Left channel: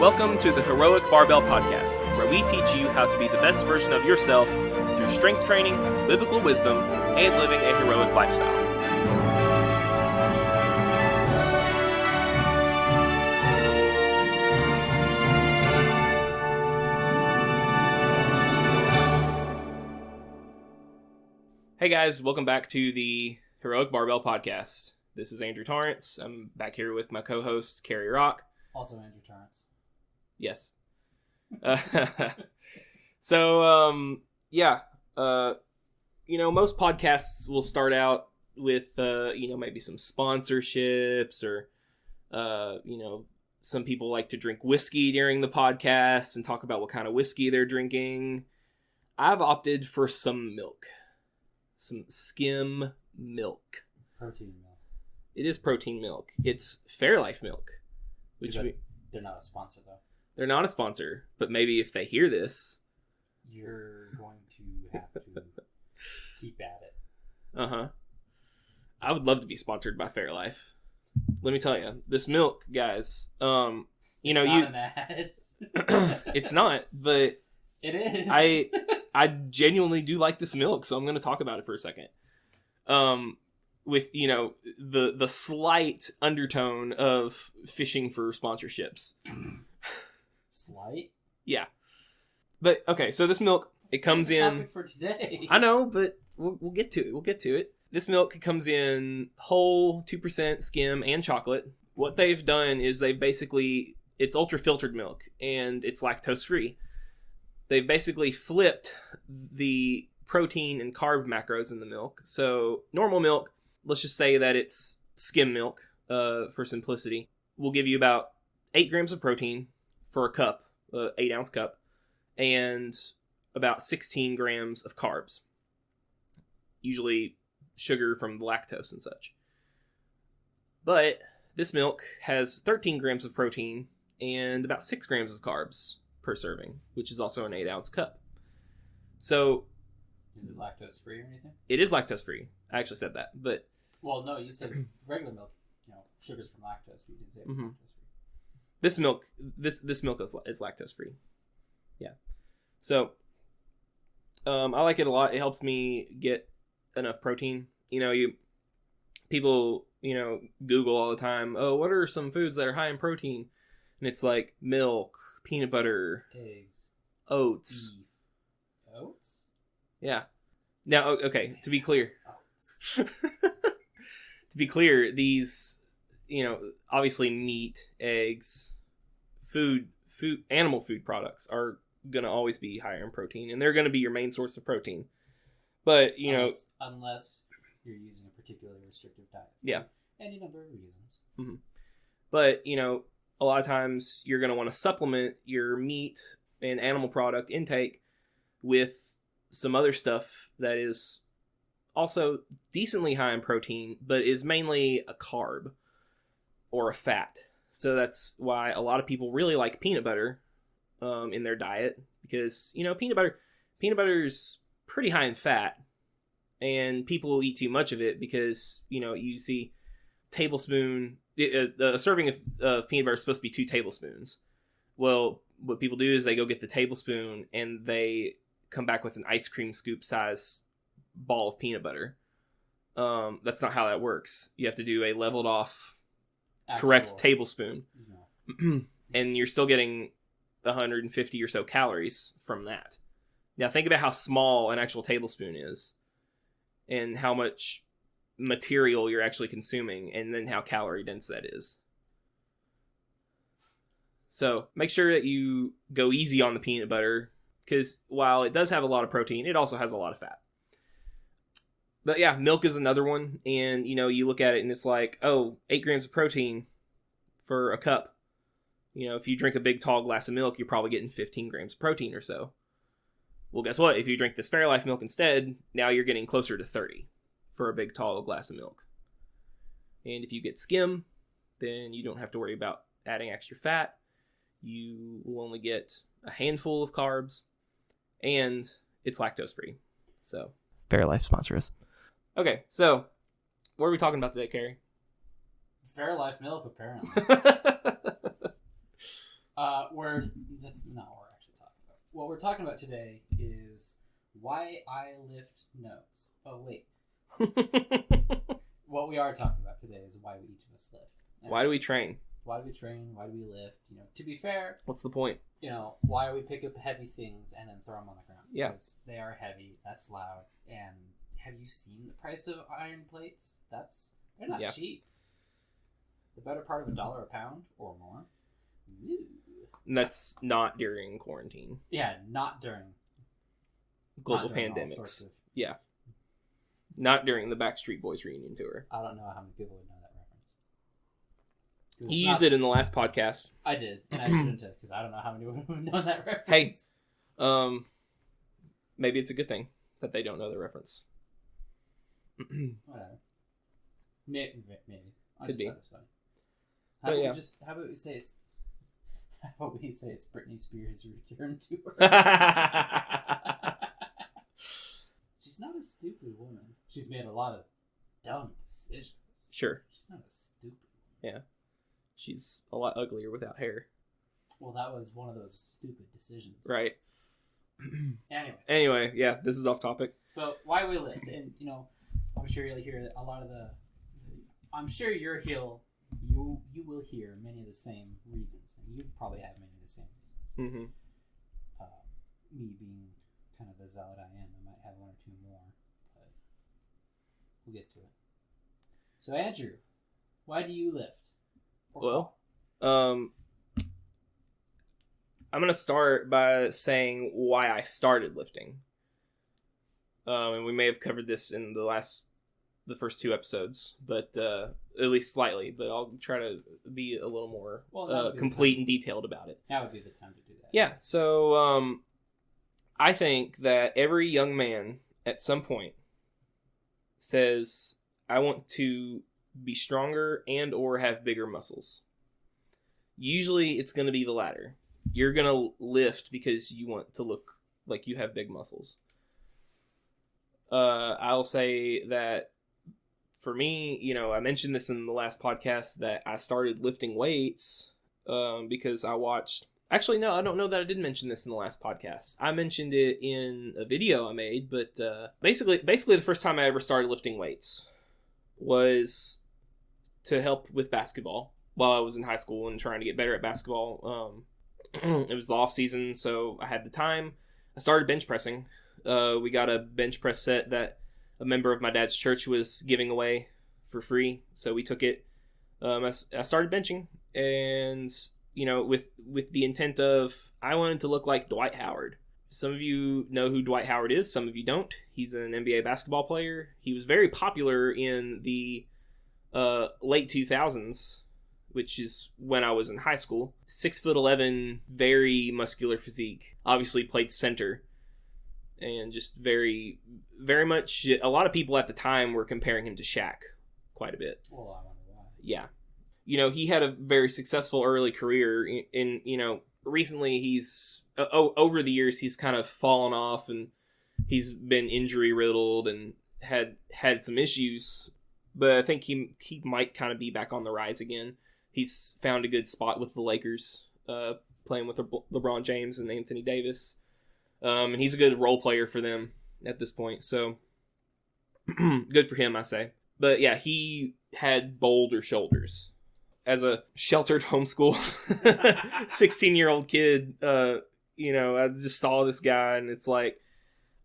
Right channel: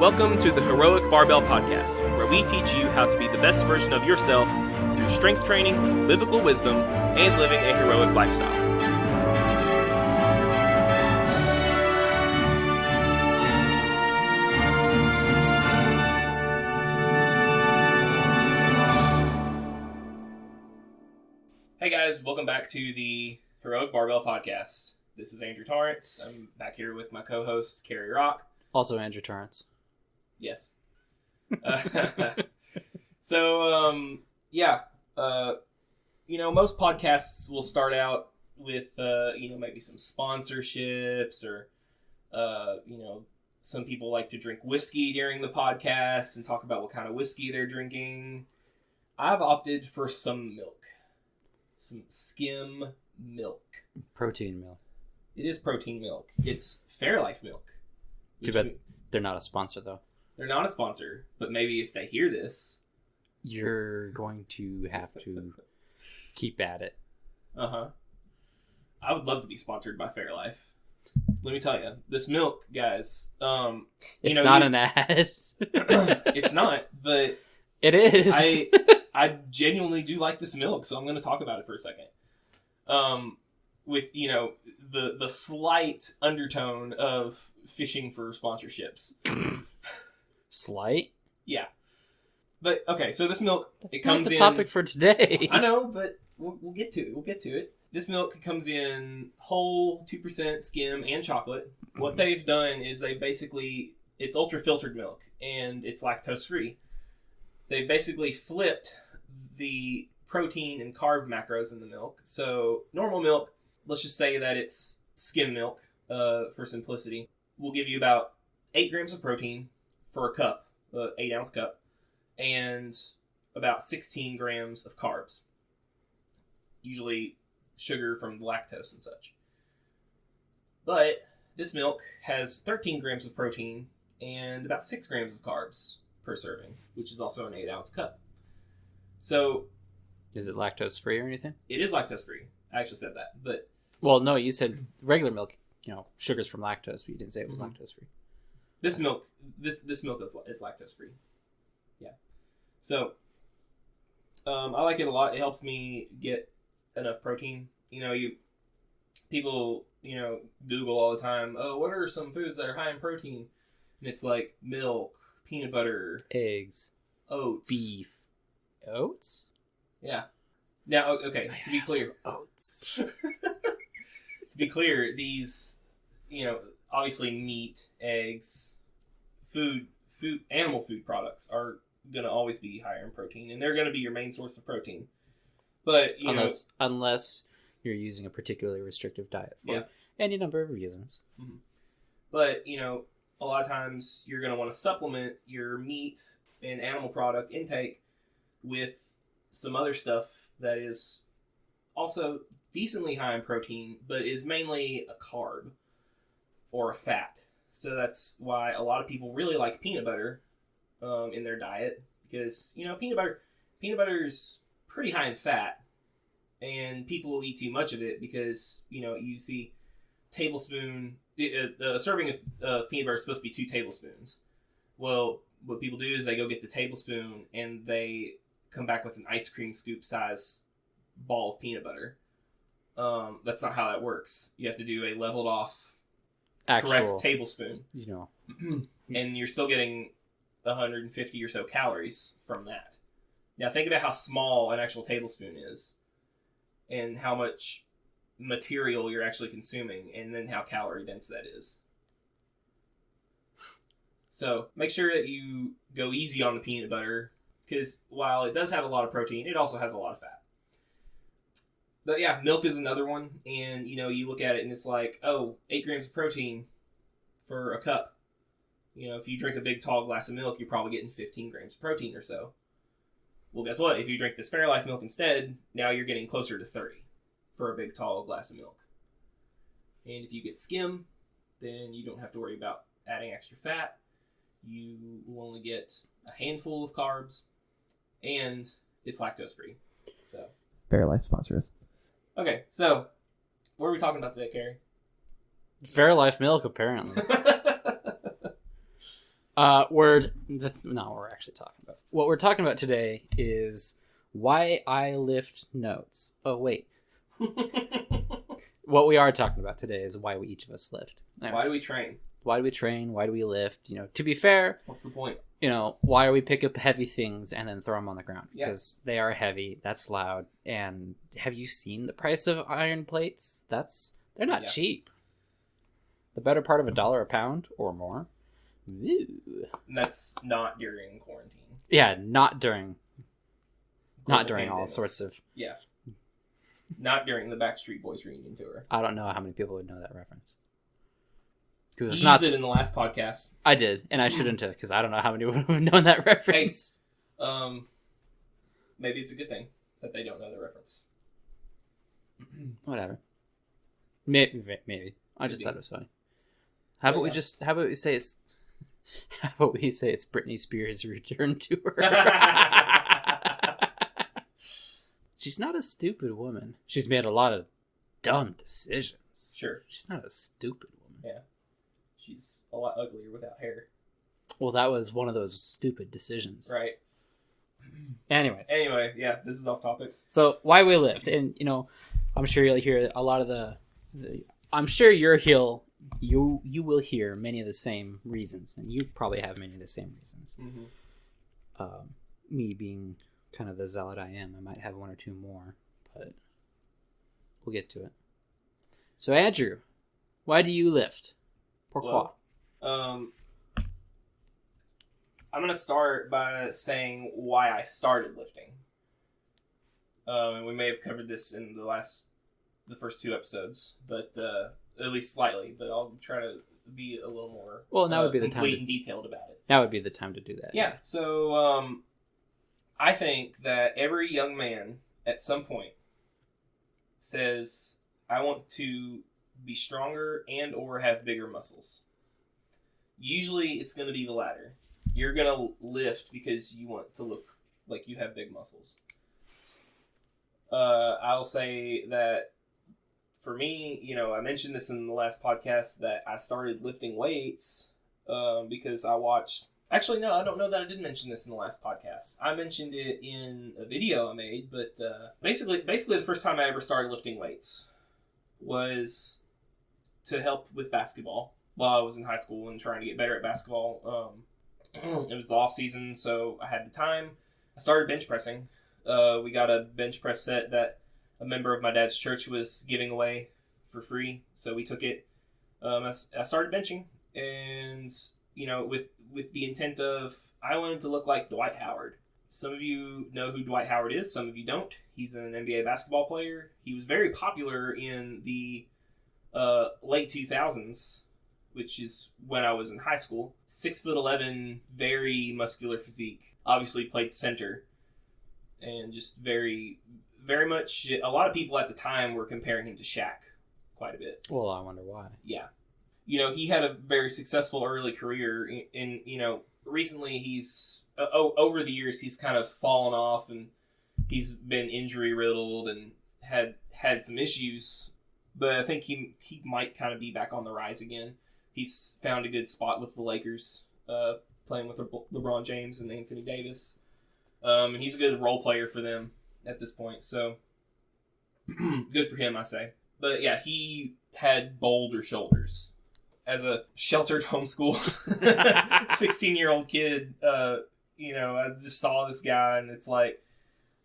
Welcome to the Heroic Barbell Podcast, where we teach you how to be the best version of yourself through strength training, biblical wisdom, and living a heroic lifestyle. Hey guys, welcome back to the Heroic Barbell Podcast. This is Andrew Torrance. I'm back here with my co-host, Cary Rock. Also Andrew Torrance. Yes. Most podcasts will start out with, maybe some sponsorships or, some people like to drink whiskey during the podcast and talk about what kind of whiskey they're drinking. I've opted for some milk. Some skim milk. Protein milk. It is protein milk. It's Fairlife milk. Too bad they're not a sponsor, though. They're not a sponsor, but maybe if they hear this... You're going to have to keep at it. Uh-huh. I would love to be sponsored by Fairlife. Let me tell you, this milk, guys... it's not an ad. It's not, but... It is. I genuinely do like this milk, so I'm going to talk about it for a second. With, the slight undertone of fishing for sponsorships. Slight? Yeah. But, okay, so this milk, it comes in... That's the topic for today. I know, but we'll get to it. We'll get to it. This milk comes in whole, 2% skim, and chocolate. What they've done is it's ultra-filtered milk, and it's lactose-free. They've basically flipped the protein and carb macros in the milk. So, normal milk, let's just say that it's skim milk, for simplicity, will give you about 8 grams of protein for a cup, 8-ounce cup, and about 16 grams of carbs. Usually sugar from the lactose and such. But this milk has 13 grams of protein and about 6 grams of carbs per serving, which is also an 8-ounce cup. So... Is it lactose free or anything? It is lactose free. I actually said that, but... Well, no, you said regular milk, sugar's from lactose, but you didn't say it was lactose free. This milk is lactose free. Yeah. So, I like it a lot. It helps me get enough protein. People Google all the time, oh, what are some foods that are high in protein? And it's like milk, peanut butter, eggs, oats, beef. Oats? Yeah. Now, okay, to be clear. Oats. To be clear, these, obviously meat, eggs, animal food products are going to always be higher in protein, and they're going to be your main source of protein. But, unless you're using a particularly restrictive diet for any number of reasons. Mm-hmm. But, a lot of times you're going to want to supplement your meat and animal product intake with some other stuff that is also decently high in protein, but is mainly a carb or a fat. So that's why a lot of people really like peanut butter in their diet, because peanut butter is pretty high in fat, and people will eat too much of it because you see a serving of peanut butter is supposed to be 2 tablespoons. Well, what people do is they go get the tablespoon and they come back with an ice cream scoop size ball of peanut butter. That's not how that works. You have to do a leveled off correct tablespoon. And you're still getting 150 or so calories from that. Now think about how small an actual tablespoon is and how much material you're actually consuming, and then how calorie dense that is. So make sure that you go easy on the peanut butter, because while it does have a lot of protein, it also has a lot of fat. But yeah, milk is another one, and you look at it and it's like, 8 grams of protein for a cup. If you drink a big tall glass of milk, you're probably getting 15 grams of protein or so. Well, guess what? If you drink this Fairlife milk instead, now you're getting closer to 30 for a big tall glass of milk. And if you get skim, then you don't have to worry about adding extra fat. You will only get a handful of carbs, and it's lactose free. So, Fairlife sponsor us. Okay, so what are we talking about today, Cary? Fairlife milk, apparently. That's not what we're actually talking about. What we're talking about today is why I lift notes. Oh, wait. What we are talking about today is why we each of us lift. Why do we train? Why do we train? Why do we lift? To be fair, what's the point? Why do we pick up heavy things and then throw them on the ground? Yeah. Because they are heavy. That's loud. And have you seen the price of iron plates? They're not cheap. The better part of $1 a pound or more. Ooh. And that's not during quarantine. Yeah, not during Global all pandemics. sorts of. Yeah. Not during the Backstreet Boys reunion tour. I don't know how many people would know that reference. You used it in the last podcast. I did, and I shouldn't have, because I don't know how many would have known that reference. Hey, maybe it's a good thing that they don't know the reference. Whatever. Maybe. I just thought it was funny. How about we say it's Britney Spears' return tour? She's not a stupid woman. She's made a lot of dumb decisions. Sure. She's not a stupid woman. Yeah. She's a lot uglier without hair. Well, that was one of those stupid decisions. Right. Anyway, yeah, this is off topic. So, why we lift. And, I'm sure you'll hear a lot of I'm sure you will hear many of the same reasons. And you probably have many of the same reasons. Mm-hmm. Me being kind of the zealot I am, I might have one or two more. But we'll get to it. So, Andrew, why do you lift? Well, I'm going to start by saying why I started lifting. And we may have covered this in the first 2 episodes, but at least slightly. But I'll try to be a little more that would be complete and detailed about it. That would be the time to do that. Yeah. So I think that every young man at some point says, I want to be stronger and or have bigger muscles. Usually it's going to be the latter. You're going to lift because you want to look like you have big muscles. I'll say that for me, I mentioned this in the last podcast that I started lifting weights because I watched... Actually, no, I don't know that I did mention this in the last podcast. I mentioned it in a video I made, but basically the first time I ever started lifting weights was to help with basketball while I was in high school and trying to get better at basketball. It was the off season, so I had the time. I started bench pressing. We got a bench press set that a member of my dad's church was giving away for free, so we took it. I started benching, and with the intent of I wanted to look like Dwight Howard. Some of you know who Dwight Howard is. Some of you don't. He's an NBA basketball player. He was very popular in the late 2000s, which is when I was in high school. 6'11", very muscular physique. Obviously played center, and just very, very much. A lot of people at the time were comparing him to Shaq quite a bit. Well, I wonder why. Yeah, he had a very successful early career. In recently he's over the years he's kind of fallen off, and he's been injury riddled and had some issues. But I think he might kind of be back on the rise again. He's found a good spot with the Lakers, playing with LeBron James and Anthony Davis. And he's a good role player for them at this point. So, good for him, I say. But yeah, he had bolder shoulders. As a sheltered homeschool 16-year-old kid, I just saw this guy, and it's like,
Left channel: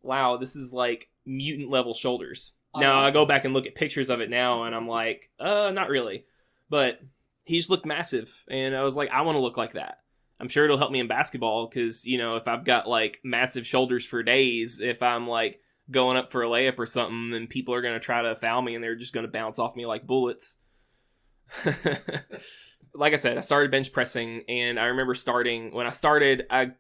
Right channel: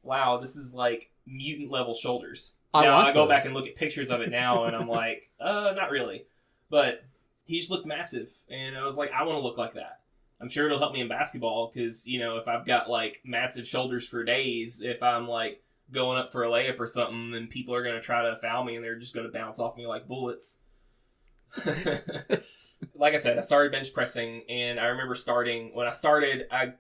wow, this is like mutant-level shoulders. Now, I go back and look at pictures of it now, and I'm like, not really. But he just looked massive, and I was like, I want to look like that. I'm sure it'll help me in basketball, because, if I've got, like, massive shoulders for days, if I'm, like, going up for a layup or something, then people are going to try to foul me, and they're just going to bounce off me like bullets. Like I said, I started bench pressing, and I remember when I started, I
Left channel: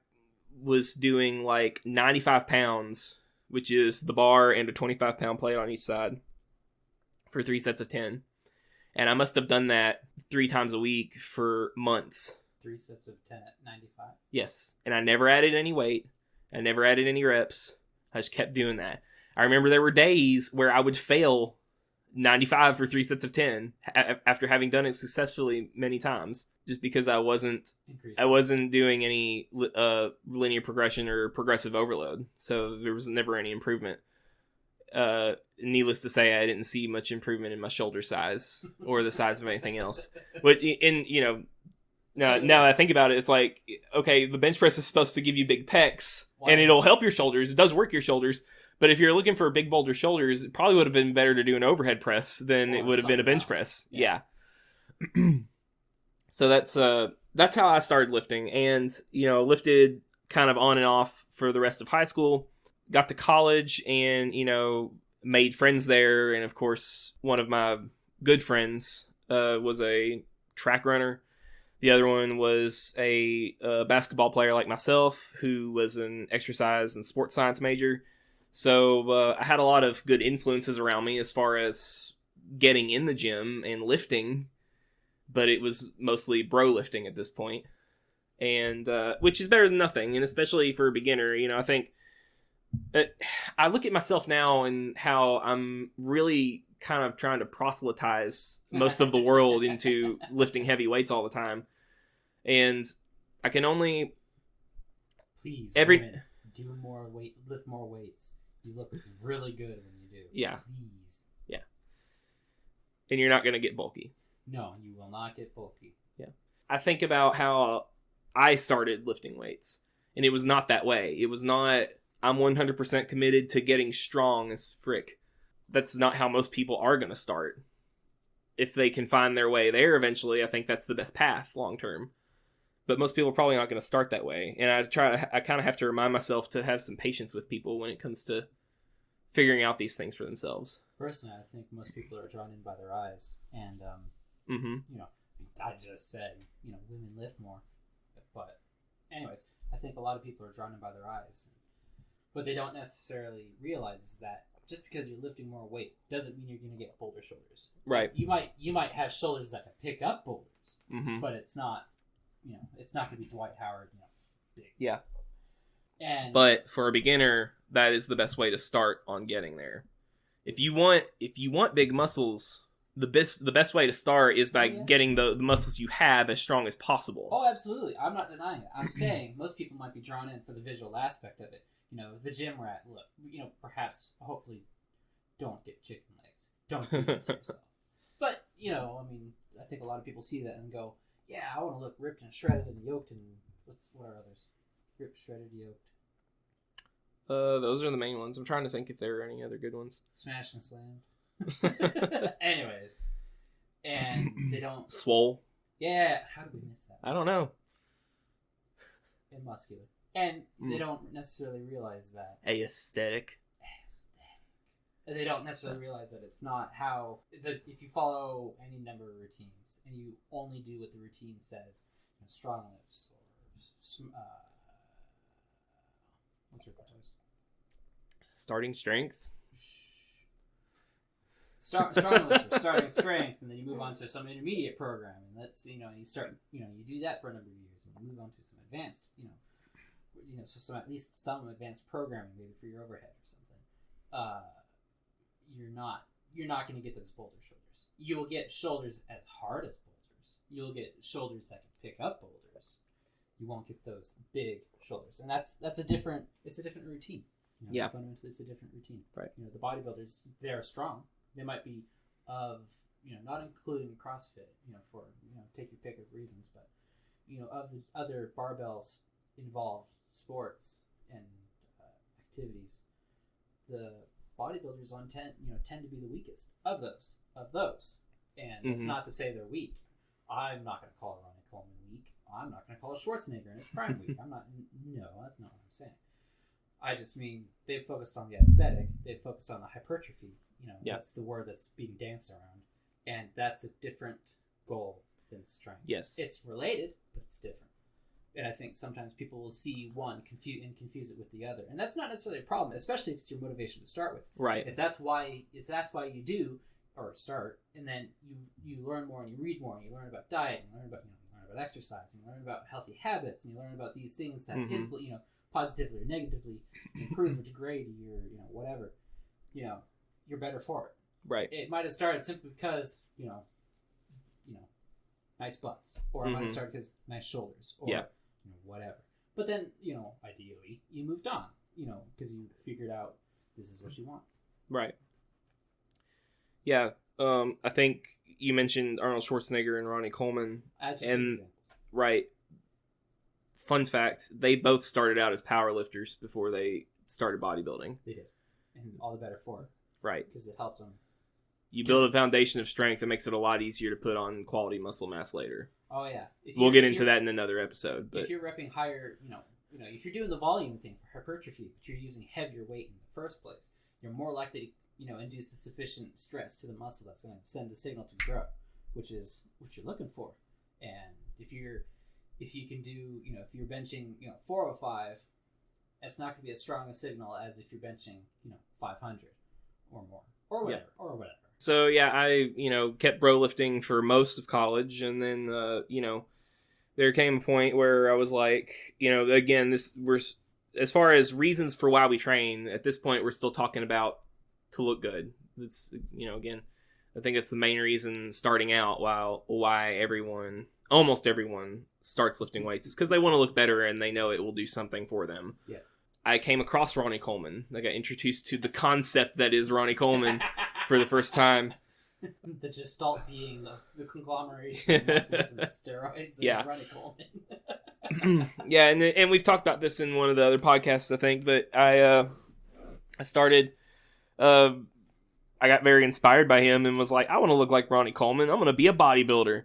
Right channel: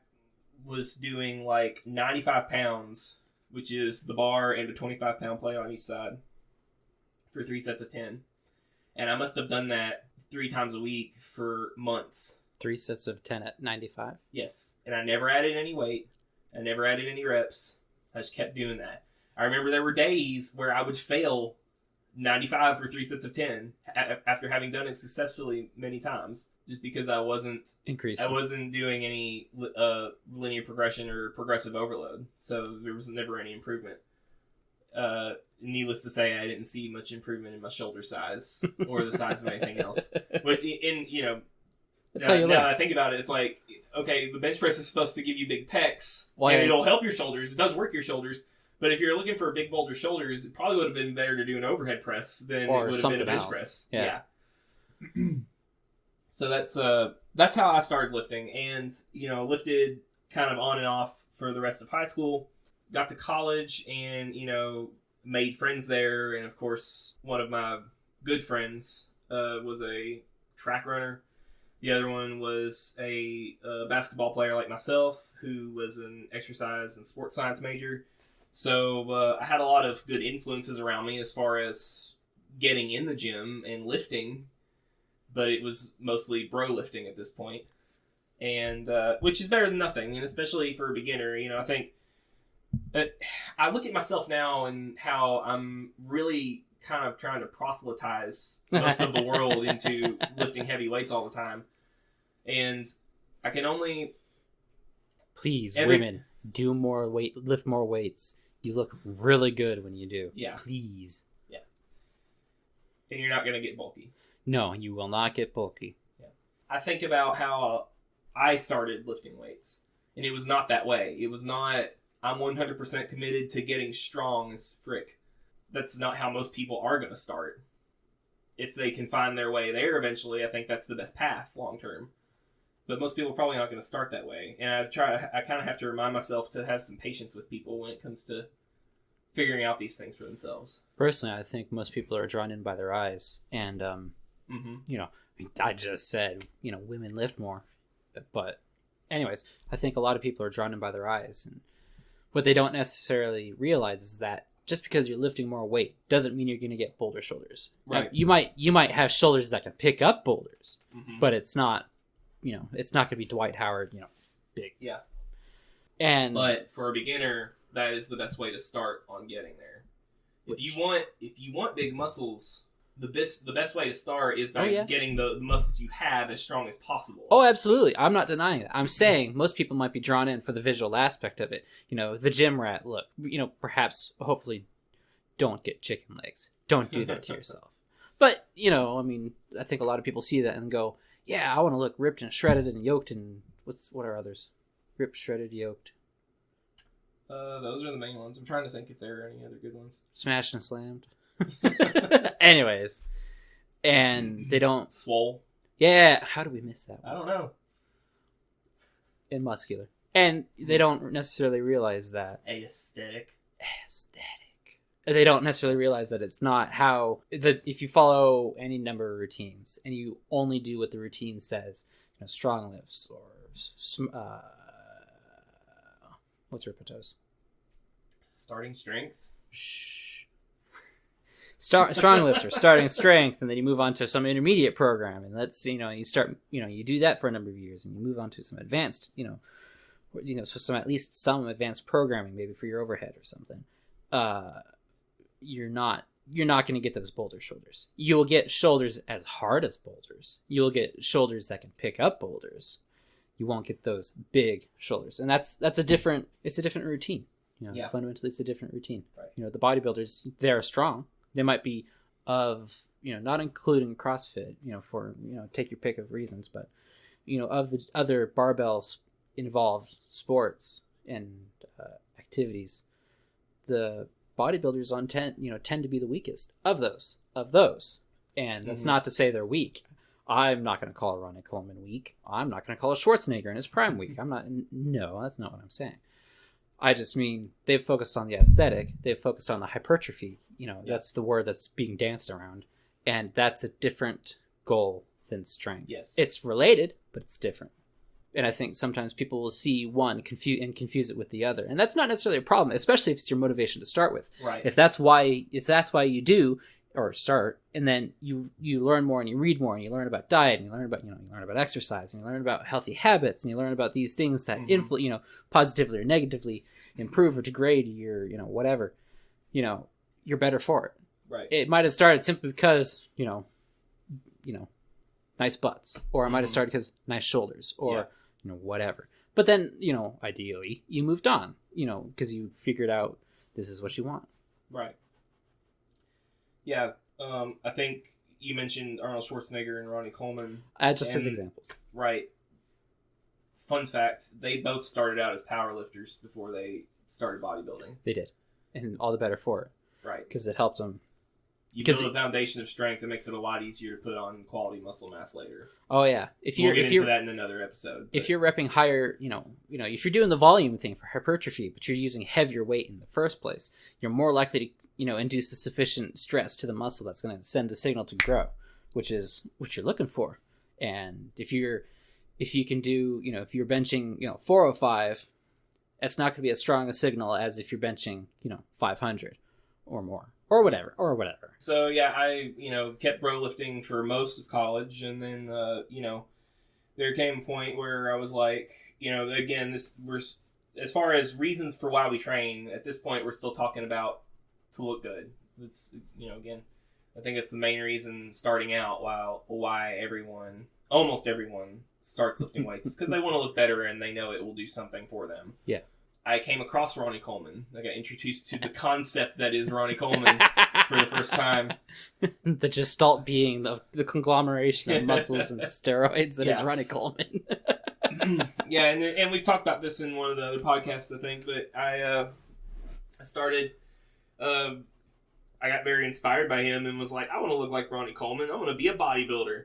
was doing, like, 95 pounds, which is the bar and a 25-pound plate on each side, for 3 sets of 10. And I must have done that 3 times a week for months. 3 sets of 10 at 95? Yes. And I never added any weight. I never added any reps. I just kept doing that. I remember there were days where I would fail 95 for 3 sets of 10 after having done it successfully many times, just because I wasn't doing any linear progression or progressive overload, so there was never any improvement. Needless to say, I didn't see much improvement in my shoulder size or the size of anything else. But now that I think about it, it's like, okay, the bench press is supposed to give you big pecs, and it'll help your shoulders. It does work your shoulders. But if you're looking for big boulder shoulders, it probably would have been better to do an overhead press than it would have been a bench press. Yeah. So that's how I started lifting, and lifted kind of on and off for the rest of high school. Got to college, and made friends there, and of course one of my good friends was a track runner. The other one was a basketball player like myself, who was an exercise and sports science major. So I had a lot of good influences around me as far as getting in the gym and lifting, but it was mostly bro lifting at this point, and which is better than nothing, and especially for a beginner. I think that I look at myself now and how I'm really kind of trying to proselytize most of the world into lifting heavy weights all the time, and I can only women do more weight, lift more weights. You look really good when you do. Yeah. Please. Yeah. And you're not going to get bulky. No, you will not get bulky. Yeah. I think about how I started lifting weights, and it was not that way. It was not, I'm 100% committed to getting strong as frick. That's not how most people are going to start. If they can find their way there eventually, I think that's the best path long term. But most people are probably not going to start that way. And I kind of have to remind myself to have some patience with people when it comes to figuring out these things for themselves. Personally, I think most people are drawn in by their eyes. And, I just said, women lift more. But anyways, I think a lot of people are drawn in by their eyes. And what they don't necessarily realize is that just because you're lifting more weight doesn't mean you're going to get boulder shoulders. Right. You might have shoulders that can pick up boulders, but it's not... it's not going to be Dwight Howard, big. Yeah. But for a beginner, that is the best way to start on getting there. If you want big muscles, the best way to start is by getting the muscles you have as strong as possible. Oh, absolutely. I'm not denying it. I'm saying most people might be drawn in for the visual aspect of it. The gym rat look. Perhaps, hopefully, don't get chicken legs. Don't do that to yourself. But, I think a lot of people see that and go, yeah, I want to look ripped and shredded and yoked and what are others? Ripped, shredded, yoked. Those are the main ones. I'm trying to think if there are any other good ones. Smashed and slammed. Anyways, and they don't swole. Yeah, how do we miss that one? I don't know. And muscular, and they don't necessarily realize that aesthetic. They don't necessarily realize that it's not how that if you follow any number of routines and you only do what the routine says, strong lifts or what's Rippetoes? Starting strength. Strong lifts or starting strength, and then you move on to some intermediate program, and let's you start you do that for a number of years, and you move on to some advanced so some at least some advanced programming maybe for your overhead or something. You're not going to get those boulder shoulders. You'll get shoulders as hard as boulders. You'll get shoulders that can pick up boulders. You won't get those big shoulders, and it's a different routine. It's fundamentally it's a different routine. Right. The bodybuilders, they're strong. They might be of not including CrossFit. For take your pick of reasons, but of the other barbells involved sports and activities, the bodybuilders tend to be the weakest of those, and that's not to say they're weak. I'm not going to call Ronnie Coleman weak. I'm not going to call a Schwarzenegger in his prime weak. No, that's not what I'm saying. I just mean they've focused on the aesthetic. They've focused on the hypertrophy. That's the word that's being danced around, and that's a different goal than strength. Yes, it's related, but it's different. And I think sometimes people will see one confuse it with the other, and that's not necessarily a problem, especially if it's your motivation to start with. Right. If that's why you do or start, and then you learn more and you read more and you learn about diet and you learn about exercise and you learn about healthy habits and you learn about these things that positively or negatively improve or degrade your whatever, you're better for it. Right. It might have started simply because, nice butts. Or it might have started because nice shoulders. Or, whatever. But then, ideally, you moved on, because you figured out this is what you want. Right. Yeah. I think you mentioned Arnold Schwarzenegger and Ronnie Coleman. Just as examples. Right. Fun fact, they both started out as powerlifters before they started bodybuilding. They did. And all the better for it. Right. Because it helped them. You build a foundation of strength, it makes it a lot easier to put on quality muscle mass later. Oh, yeah. We'll get into that in another episode. If you're repping higher, if you're doing the volume thing for hypertrophy, but you're using heavier weight in the first place, you're more likely to, induce the sufficient stress to the muscle that's going to send the signal to grow, which is what you're looking for. And if you can do, if you're benching, 405, it's not going to be as strong a signal as if you're benching, 500 or more. Or whatever. So, yeah, I, kept bro lifting for most of college. And then, there came a point where I was like, again, as far as reasons for why we train, at this point, we're still talking about to look good. It's, again, I think that's the main reason starting out why almost everyone starts lifting weights. It's because they want to look better and they know it will do something for them. Yeah. I came across Ronnie Coleman. I got introduced to the concept that is Ronnie Coleman for the first time. The gestalt being the conglomeration of muscles and steroids that is Ronnie Coleman. Yeah, and we've talked about this in one of the other podcasts, I think. But I started. I got very inspired by him and was like, I want to look like Ronnie Coleman. I'm going to be a bodybuilder.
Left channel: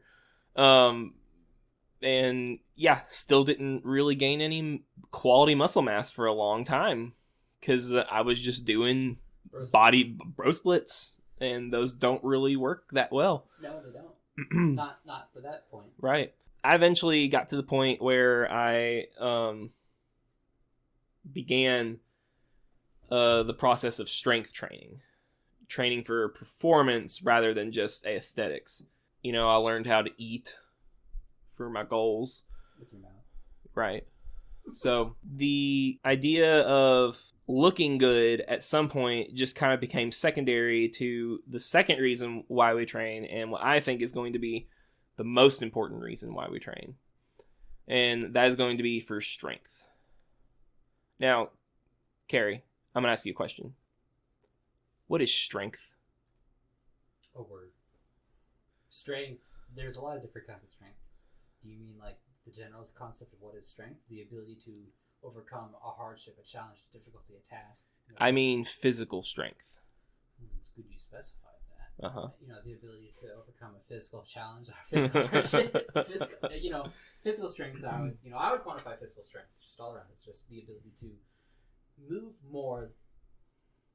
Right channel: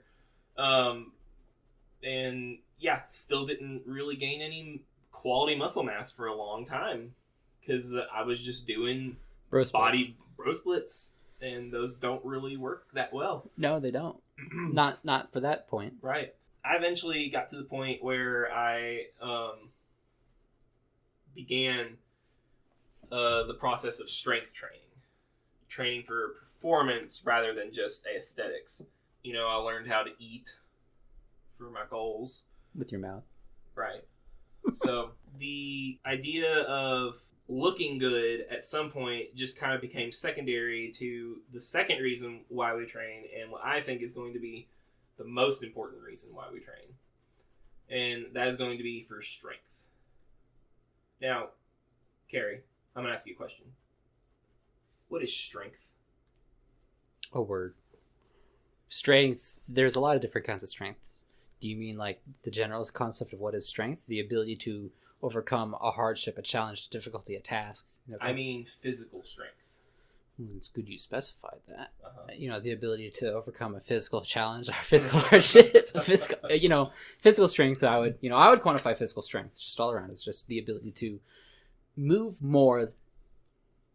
And yeah, still didn't really gain any quality muscle mass for a long time because I was just doing bro splits, and those don't really work that well. No, they don't. not for that point. Right. I eventually got to the point where I began the process of strength training for performance rather than just aesthetics. I learned how to eat for my goals with your mouth. Right. So the idea of looking good at some point just kind of became secondary to the second reason why we train, and what I think is going to be the most important reason why we train. And that is going to be for strength. Now, Cary, I'm going to ask you a question. What is strength? A word. Strength, there's a lot of different kinds of strength. Do you mean like the general concept of what is strength? The ability to overcome a hardship, a challenge, a difficulty, a task? I mean physical strength. It's good you specified that. Uh-huh. The ability to overcome a physical challenge or physical hardship. Physical strength, I would quantify physical strength just all around. It's just the ability to move more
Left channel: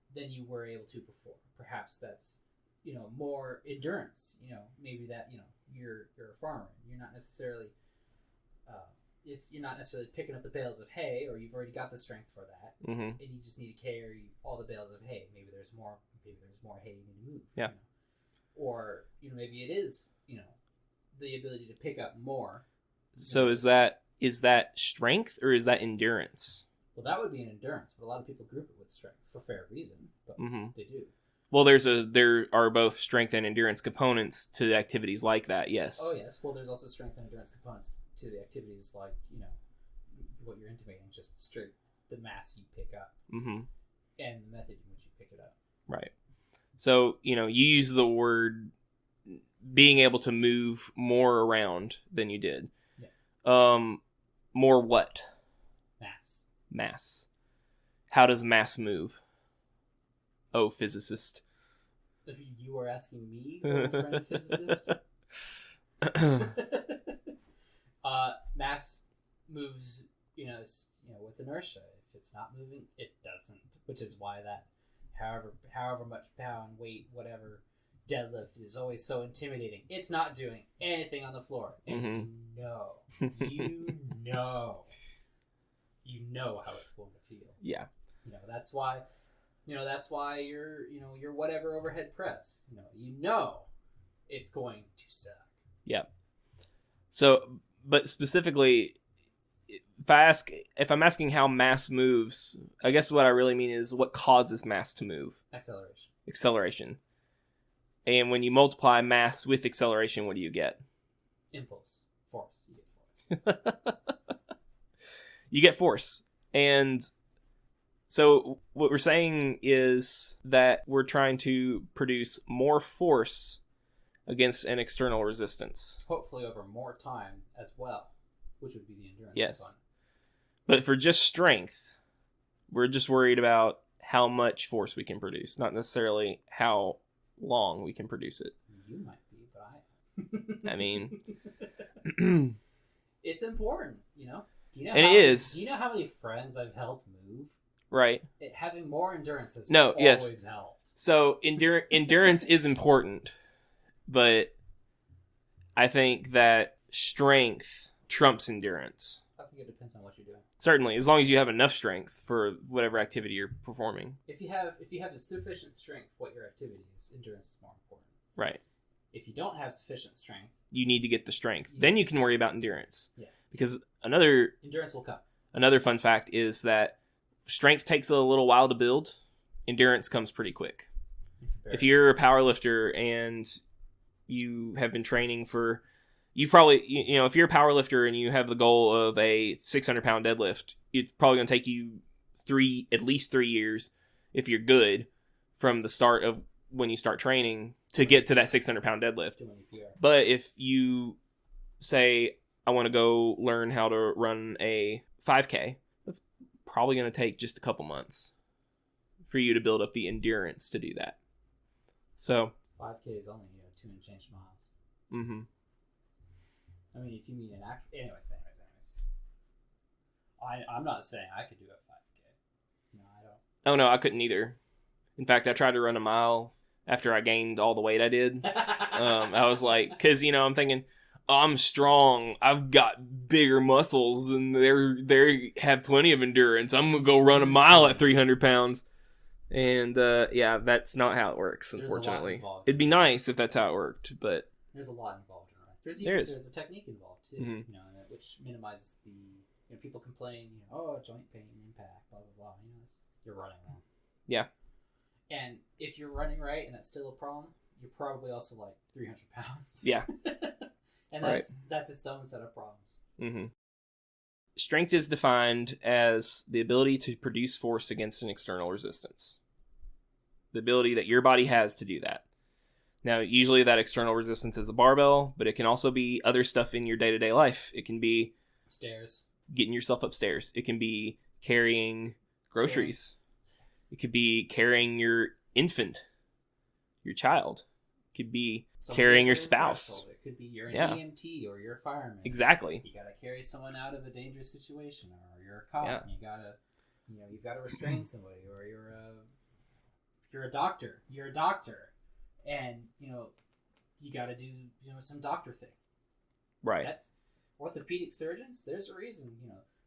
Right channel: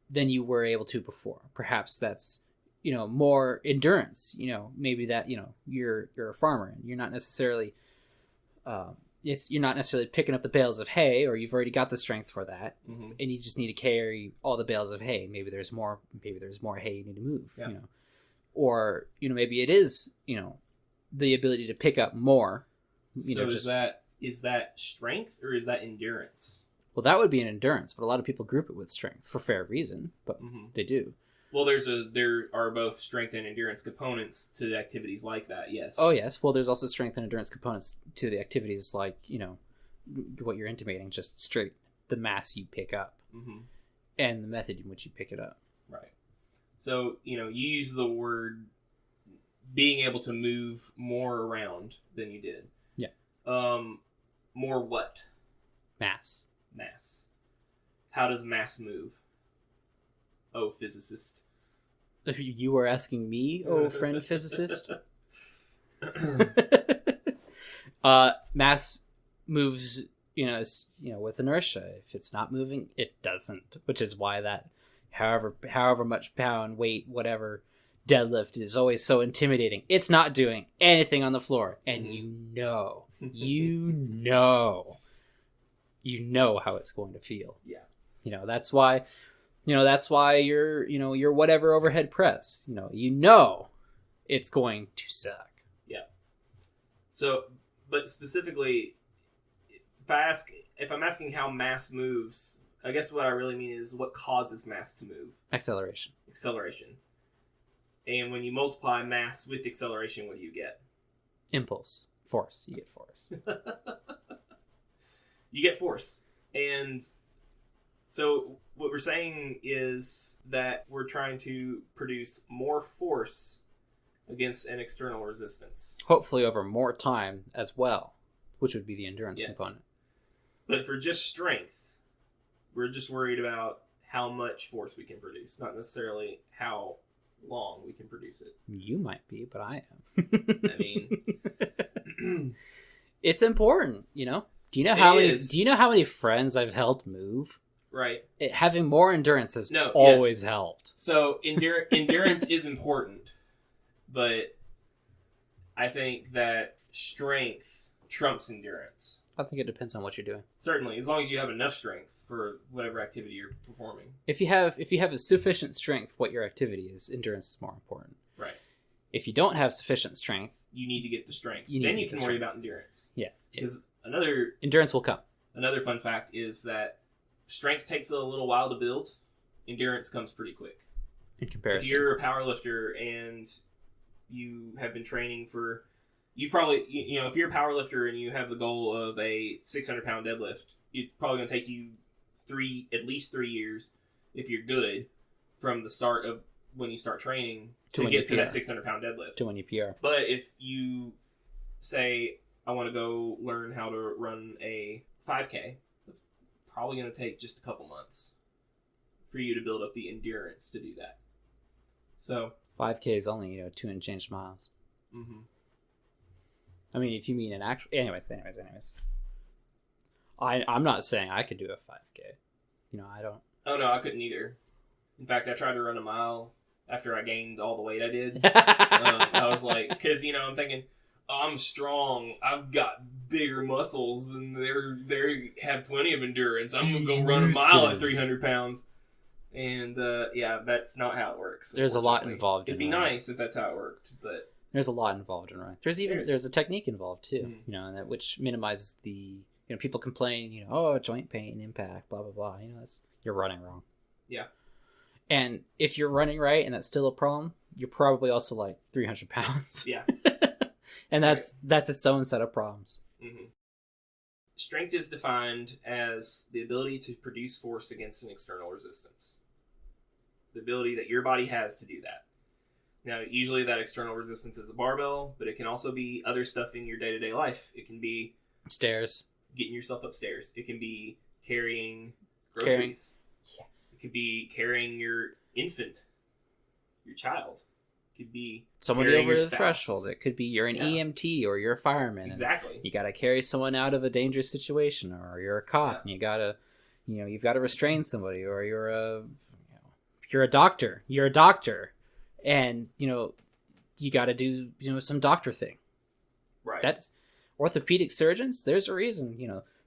than you were able to before. Perhaps that's more endurance, maybe that, you're a farmer and you're not necessarily, you're not necessarily picking up the bales of hay, or you've already got the strength for that. Mm-hmm. And you just need to carry all the bales of hay. Maybe there's more hay you need to move, yeah. Or, maybe it is, the ability to pick up more. So is that strength or is that endurance? Well, that would be an endurance, but a lot of people group it with strength for fair reason, but they do. Well, there are both strength and endurance components to activities like that, yes. Oh, yes. Well, there's also strength and endurance components to the activities like, what you're intimating, just straight the mass you pick up and the method in which you pick it up. Right. So, you use the word being able to move more around than you did. Yeah. More what? Mass. How does mass move? Oh, physicist. You were asking me, oh, friend physicist? Mass moves, with inertia. If it's not moving, it doesn't. Which is why that, however much pound, weight, whatever, deadlift is always so intimidating. It's not doing anything on the floor, and you know how it's going to feel. Yeah. That's why. That's why your whatever overhead press, it's going to suck. Yeah. So, but specifically, if I'm asking how mass moves, I guess what I really mean is what causes mass to move. Acceleration. And when you multiply mass with acceleration, what do you get? Impulse. Force. You get force. You get force. And so what we're saying is that we're trying to produce more force against an external resistance. Hopefully over more time as well, which would be the endurance component. But for just strength, we're just worried about how much force we can produce, not necessarily how long we can produce it. You might be, but I am. I mean, it's important, you know? Do you know how many friends I've helped move? Right. Having more endurance has always helped. So endurance is important, but I think that strength trumps endurance. I think it depends on what you're doing. Certainly, as long as you have enough strength for whatever activity you're performing. If you have a sufficient strength, what your activity is, endurance is more important. Right. If you don't have sufficient strength, you need to get the strength. Then you can worry about endurance. Yeah. Because endurance will come. Another fun fact is that strength takes a little while to build. Endurance comes pretty quick. In comparison. If you're a power lifter and you have been training for... You probably, if you're a power lifter and you have the goal of a 600-pound deadlift, it's probably going to take you at least 3 years, if you're good, from the start of when you start training to get to that 600-pound deadlift. To when you PR. But if you say, I want to go learn how to run a 5K, that's probably going to take just a couple months for you to build up the endurance to do that. So 5K is only 2 and change miles. Mm-hmm. I mean, if you mean an actual... Anyways. I'm not saying I could do a 5K. I don't... Oh, no, I couldn't either. In fact, I tried to run a mile after I gained all the weight I did. I was like... Because, I'm thinking, I'm strong. I've got bigger muscles, and they have plenty of endurance. I'm going to go run a mile at 300 pounds. And, that's not how it works. There's a lot involved. It'd be nice if that's how it worked, but... There's a lot involved in running. There's a technique involved too, and that which minimizes the people complain, joint pain, impact, blah blah blah. You're running wrong. Yeah. And if you're running right and that's still a problem, you're probably also like 300 pounds. Yeah. And that's its own set of problems. Mm-hmm. Strength is defined as the ability to produce force against an external resistance. The ability that your body has to do that. Now, usually that external resistance is the barbell, but it can also be other stuff in your day-to-day life. It can be... stairs. Getting yourself upstairs. It can be carrying groceries. Yeah. It could be carrying your infant, your child. It could be carrying your spouse. Threshold. It could be you're an EMT or you're a fireman. Exactly. You got to carry someone out of a dangerous situation, or you're a cop and you got to, you've got to restrain somebody, or you're a doctor. You're a doctor. And, you got to do, some doctor thing. Right. That's orthopedic surgeons. There's a reason,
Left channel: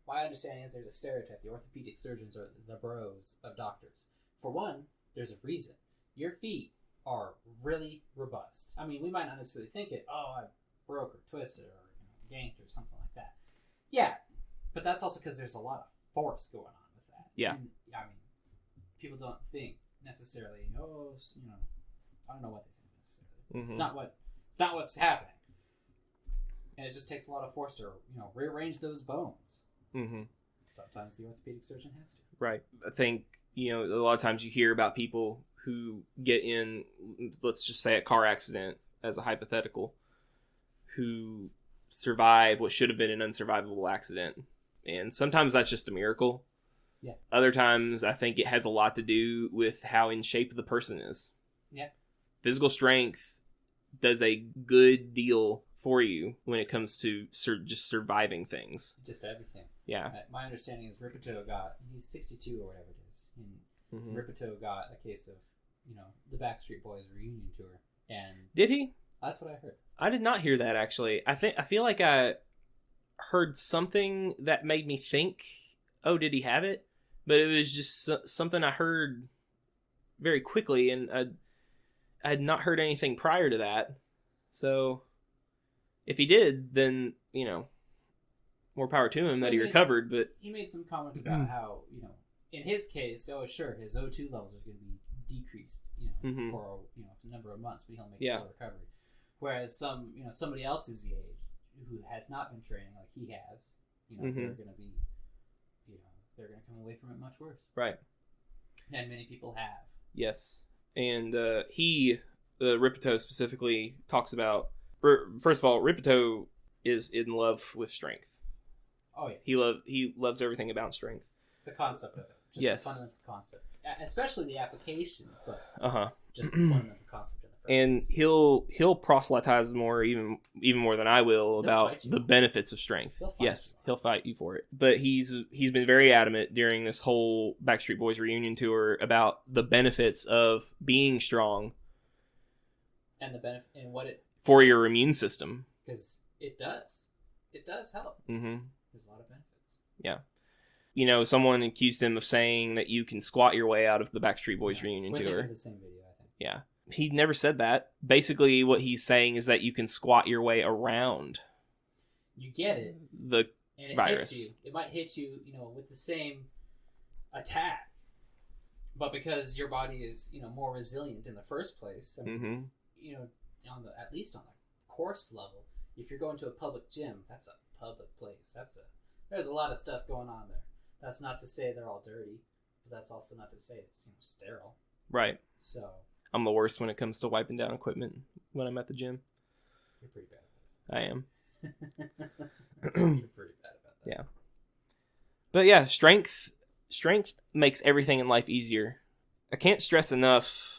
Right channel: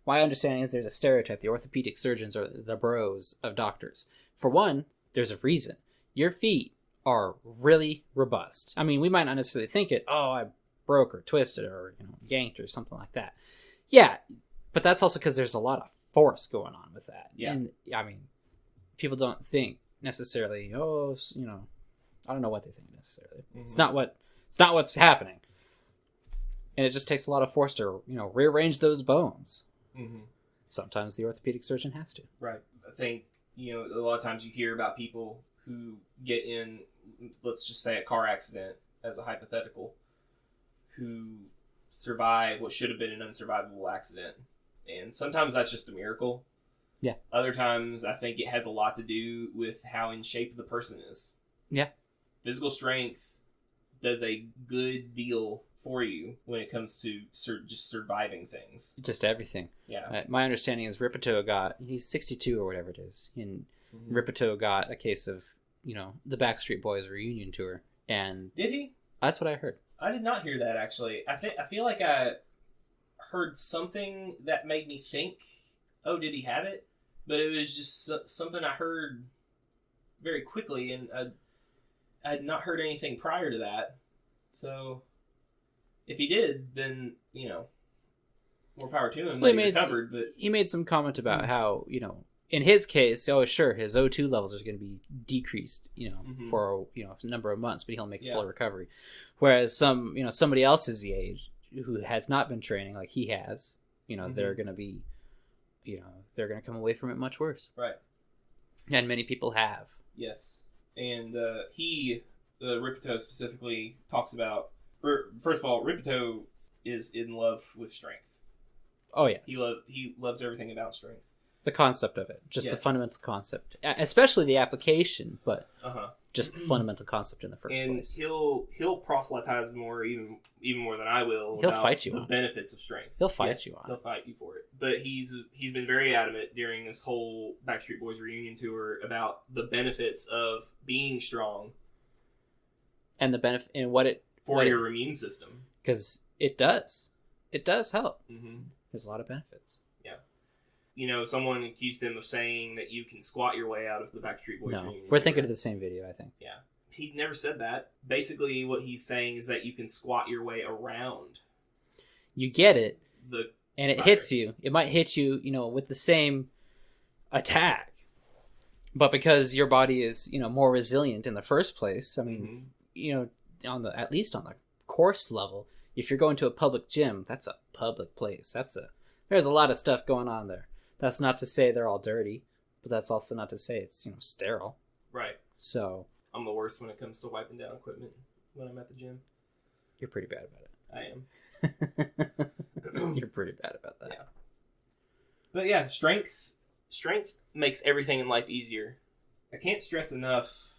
my understanding is there's a stereotype. The orthopedic surgeons are the bros of doctors. For one, there's a reason. Your feet are really robust. I mean, we might not necessarily think it, I broke or twisted or, yanked or something like that. Yeah. But that's also because there's a lot of force going on with that. Yeah. And, I mean, people don't think necessarily, I don't know what they think necessarily. Mm-hmm. It's not what's happening. And it just takes a lot of force to, rearrange those bones. Mm-hmm. Sometimes the orthopedic surgeon has to. Right. I think, a lot of times you hear about people who get in, let's just say a car accident as a hypothetical, who survive what should have been an unsurvivable accident. And sometimes that's just a miracle. Yeah. Other times I think it has a lot to do with how in shape the person is. Yeah. Physical strength does a good deal for you when it comes to just surviving things. Just everything. Yeah. My understanding is he's 62 or whatever it is. And Ripito got a case of, the Backstreet Boys reunion tour. And did he? That's what I heard. I did not hear that, actually. I feel like I heard something that made me think, oh, did he have it? But it was just something I heard very quickly, and I had not heard anything prior to that. So if he did, then, more power to him. He recovered. But he made some comment about how, in his case, his O2 levels are going to be decreased, Mhm. for a number of months, but he'll make a Yeah. full recovery. Whereas somebody else his age who has not been training like he has, they're gonna be, they're gonna come away from it much worse. Right. And many people have. Yes. And Ripito specifically talks about. First of all, Ripito is in love with strength. Oh yes. He loves everything about strength. The concept of it, just the Yes. fundamental concept, especially the application, but just the fundamental concept in the first And place. he'll proselytize more, even more than I will, He'll about fight you the on it. benefits of strength. He'll fight you on it. He'll fight you for it. But he's been very adamant during this whole Backstreet Boys reunion tour about the benefits of being strong And the benefit and what it for your immune system. because it does help. Mm-hmm. There's a lot of benefits. Yeah. Someone accused him of saying that you can squat your way out of the Backstreet Boys reunion We're tour. thinking of the same video, I think. Yeah. He never said that. Basically, what he's saying is that you can squat your way around You get it, the and it virus. hits you. It might hit you, with the same attack, but because your body is, more resilient in the first place. I mean, Mm-hmm. at least on the course level, if you're going to a public gym, that's a public place. There's a lot of stuff going on there. That's not to say they're all dirty, but that's also not to say it's sterile. Right. So I'm the worst when it comes to wiping down equipment when I'm at the gym. you're pretty bad I am. about it. You're pretty bad about that. Yeah. But yeah, strength makes everything in life easier. I can't stress enough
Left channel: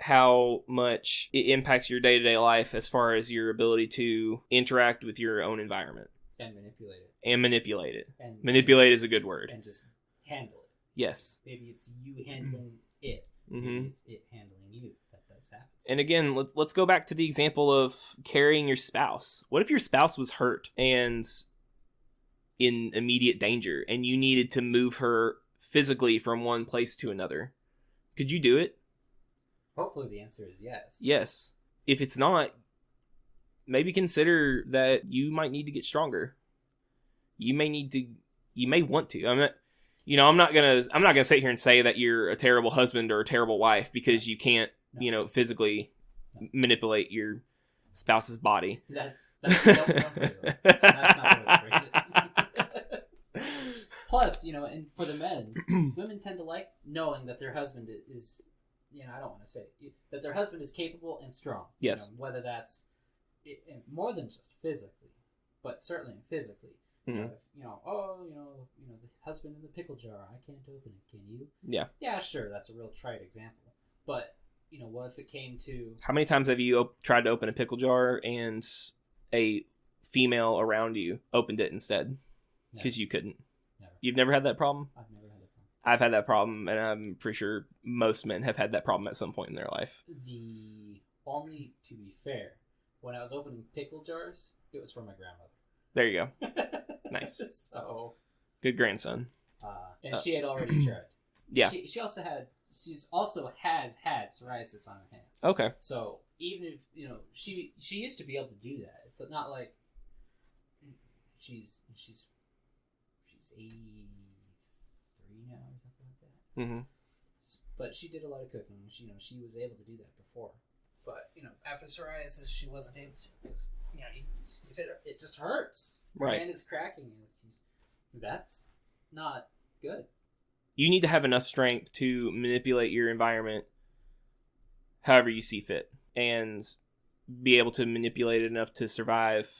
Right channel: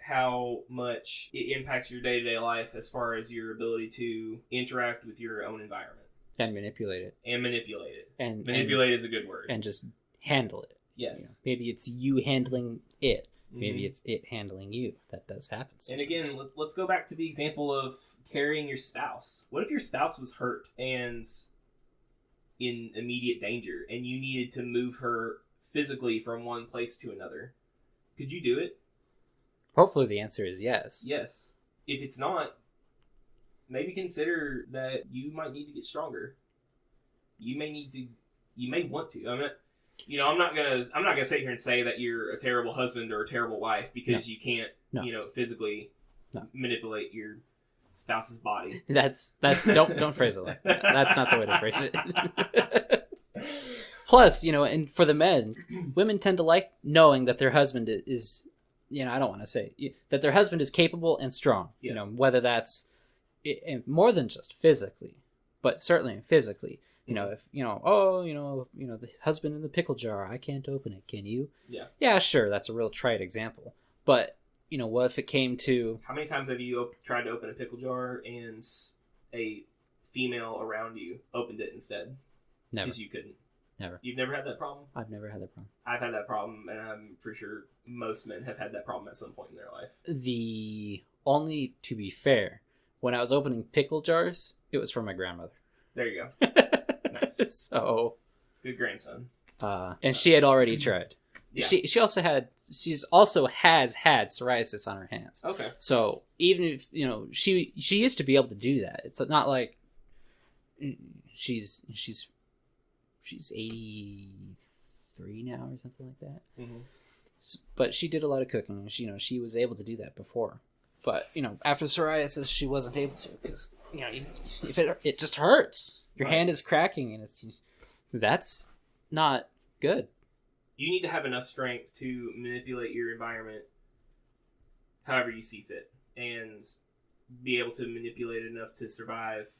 how much it impacts your day-to-day life as far as your ability to interact with your own environment. And manipulate it. And manipulate it. And Manipulate is a good word. and just handle it. Yes. Maybe it's you handling it. Maybe Mhm. it's it handling you. That does happen. And again, let's go back to the example of carrying your spouse. What if your spouse was hurt and in immediate danger and you needed to move her physically from one place to another? Could you do it? Hopefully the answer is yes. Yes. If it's not, maybe consider that you might need to get stronger. You may want to. I'm not gonna sit here and say that you're a terrible husband or a terrible wife because you can't, physically manipulate your spouse's body. That's don't phrase it like that. That's not the way to phrase it. Plus, and for the men, women tend to like knowing that their husband is, I don't want to say that their husband is capable and strong. Yes. Whether that's more than just physically, but certainly physically. If the husband in the pickle jar, I can't open it. Can you? Yeah. Yeah, sure. That's a real trite example. But what if it came to How many times have you tried to open a pickle jar and a female around you opened it instead? never, Because you couldn't. never. You've never had that problem? I've never had that problem. I've had that problem, and I'm pretty sure most men have had that problem at some point in their life. To be fair, when I was opening pickle jars, it was from my grandmother. There you go. Nice. So, Good grandson. and she had already tried. Yeah. She's also has had psoriasis on her hands. Okay. So even if she used to be able to do that. It's not like she's 83 now or something like that. Mm-hmm. But she did a lot of cooking, and she was able to do that before. But after psoriasis, she wasn't able to because if it just hurts. Your hand is cracking, and that's not good. You need to have enough strength to manipulate your environment however you see fit and be able to manipulate it enough to survive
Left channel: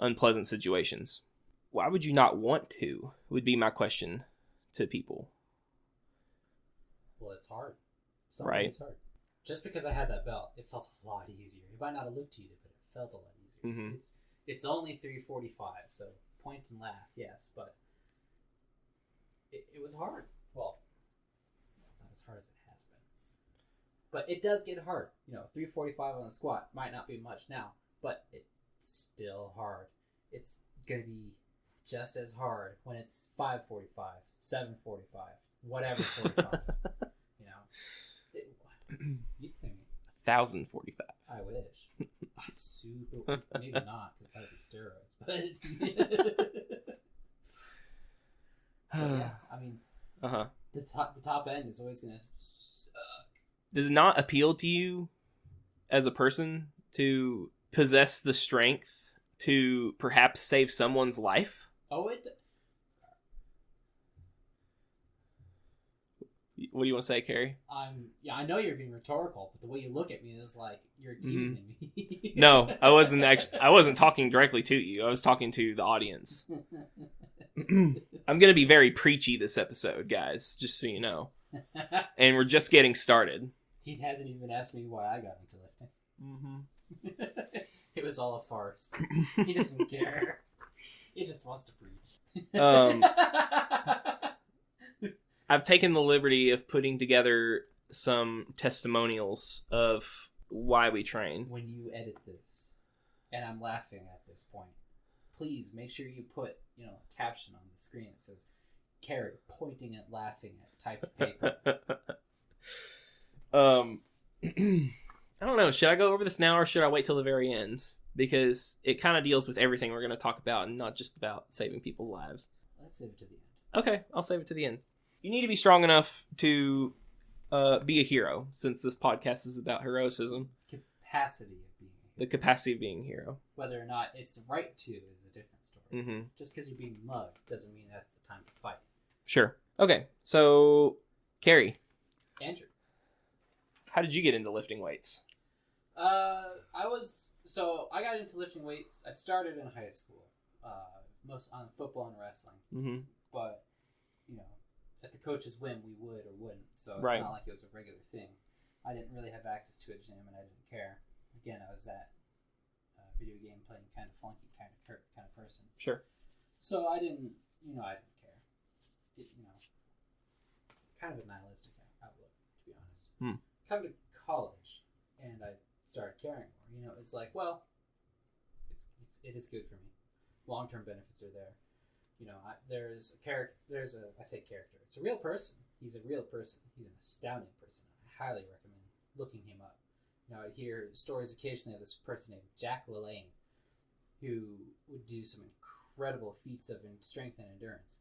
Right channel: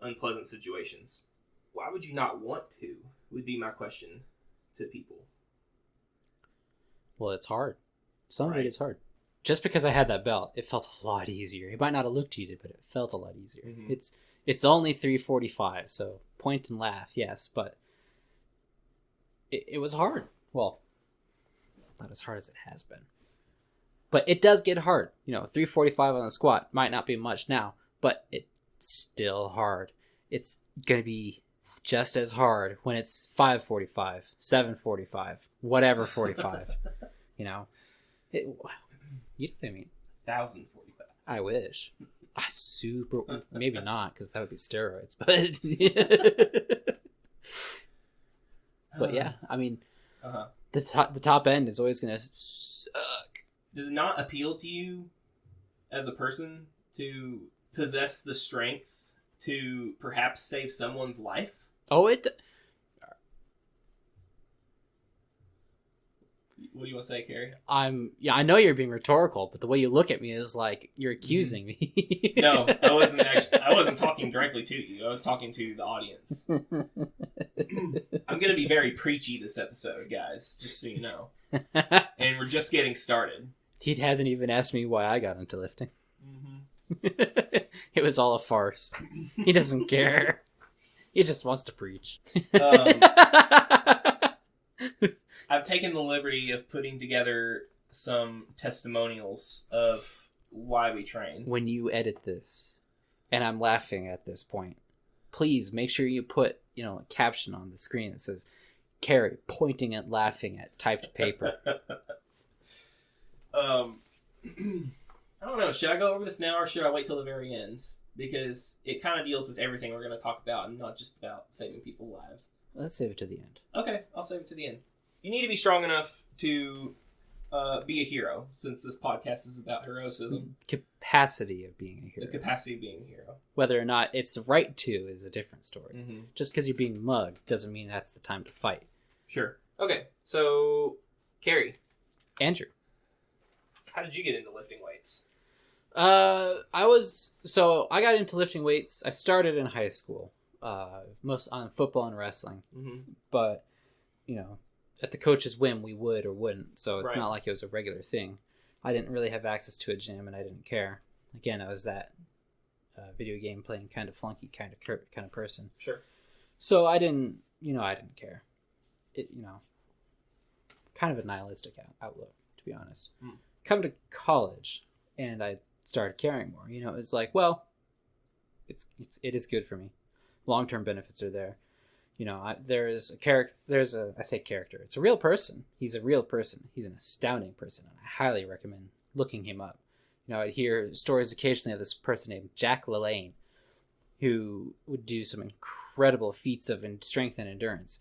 unpleasant situations. Why would you not want to, would be my question to people. Well, it's hard. Some Right. days it's hard. Just because I had that belt, it felt a lot easier. It might not have looked easy, but it felt a lot easier. Mhm. It's only 345, so point and laugh, yes, but it was hard. Well, not as hard as it has been. But it does get hard. 345 on the squat might not be much now, but it's still hard. It's going to be just as hard when it's 545, 745, whatever 45. You know what I mean? 1,045. I wish. Maybe not, because that would be steroids. But yeah, I mean, Uh-huh. the top end is always gonna suck. does not appeal to you as a person to possess the strength to perhaps save someone's life? Oh, What do you want to say, Cary? I know you're being rhetorical, but the way you look at me is like you're accusing me. No, I wasn't talking directly to you. I was talking to the audience. I'm going to be very preachy this episode, guys, just so you know. And we're just getting started. He hasn't even asked me why I got into lifting. Mm-hmm. It was all a farce. He doesn't care. He just wants to preach. I've taken the liberty of putting together some testimonials of why we train. When you edit this, and I'm laughing at this point, please make sure you put, a caption on the screen that says, Cary pointing and laughing at typed paper. I don't know. Should I go over this now or should I wait till the very end? Because it kind of deals with everything we're going to talk about and not just about saving people's lives. Let's save it to the end. Okay, I'll save it to the end. You need to be strong enough to be a hero, since this podcast is about heroism. Capacity of being a hero. The capacity of being a hero. Whether or not it's the right to is a different story. Mm-hmm. Just because you're being mugged doesn't mean that's the time to fight. Sure. Okay, so, Cary. Andrew. How did you get into lifting weights? I got into lifting weights. I started in high school, most on football and wrestling. Mm-hmm. But, at the coach's whim, we would or wouldn't. So it's not like it was a regular thing. I didn't really have access to a gym, and I didn't care. Again, I was that video game playing kind of flunky kind of person. Sure. So I didn't care. It, kind of a nihilistic outlook, to be honest. Come to college, and I started caring more. It's like, well, it is good for me. Long-term benefits are there. There's a character. I say character. It's a real person. He's a real person. He's an astounding person. I highly recommend looking him up. I'd hear stories occasionally of this person named Jack LaLanne, who would do some incredible feats of strength and endurance.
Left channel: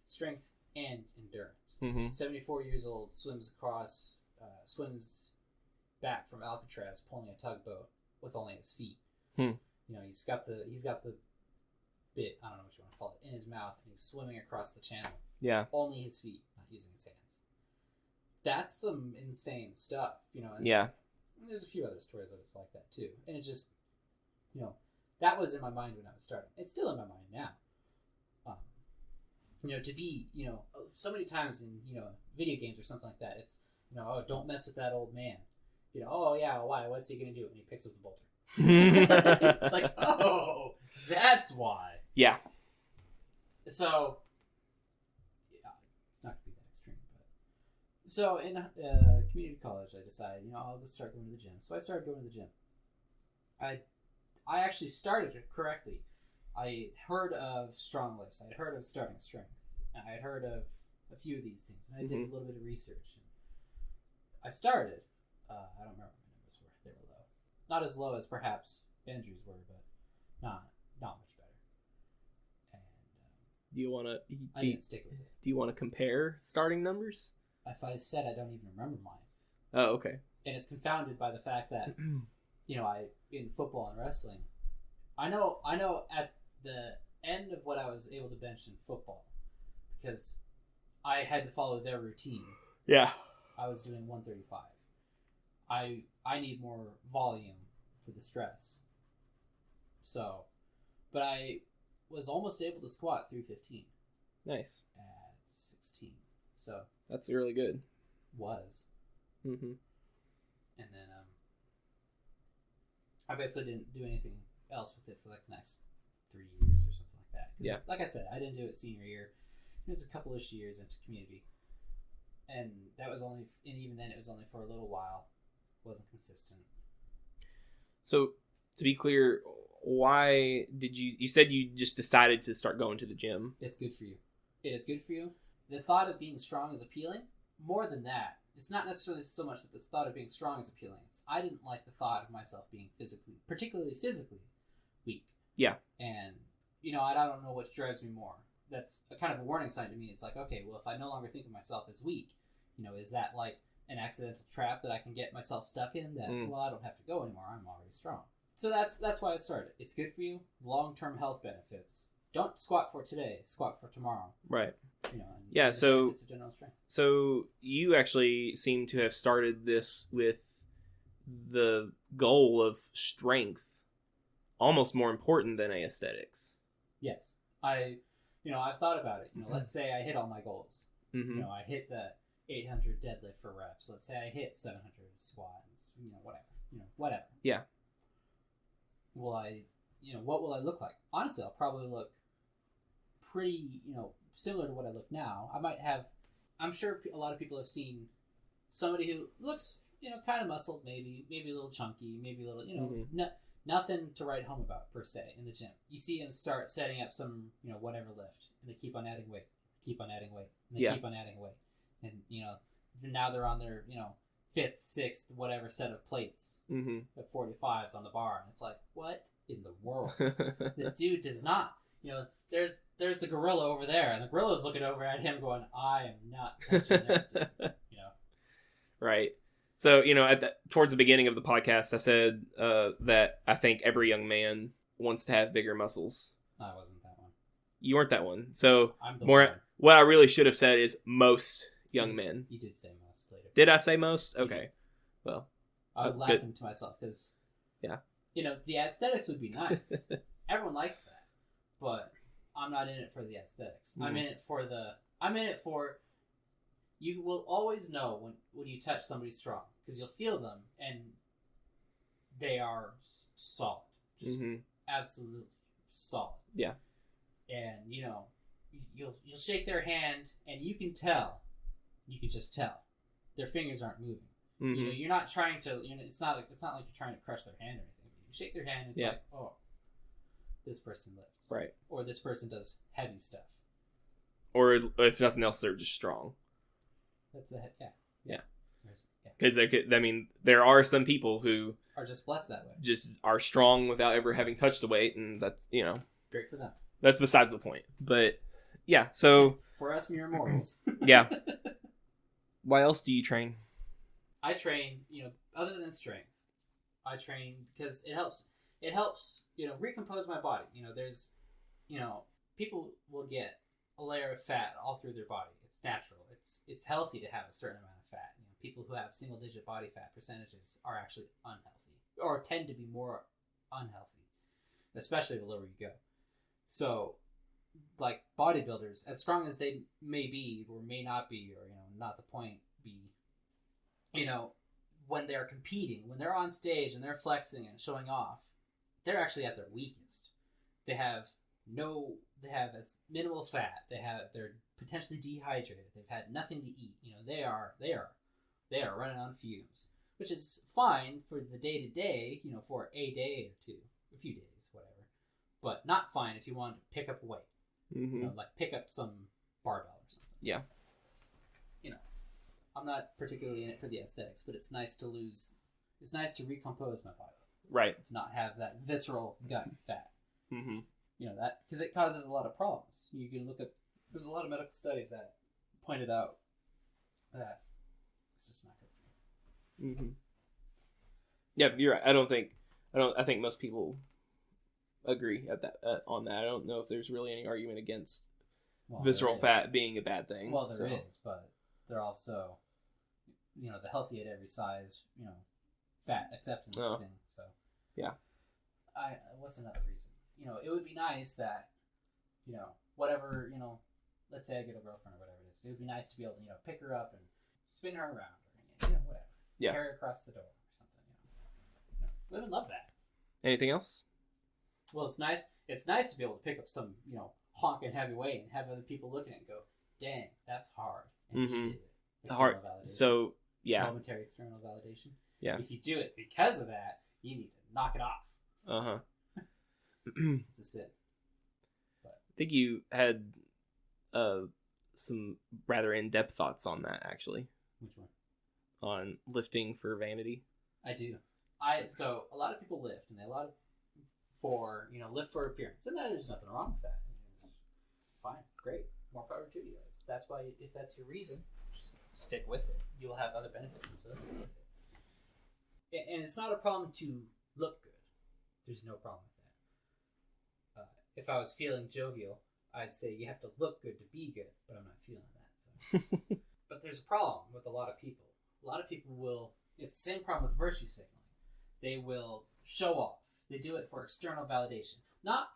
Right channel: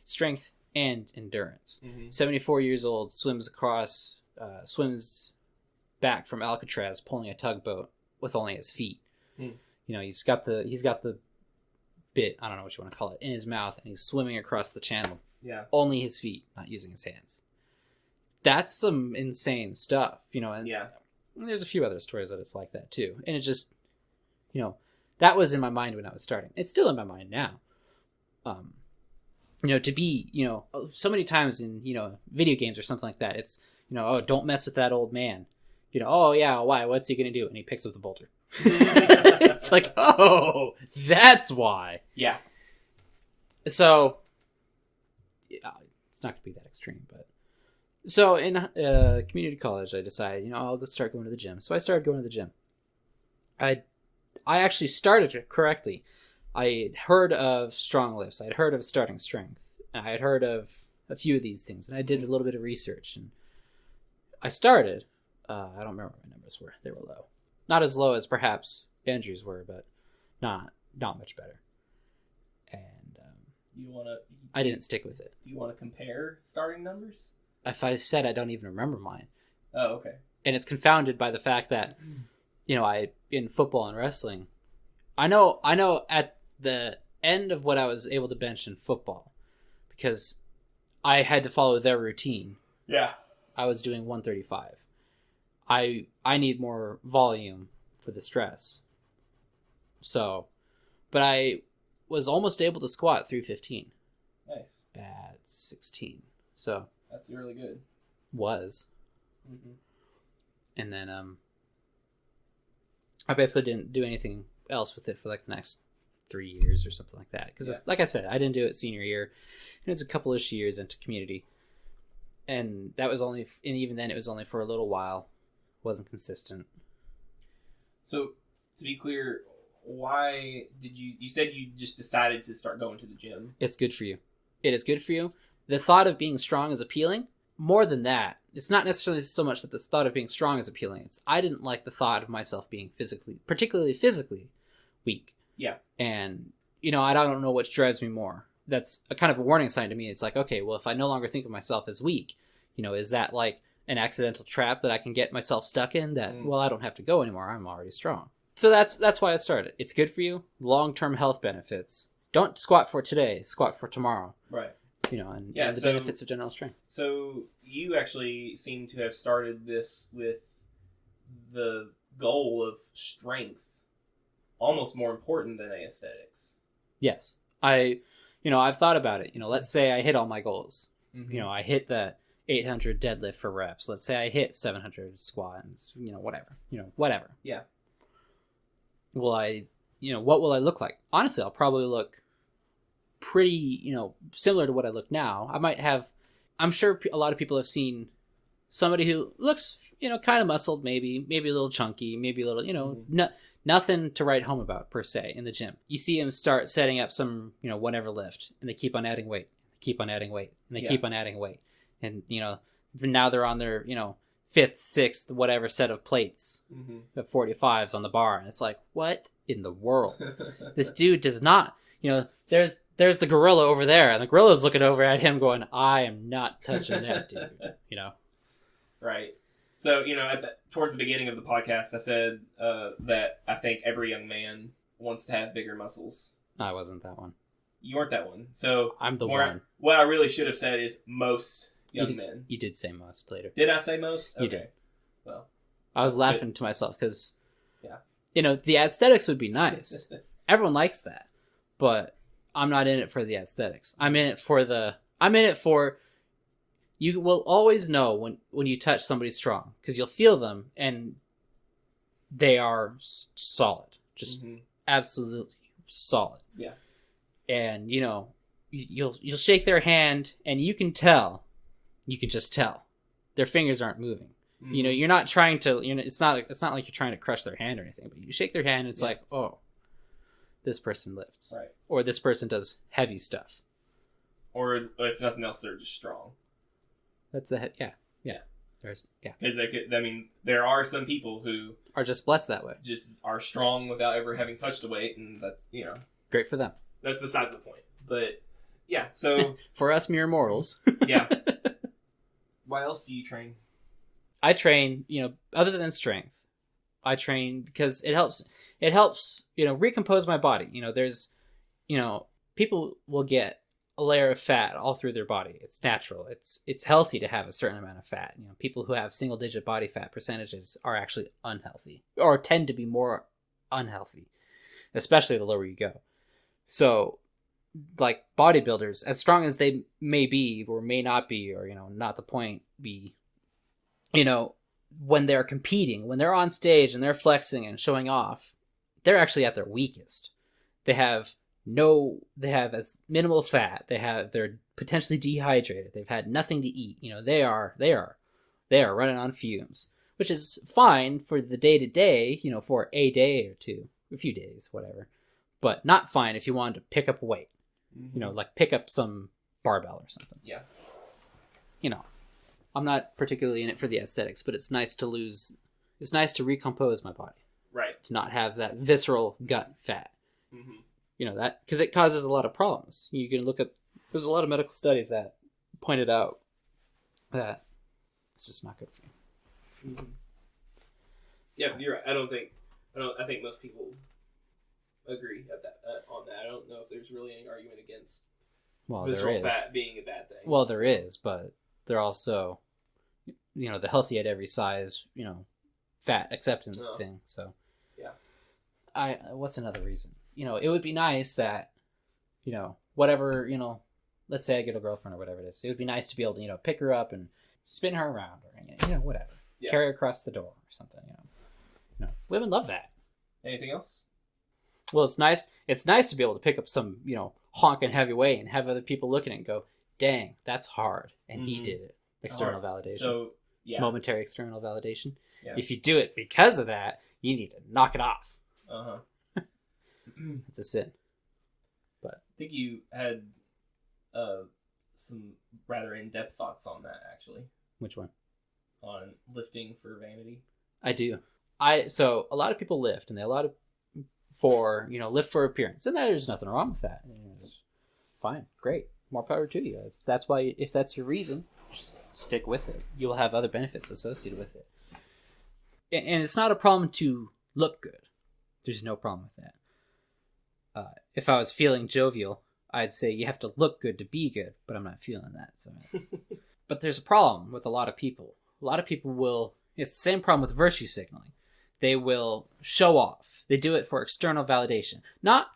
74 years old, swims back from Alcatraz, pulling a tugboat with only his feet. He's got the bit, I don't know what you want to call it, in his mouth, and he's swimming across the channel. Yeah. Only his feet, not using his hands. That's some insane stuff, And yeah. There's a few other stories that it's like that too. And it just, that was in my mind when I was starting. It's still in my mind now. To be, so many times in, video games or something like that, it's, oh, don't mess with that old man. Oh yeah, why? What's he going to do? And he picks up the boulder. It's like, oh, that's why. Yeah. So, it's not going to be that extreme, but. So, in community college, I decided, I'll start going to the gym. So, I started going to the gym. I actually started it correctly. I had heard of strong lifts. I had heard of starting strength. I had heard of a few of these things, and I did a little bit of research. And I started. I don't remember what my numbers were. They were low. Not as low as perhaps Andrew's were, but not much better. And do you want to? I didn't stick with it. Do you want to compare starting numbers? If I said I don't even remember mine. Oh, okay. And it's confounded by the fact that, I in football and wrestling, I know at the end of what I was able to bench in football, because I had to follow their routine. Yeah. I was doing 135. I need more volume for the stress. So, but I was almost able to squat 315. Nice. At 16. So. That's really good. Was. Mm-hmm. And then I basically didn't do anything else with it for like the next 3 years or something like that. Because like I said, I didn't do it senior year. And it was a couple-ish years into community. And that was only, and even then it was only for a little while. Wasn't consistent. So, to be clear, why did you said you just decided to start going to the gym? It's good for you. It is good for you. The thought of being strong is appealing. More than that, it's not necessarily so much that the thought of being strong is appealing. I didn't like the thought of myself being particularly physically weak. Yeah. And, I don't know what drives me more. That's a kind of a warning sign to me. It's like, okay, well, if I no longer think of myself as weak, is that like an accidental trap that I can get myself stuck in that, well, I don't have to go anymore. I'm already strong. So that's why I started. It's good for you. Long-term health benefits. Don't squat for today. Squat for tomorrow. Right. And the benefits of general strength. So you actually seem to have started this with the goal of strength almost more important than aesthetics. Yes. I've thought about it. Let's say I hit all my goals. Mm-hmm. I hit that 800 deadlift for reps. Let's say I hit 700 squats, whatever. Yeah. What will I look like? Honestly, I'll probably look pretty, similar to what I look now. I'm sure a lot of people have seen somebody who looks, kind of muscled, maybe a little chunky, maybe a little, nothing to write home about per se in the gym. You see them start setting up some, whatever lift, and they keep on adding weight, keep on adding weight, and they keep on adding weight. And, now they're on their, fifth, sixth, whatever set of plates, of 45s on the bar. And it's like, what in the world? This dude does not, there's the gorilla over there, and the gorilla's looking over at him going, I am not touching that dude, Right. So, towards the beginning of the podcast, I said that I think every young man wants to have bigger muscles. I wasn't that one. You weren't that one. So I'm the one. What I really should have said is most young men. You did say most later. Did I say most? Okay. You did. Well, I was laughing to myself because, the aesthetics would be nice. Everyone likes that, but I'm not in it for the aesthetics. I'm in it for you will always know when you touch somebody strong because you'll feel them and they are solid, just absolutely solid. Yeah. And you'll shake their hand and you can just tell their fingers aren't moving. You're not trying to, it's not like you're trying to crush their hand or anything, but you shake their hand and it's like, oh, this person lifts. Right. Or this person does heavy stuff. Or if nothing else, they're just strong. That's the yeah. Because there are some people who are just blessed that way. Just are strong without ever having touched a weight, and that's great for them. That's besides the point. But yeah, so for us mere mortals, yeah. Why else do you train? I train, other than strength, I train because it helps, recompose my body. There's, people will get a layer of fat all through their body. It's natural. It's healthy to have a certain amount of fat. People who have single digit body fat percentages are actually unhealthy or tend to be more unhealthy, especially the lower you go. So like bodybuilders, as strong as they may be or may not be, or, not the point be, when they're competing, when they're on stage and they're flexing and showing off, they're actually at their weakest. They have as minimal fat. They're potentially dehydrated. They've had nothing to eat. They are running on fumes, which is fine for the day to day, for a day or two, a few days, whatever, but not fine if you wanted to pick up weight, like pick up some barbell or something. Yeah. I'm not particularly in it for the aesthetics, but it's nice to recompose my body. Right. To not have that visceral gut fat. That because it causes a lot of problems. You can look at, there's a lot of medical studies that pointed out that it's just not good for you. Yeah, you're right. I think most people agree on that. I don't know if there's really any argument against visceral fat being a bad thing. Well, there is, but they're also, the healthy at every size, fat acceptance thing. So yeah, what's another reason? It would be nice that, whatever, let's say I get a girlfriend or whatever it is. It would be nice to be able to, pick her up and spin her around or, whatever. Yeah. Carry her across the door or something, Women love that. Anything else? Well, it's nice. It's nice to be able to pick up some, honking heavy weight and have other people looking at it and go, dang, that's hard. And he did it. External validation. So, yeah. Momentary external validation. Yeah. If you do it because of that, you need to knock it off. It's a sin. But I think you had some rather in-depth thoughts on that, actually. Which one? On lifting for vanity. I do. So a lot of people lift, and they lift for appearance, and there's nothing wrong with that. It's fine, great, more power to you. That's why, if that's your reason, stick with it. You'll have other benefits associated with it. And it's not a problem to look good. There's no problem with that. If I was feeling jovial, I'd say you have to look good to be good, but I'm not feeling that. So, but there's a problem with a lot of people. A lot of people will. It's the same problem with virtue signaling. They will show off. They do it for external validation. Not,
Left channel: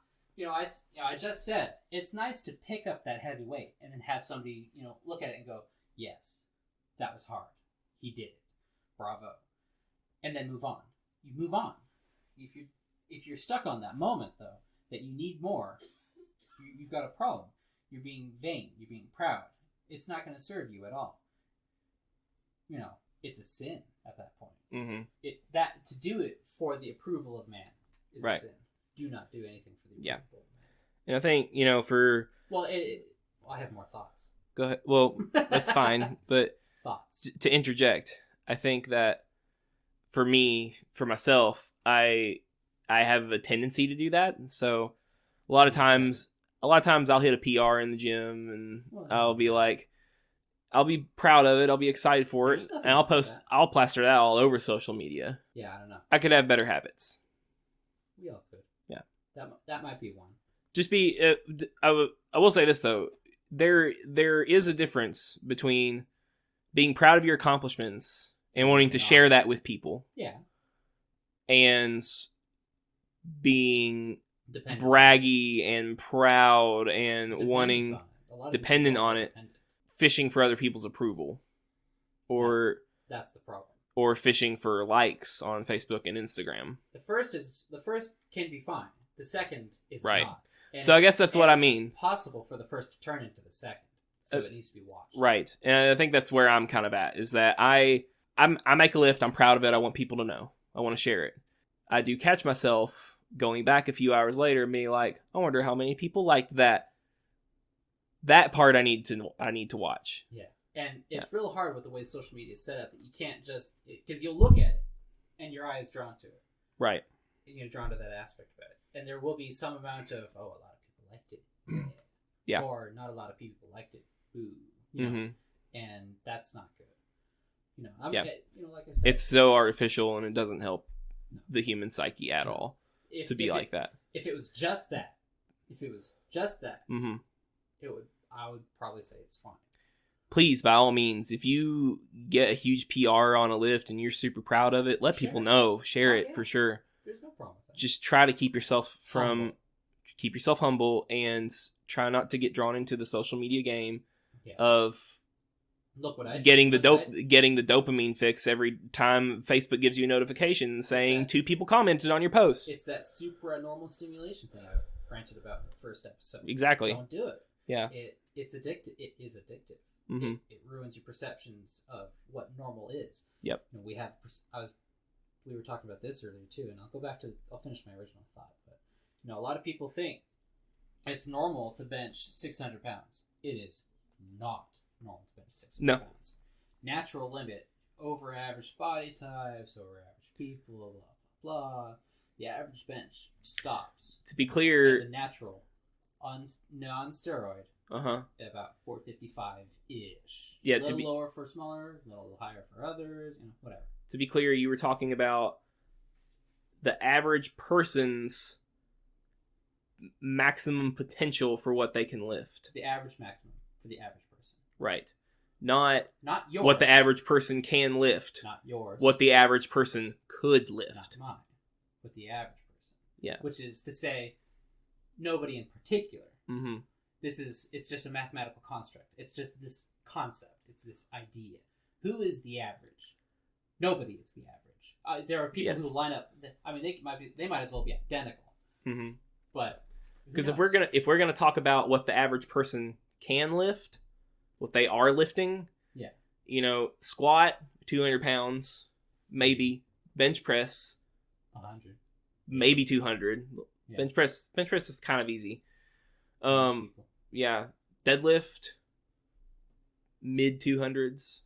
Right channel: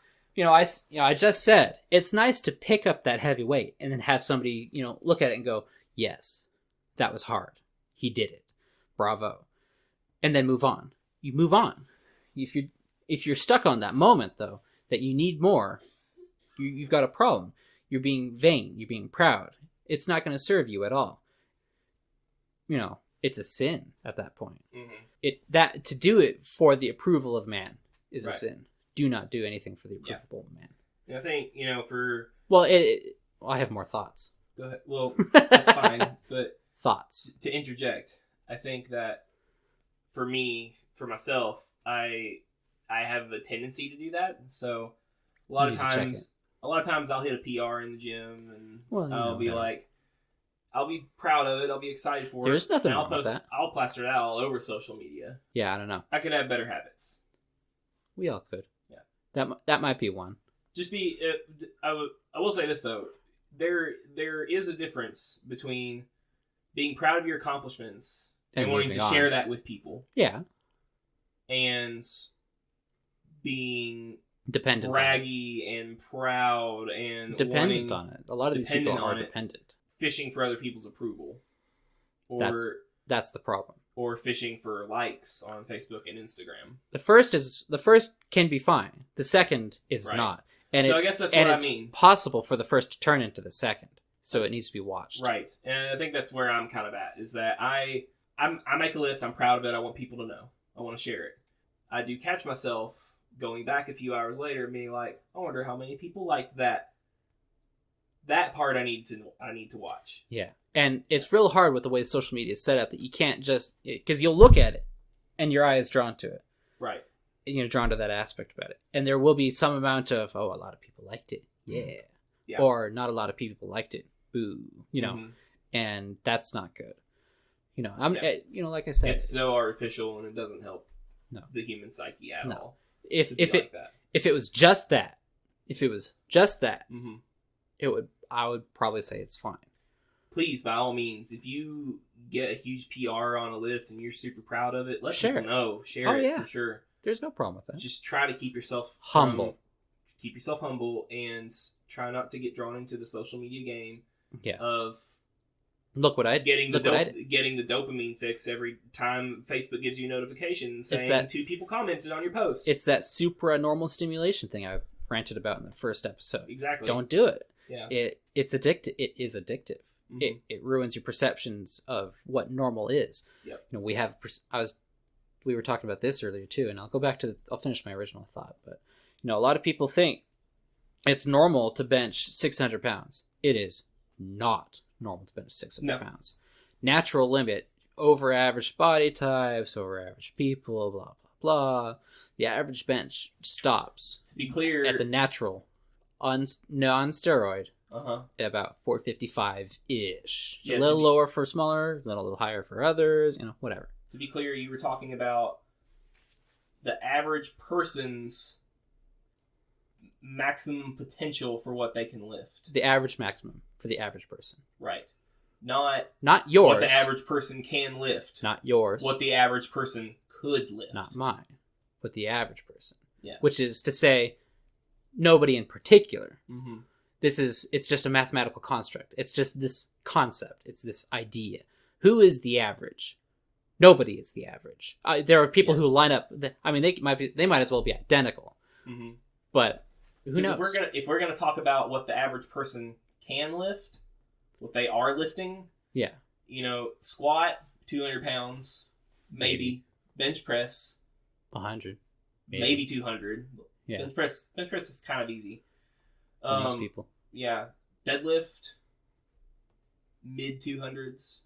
I just said it's nice to pick up that heavy weight and then have somebody, look at it and go, yes, that was hard. He did it. Bravo. And then move on. You move on. If you're stuck on that moment though, that you need more, you've got a problem. You're being vain. You're being proud. It's not going to serve you at all. It's a sin at that point. Mm-hmm. To do it for the approval of man is a sin. Do not do anything for the approval of man. And I think I have more thoughts. Go ahead. Well, that's fine. But thoughts to interject, I think that for myself, I have a tendency to do that. So a lot of times I'll hit a PR in the gym and I'll be like, I'll be proud of it. I'll be excited for There's it. Nothing and I'll plaster that all over social media. Yeah, I don't know. I could have better habits. We all could. Yeah. That might be one. Just be, I will say this though. There is a difference between being proud of your accomplishments and wanting to share that with people. Yeah. And being dependent, braggy and proud and dependent on it. A lot of dependent people are on it, dependent. Fishing for other people's approval, or that's the problem. Or fishing for likes on Facebook and Instagram. The first can be fine. The second is not. And so I guess that's what I mean. It's possible for the first to turn into the second, so it needs to be watched. Right, and I think that's where I'm kind of at. Is that I make a lift. I'm proud of it. I want people to know. I want to share it. I do catch myself going back a few hours later and being like, I wonder how many people liked that. That part I need to watch. Yeah. And it's real hard with the way social media is set up that you can't just, because you'll look at it and your eye is drawn to it. Right. Drawn to that aspect about it. And there will be some amount of, a lot of people liked it. Yeah. Yeah. Or not a lot of people liked it. Boo. Mm-hmm. And that's not good. Like I said. It's so artificial and it doesn't help the human psyche at all. If like that. If it was just that, mm-hmm. I would probably say it's fine. Please, by all means, if you get a huge PR on a lift and you're super proud of it, let people know. Share it for sure. There's no problem with that. Just try to keep yourself humble. Keep yourself humble and try not to get drawn into the social media game of look what I did. Getting the dopamine fix every time Facebook gives you a notification saying 2 people commented on your post. It's that supranormal stimulation thing I ranted about in the first episode. Exactly. Don't do it. Yeah. It's addictive. It is addictive. Mm-hmm. It ruins your perceptions of what normal is. Yep. We were talking about this earlier too, and I'll finish my original thought, but a lot of people think it's normal to bench 600 pounds. It is not normal to bench 600 pounds. Natural limit, over average body types, over average people, blah, blah, blah. The average bench stops. To be clear, at the natural, non-steroid, at about 455-ish. Yeah, a little lower for smaller, then a little higher for others, whatever. To be clear, you were talking about the average person's maximum potential for what they can lift. The average maximum for the average person. Right. Not yours. What the average person can lift. Not yours. What the average person could lift. Not mine. But the average person. Yeah. Which is to say, nobody in particular. Mm-hmm. It's just a mathematical construct. It's just this concept. It's this idea. Who is the average? Nobody is the average. There are people who line up. They might as well be identical. Mm-hmm. But who knows? If we're gonna talk about what the average person can lift, what they are lifting. Yeah. Squat 200 pounds, maybe. Bench press 100, maybe 200. Yeah. Bench press is kind of easy. Most people. Yeah. Deadlift mid 200s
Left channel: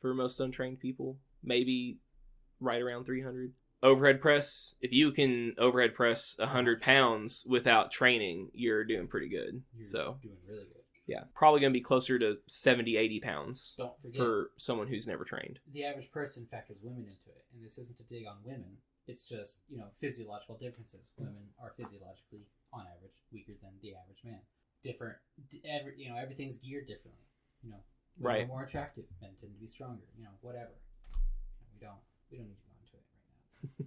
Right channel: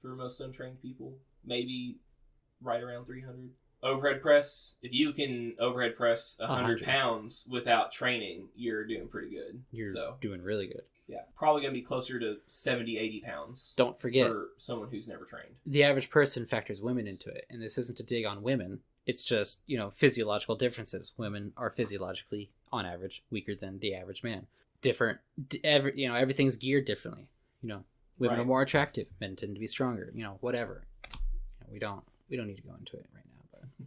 for most untrained people. Maybe right around 300. Overhead press, if you can overhead press 100 pounds without training, you're doing pretty good. You're doing really good. Yeah, probably going to be closer to 70, 80 pounds. Don't forget, for someone who's never trained. The average person factors women into it, and this isn't to dig on women. It's just, physiological differences. Women are physiologically, on average, weaker than the average man. Everything's geared differently. Women are more attractive. Men tend to be stronger. Whatever. We don't need to go into it right now. But.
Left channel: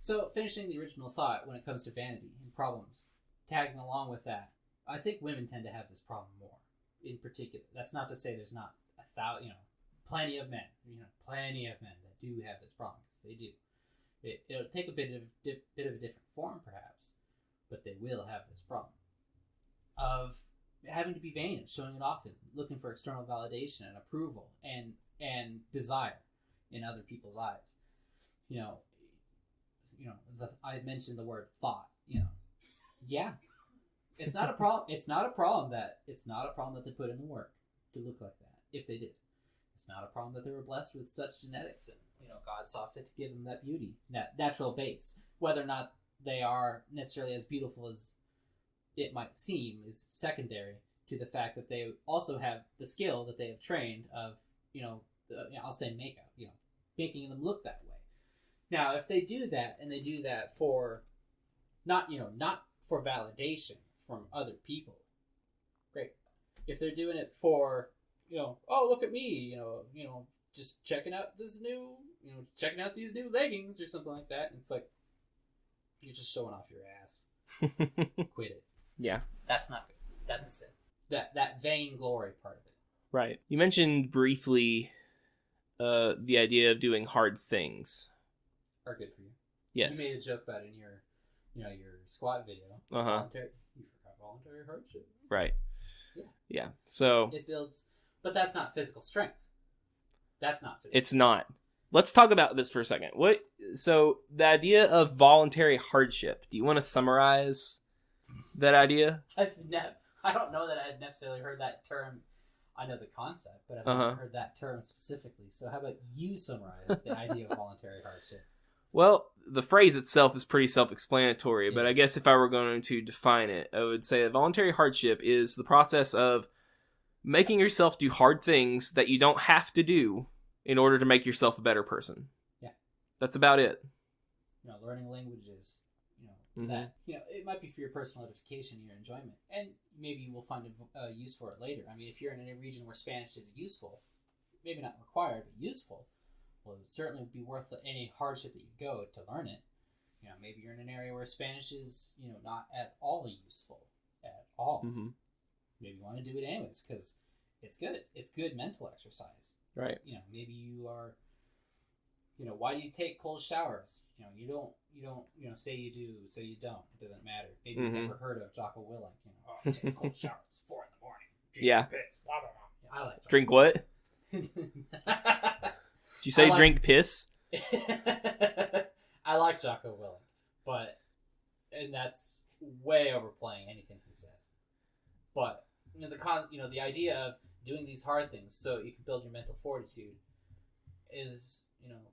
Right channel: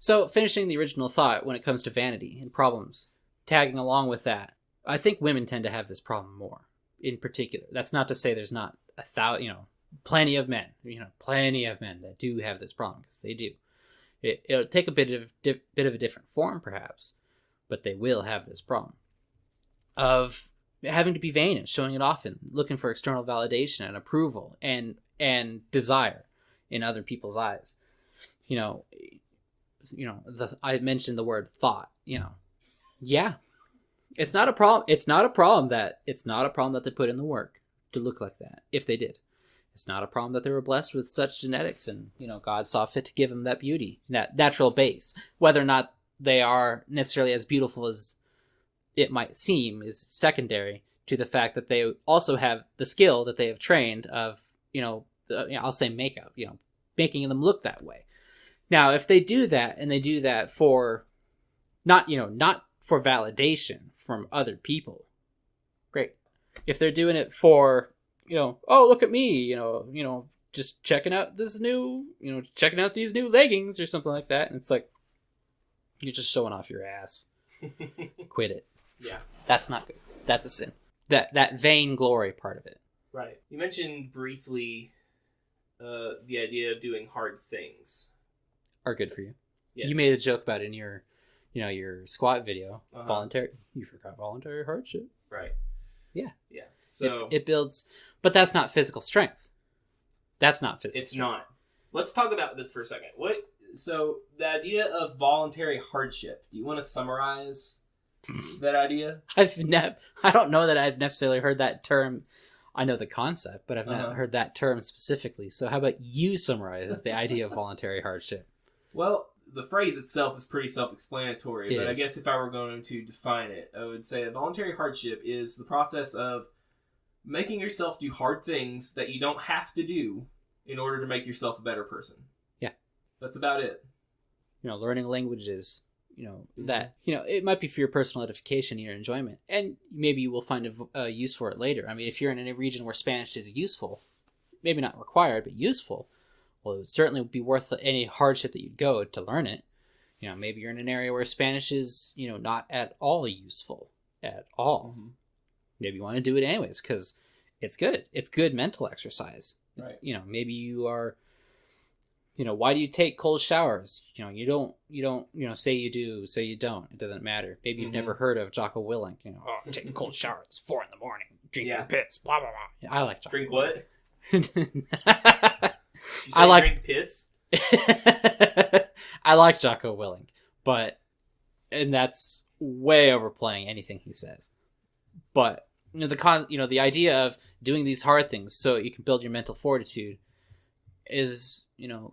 So, finishing the original thought when it comes to vanity and problems, tagging along with that, I think women tend to have this problem more, in particular. That's not to say there's not plenty of men, that do have this problem, because they do. It'll take a bit of a different form, perhaps, but they will have this problem of having to be vain and showing it off and looking for external validation and approval and desire in other people's eyes. I mentioned the word thought. Yeah, it's not a problem. It's not a problem that they put in the work to look like that. If they did. It's not a problem that they were blessed with such genetics and, God saw fit to give them that beauty, that natural base. Whether or not they are necessarily as beautiful as it might seem is secondary to the fact that they also have the skill that they have trained of, I'll say makeup, making them look that way. Now, if they do that and they do that for not for validation from other people, great. If they're doing it for oh, look at me, just checking out these new leggings or something like that. And it's like, you're just showing off your ass. Quit it. Yeah. That's not good. That's a sin. That vain glory part of it. Right. You mentioned briefly the idea of doing hard things. Are good for you. Yes. You made a joke about it in your squat video. Uh-huh. You forgot voluntary hardship. Right. Yeah. Yeah. So it builds, but that's not physical strength. That's not physical. It's not. Let's talk about this for a second. So the idea of voluntary hardship, do you want to summarize that idea? I don't know that I've necessarily heard that term. I know the concept, but I've not heard that term specifically. So how about you summarize the idea of voluntary hardship? Well, the phrase itself is pretty self-explanatory, but I is. guess if I were going to define it, I would say that voluntary hardship is the process of making yourself do hard things that you don't have to do in order to make yourself a better person. Yeah. That's about it. Learning languages, that, it might be for your personal edification and your enjoyment, and maybe you will find a use for it later. I mean, if you're in a region where Spanish is useful, maybe not required, but useful, well, it would certainly be worth any hardship that you'd go to learn it. Maybe you're in an area where Spanish is, not at all useful at all. Mm-hmm. Maybe you want to do it anyways because it's good. It's good mental exercise. Right. Maybe you are, why do you take cold showers? You don't, say you do, say you don't. It doesn't matter. Maybe you've never heard of Jocko Willink. Taking cold showers, 4 a.m, drinking piss, blah, blah, blah. I like Jocko. Drink what? Did you say drink piss? I like Jocko Willink, and that's way overplaying anything he says. But the idea of doing these hard things so you can build your mental fortitude is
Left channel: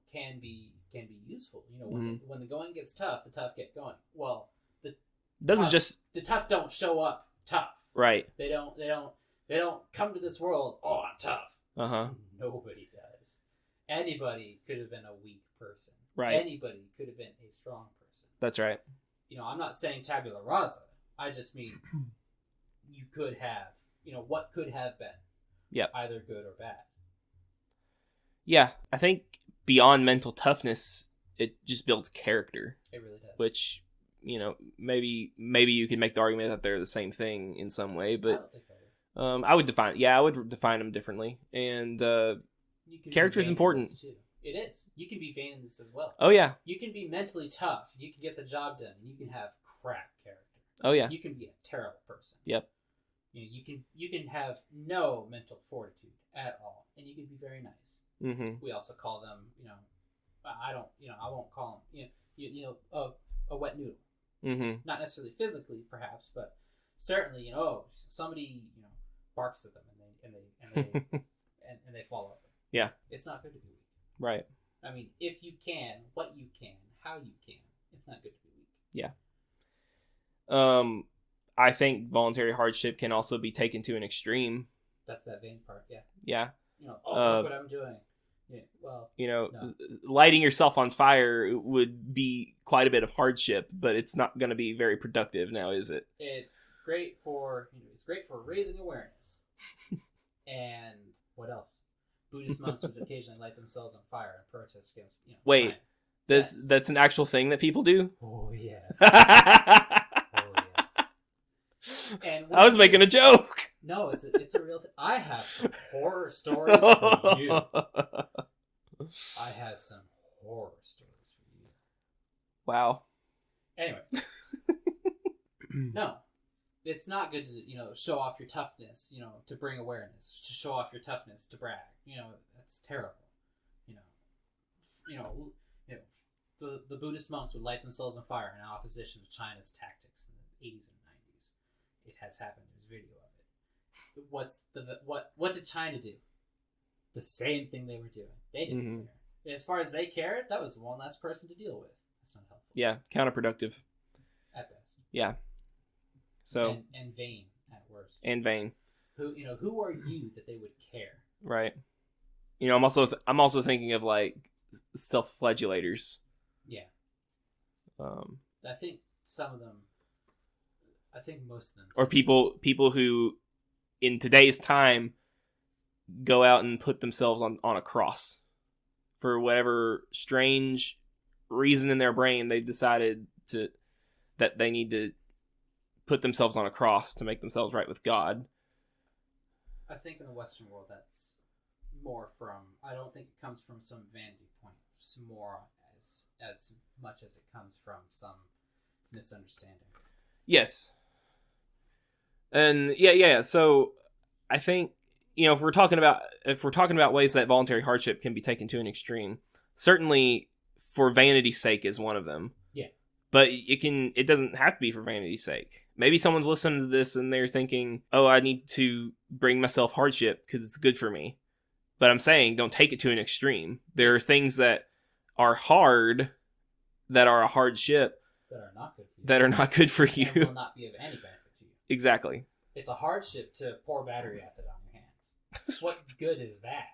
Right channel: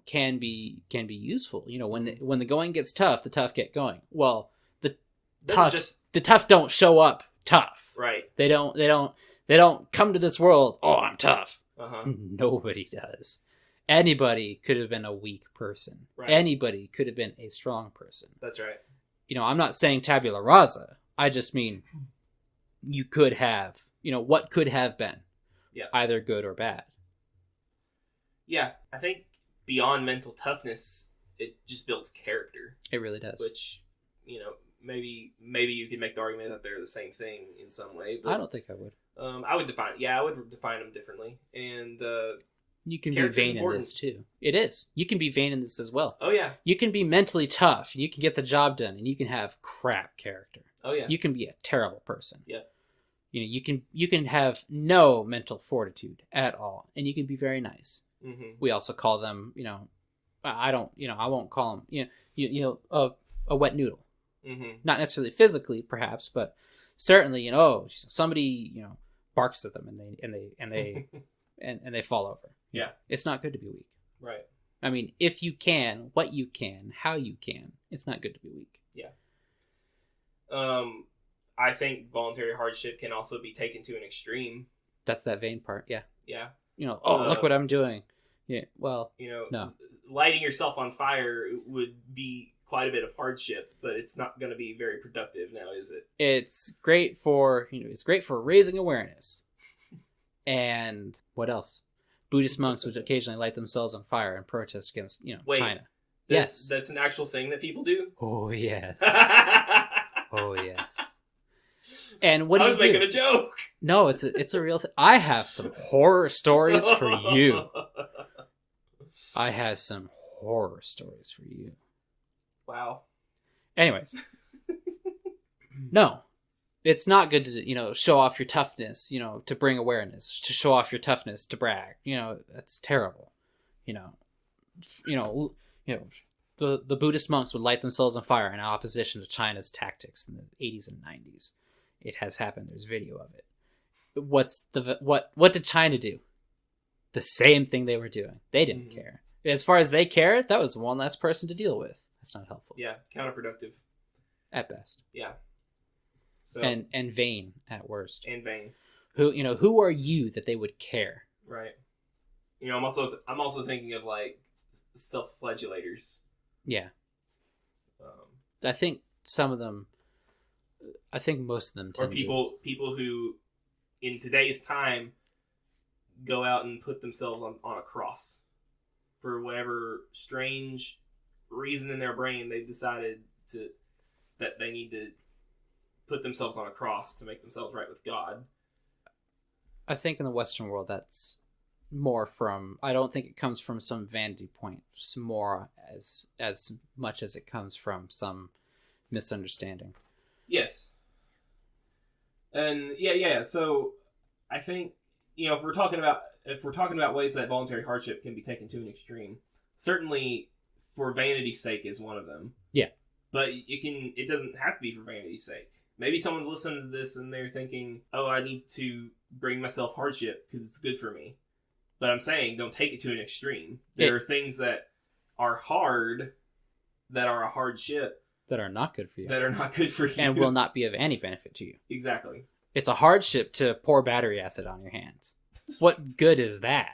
can be useful. When the going gets tough, the tough get going. Well, the tough don't show up tough. Right. They don't come to this world. Oh, I'm tough. Nobody does. Anybody could have been a weak person. Right. Anybody could have been a strong person. That's right. I'm not saying tabula rasa. I just mean you could have, what could have been. Yeah. Either good or bad. Yeah. I think beyond mental toughness, it just builds character. It really does. Which, maybe you could make the argument that they're the same thing in some way, but I don't think I would. I would define them differently. And character is important too. It is. You can be vain in this as well. Oh yeah. You can be mentally tough. You can get the job done, and you can have crap character. Oh yeah. You can be a terrible person. Yep. You can have no mental fortitude at all, and you can be very nice. Mm-hmm. We also call them, I won't call them, a wet noodle. Mm-hmm. Not necessarily physically, perhaps, but certainly, somebody, barks at them and they fall over. Yeah. It's not good to be weak. Right. I mean, if you can, what you can, how you can, it's not good to be weak. Yeah. I think voluntary hardship can also be taken to an extreme. That's that vain part. Yeah. Yeah. Look what I'm doing. Yeah. Well, no. Lighting yourself on fire would be quite a bit of hardship, but it's not going to be very productive now, is it? It's great for raising awareness. And what else? Buddhist monks would occasionally light themselves on fire and protest against, China. That's an actual thing that people do? Oh, yes. Oh, yes. And I was making a joke. No, it's a real thing. I have some horror stories for you. Wow. Anyways. No. It's not good to, show off your toughness, to bring awareness, to show off your toughness, to brag. That's terrible. The Buddhist monks would light themselves on fire in opposition to China's tactics in the 80s and 90s. It has happened. There's video of it. What did China do? The same thing they were doing. They didn't care. As far as they cared, that was one less person to deal with. That's not helpful. Yeah, counterproductive. At best. Yeah. So and vain at worst. And vain. Who are you that they would care? Right. I'm also thinking of like self-flagellators. Yeah. I think some of them. I think most of them. Or people who, in today's time, go out and put themselves on a cross for whatever strange reason in their brain. They've decided that they need to put themselves on a cross to make themselves right with God. I think in the Western world that's more from, I don't think it comes from some vanity point, it's more as much as it comes from some misunderstanding. Yes. And yeah. So I think, if we're talking about ways that voluntary hardship can be taken to an extreme, certainly for vanity's sake is one of them. Yeah. But it doesn't have to be for vanity's sake. Maybe someone's listening to this and they're thinking, oh, I need to bring myself hardship because it's good for me. But I'm saying, don't take it to an extreme. There are things that are hard, that are a hardship. That are not good for you. That are not good for you. And will not be of any benefit to you. Exactly. It's a hardship to pour battery acid on your hands. What good is that?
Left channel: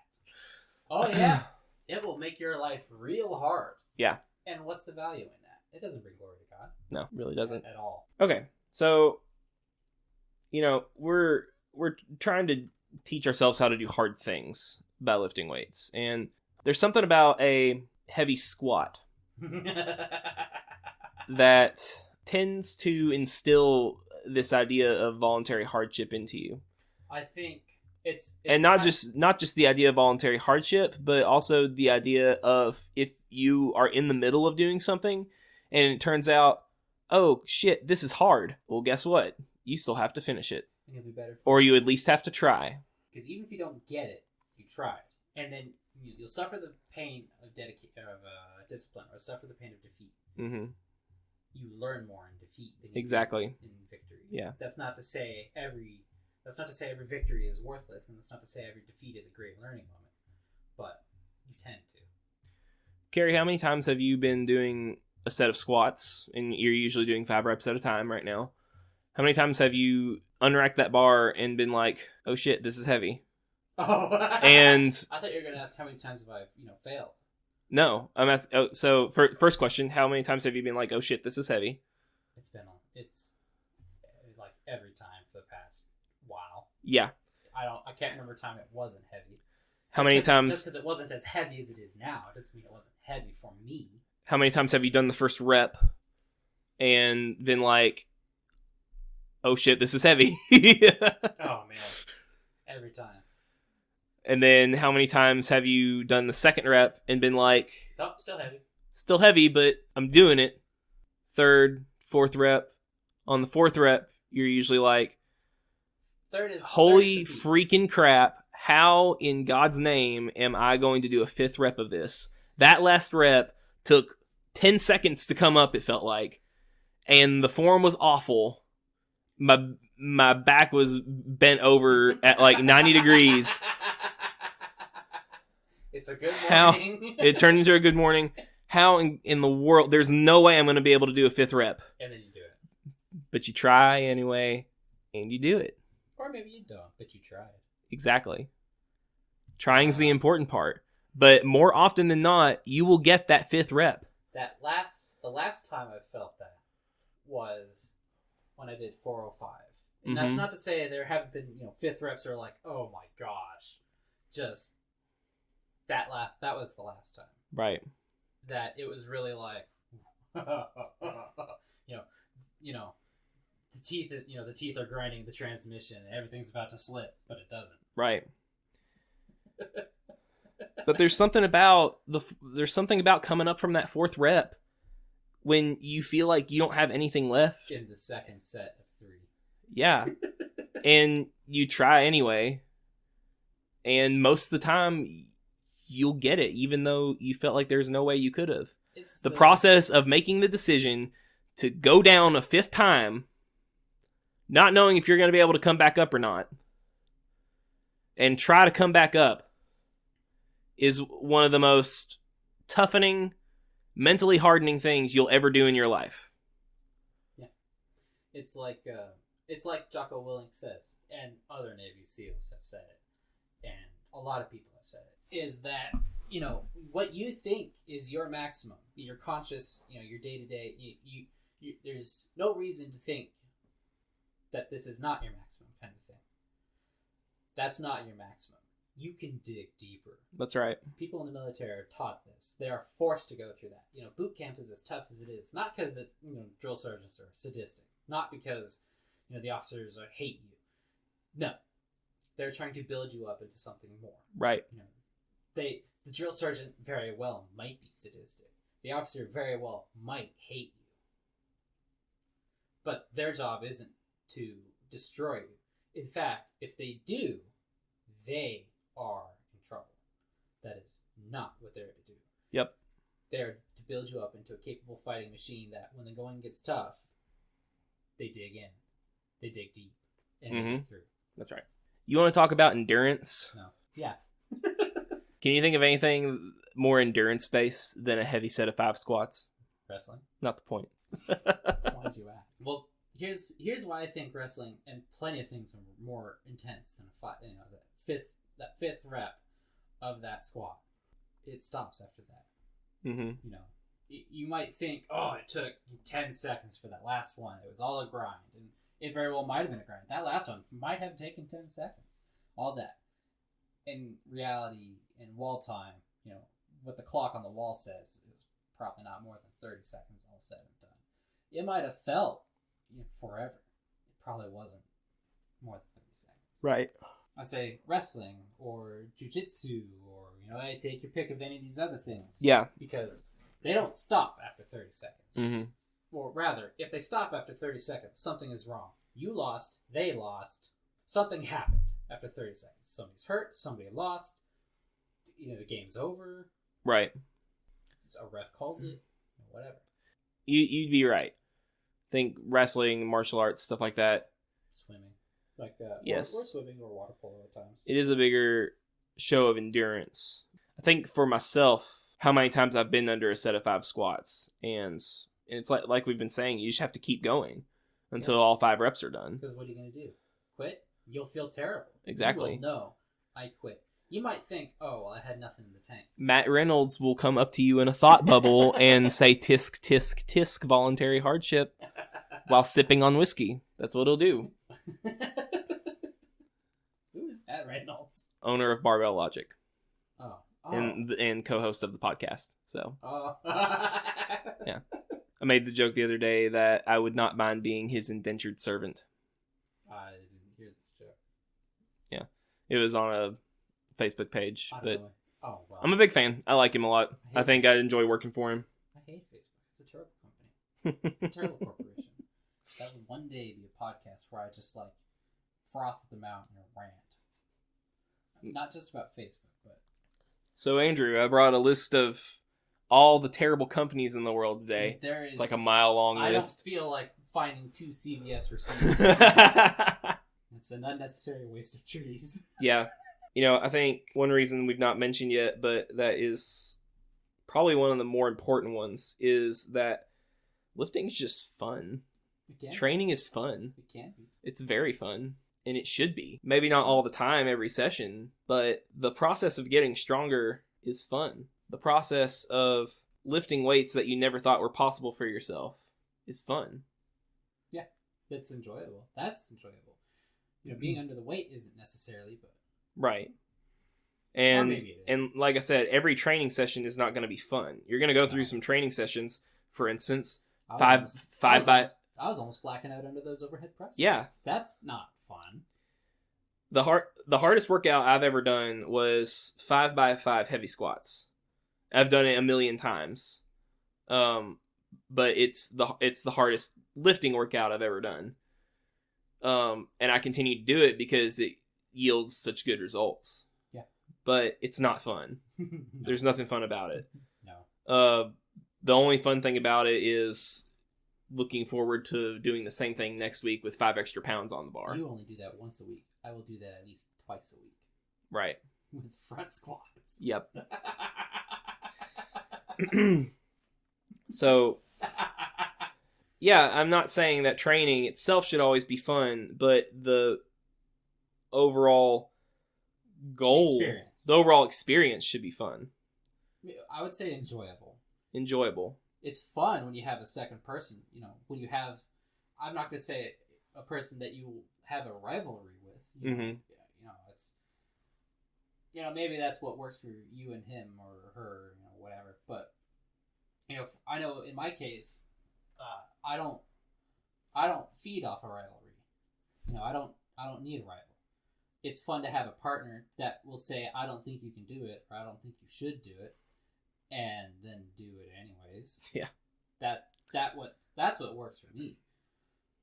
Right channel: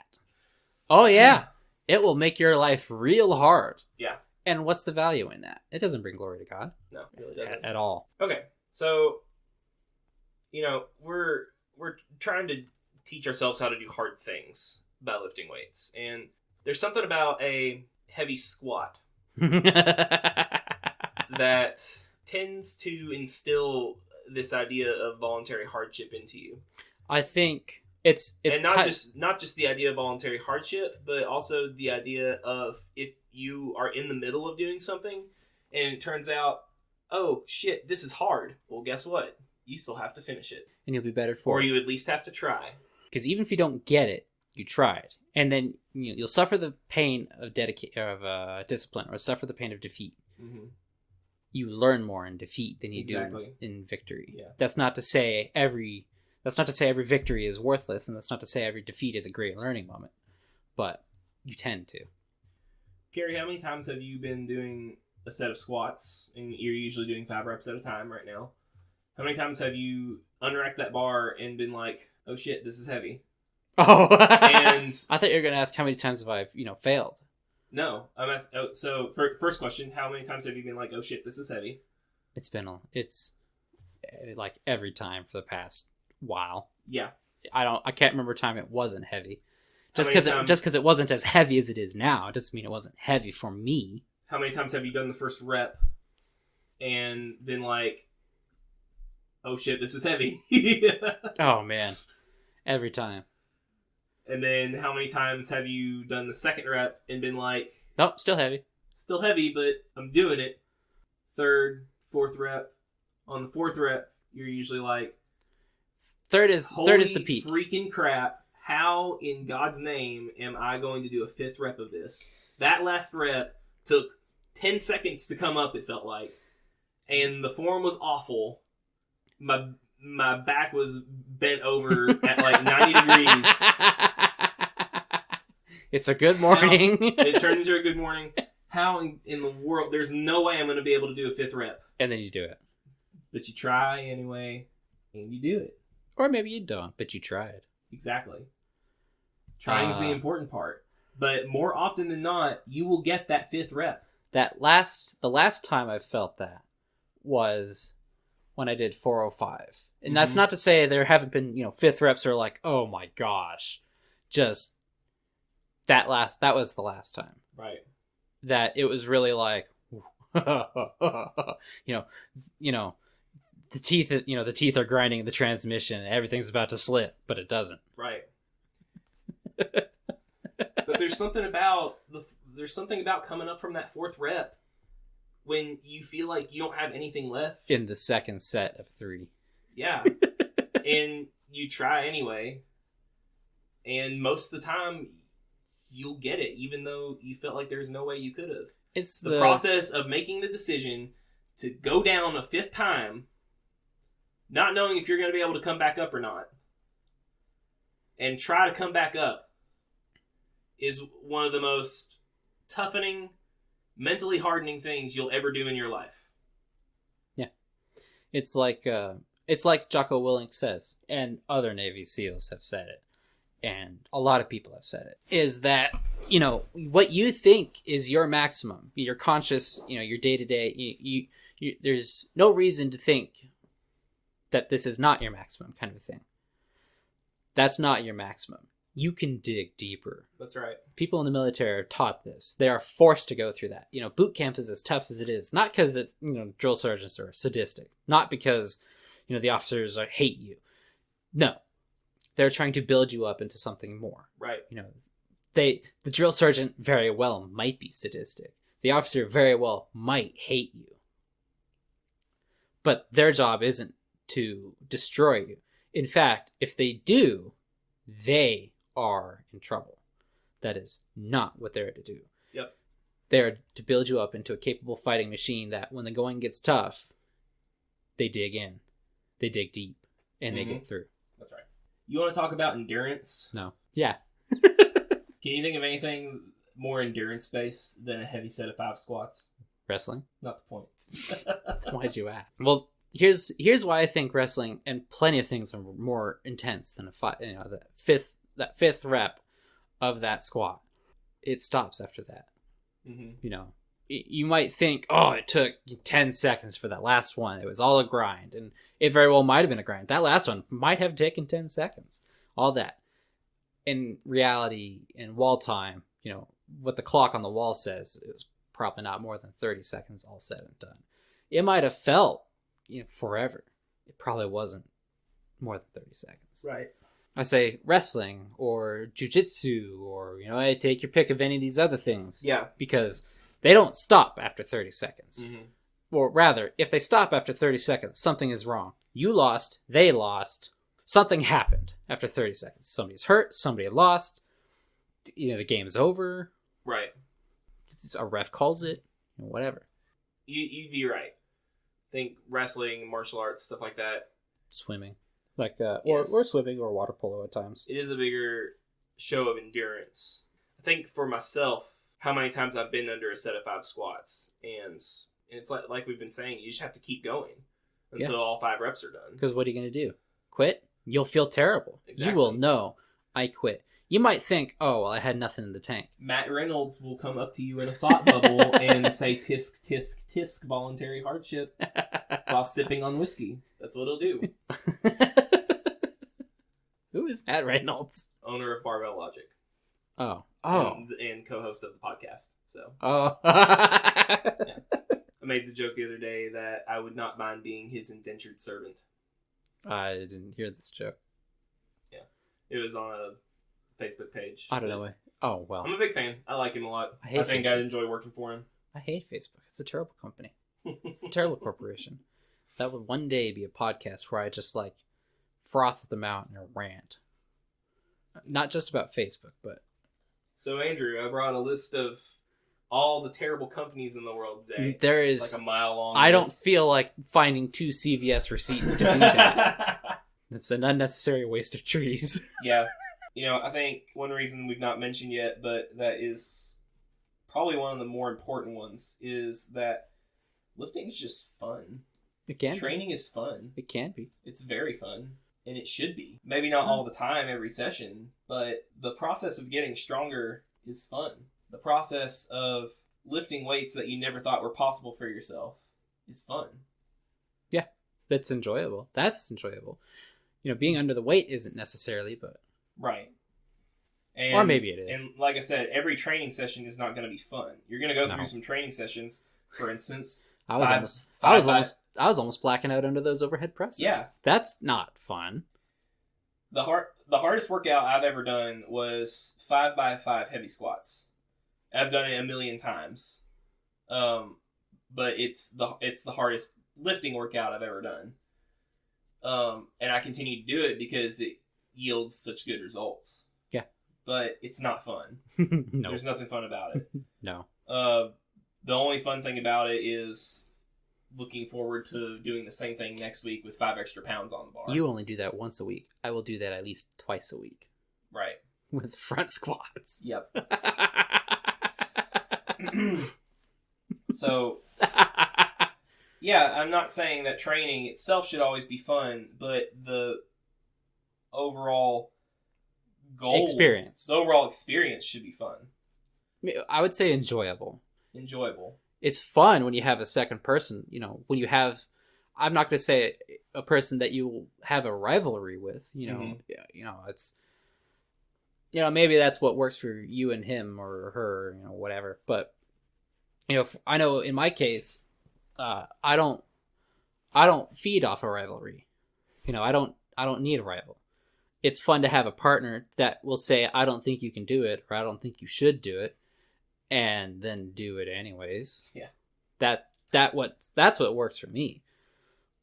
Oh, yeah. It will make your life real hard. Yeah. And what's the value in that? It doesn't bring glory to God. No, it really doesn't. At all. Okay. So, we're trying to teach ourselves how to do hard things by lifting weights. And there's something about a heavy squat that tends to instill this idea of voluntary hardship into you. I think it's and not just the idea of voluntary hardship, but also the idea of if you are in the middle of doing something and it turns out, oh shit, this is hard. Well, guess what? You still have to finish it. And you'll be better for it. Or you at least have to try. Because even if you don't get it, you tried. And then you'll suffer the pain of discipline, or suffer the pain of defeat. Mm-hmm. You learn more in defeat than you do in victory. Yeah. That's not to say every victory is worthless, and that's not to say every defeat is a great learning moment. But you tend to. Cary, how many times have you been doing a set of squats, and you're usually doing 5 reps at a time right now? How many times have you unracked that bar and been like, oh shit, this is heavy? Oh, and I thought you were going to ask how many times have I, failed. No, I'm asking. Oh, so first question, how many times have you been like, oh shit, this is heavy? It's like every time for the past while. Yeah. I can't remember a time it wasn't heavy. Just because it wasn't as heavy as it is now, it doesn't mean it wasn't heavy for me. How many times have you done the first rep and been like, oh shit, this is heavy? Oh man. Every time. And then how many times have you done the second rep and been like, nope, still heavy. Still heavy, but I'm doing it. Third, fourth rep. On the fourth rep, you're usually like, holy freaking crap. How in God's name am I going to do a 5th rep of this? That last rep took 10 seconds to come up, it felt like. And the form was awful. My back was bent over at like 90 degrees. It's a good morning. It turned into a good morning. How in the world? There's no way I'm going to be able to do a 5th rep. And then you do it. but you try anyway, and you do it. Or maybe you don't, but you tried. Exactly. Trying's the important part. But more often than not, you will get that 5th rep. The last time I felt that was when I did 405. And that's not to say there haven't been, 5th reps are like, oh my gosh. Just that was the last time. Right. That it was really like, the teeth are grinding the transmission and everything's about to slip, but it doesn't. Right. But there's something about coming up from that 4th rep when you feel like you don't have anything left in the second set of 3. Yeah. And you try anyway, and most of the time you'll get it, even though you felt like there's no way you could have. It's the process of making the decision to go down a 5th time, not knowing if you're going to be able to come back up or not, and try to come back up, is one of the most toughening, mentally hardening things you'll ever do in your life. Yeah. It's like Jocko Willink says, and other Navy SEALs have said it, and a lot of people have said it, is that, what you think is your maximum, your conscious, your day-to-day, you there's no reason to think that this is not your maximum kind of thing. That's not your maximum. You can dig deeper. That's right. People in the military are taught this. They are forced to go through that. Boot camp is as tough as it is. Not because drill sergeants are sadistic. Not because, the officers hate you. No. They're trying to build you up into something more. Right. The drill sergeant very well might be sadistic. The officer very well might hate you. But their job isn't to destroy you. In fact, if they do, they are in trouble. That is not what they're to do. Yep. They're to build you up into a capable fighting machine that when the going gets tough, they dig in. They dig deep. And they get through. That's right. You want to talk about endurance? No. Yeah. Can you think of anything more endurance-based than a heavy set of 5 squats? Wrestling? Not the point. Why'd you ask? Well, here's why I think wrestling and plenty of things are more intense than that fifth rep of that squat. It stops after that. You might think, it took 10 seconds for that last one. It was all a grind, and it very well might have been a grind. That last one might have taken 10 seconds. All that. In reality, in wall time, what the clock on the wall says is probably not more than 30 seconds all said and done. It might have felt forever. It probably wasn't more than 30 seconds. Right. I say wrestling or jujitsu or, take your pick of any of these other things. Yeah. Because they don't stop after 30 seconds. Mm-hmm. Or rather, if they stop after 30 seconds, something is wrong. You lost, they lost, something happened after 30 seconds. Somebody's hurt, somebody lost, the game's over. Right. A ref calls it, whatever. You'd be right. Think wrestling, martial arts, stuff like that. Swimming. Or swimming or water polo at times. It is a bigger show of endurance. I think for myself, how many times I've been under a set of 5 squats, and it's like we've been saying, you just have to keep going until all 5 reps are done. Because what are you going to do? Quit? You'll feel terrible. Exactly. You will know, I quit. You might think, I had nothing in the tank. Matt Reynolds will come up to you in a thought bubble and say, tisk, tisk, tisk, voluntary hardship, while sipping on whiskey. That's what he'll do. Who is Matt Reynolds? Owner of Barbell Logic. Oh. And co-host of the podcast. So. Oh. Yeah. I made the joke the other day that I would not mind being his indentured servant. I didn't hear this joke. Yeah. It was on a Facebook page. I don't know. Oh, well. I'm a big fan. I like him a lot. I think Facebook. I enjoy working for him. I hate Facebook. It's a terrible company. It's a terrible corporation. That would one day be a podcast where I just froth them out in a rant. Not just about Facebook, but... So, Andrew, I brought a list of all the terrible companies in the world today. There is... It's like a mile long list. I don't feel like finding 2 CVS receipts to do that. It's an unnecessary waste of trees. Yeah. I think one reason we've not mentioned yet, but that is probably one of the more important ones, is that lifting is just fun. It can. Training is fun. It can be. It's very fun. And it should be. Maybe not all the time, every session, but the process of getting stronger is fun. The process of lifting weights that you never thought were possible for yourself is fun. Yeah, that's enjoyable. That's enjoyable. Being under the weight isn't necessarily, but... Right. And, or maybe it is. And like I said, every training session is not going to be fun. You're going to go through some training sessions, for instance. I was almost blacking out under those overhead presses. Yeah. That's not fun. The hardest workout I've ever done was 5x5 heavy squats. I've done it a million times. But it's the hardest lifting workout I've ever done. And I continue to do it because it yields such good results. Yeah. But it's not fun. No. There's nothing fun about it. No. The only fun thing about it is looking forward to doing the same thing next week with 5 extra pounds on the bar. You only do that once a week. I will do that at least twice a week. Right. With front squats. Yep. So, yeah, I'm not saying that training itself should always be fun, but the overall goal... the overall experience should be fun. I would say enjoyable. Enjoyable. It's fun when you have a second person, when you have, I'm not going to say a person that you have a rivalry with, it's, maybe that's what works for you and him or her, whatever. But, I know in my case, I don't feed off a rivalry. I don't need a rival. It's fun to have a partner that will say, I don't think you can do it, or I don't think you should do it. And then do it anyways. Yeah. That's what works for me.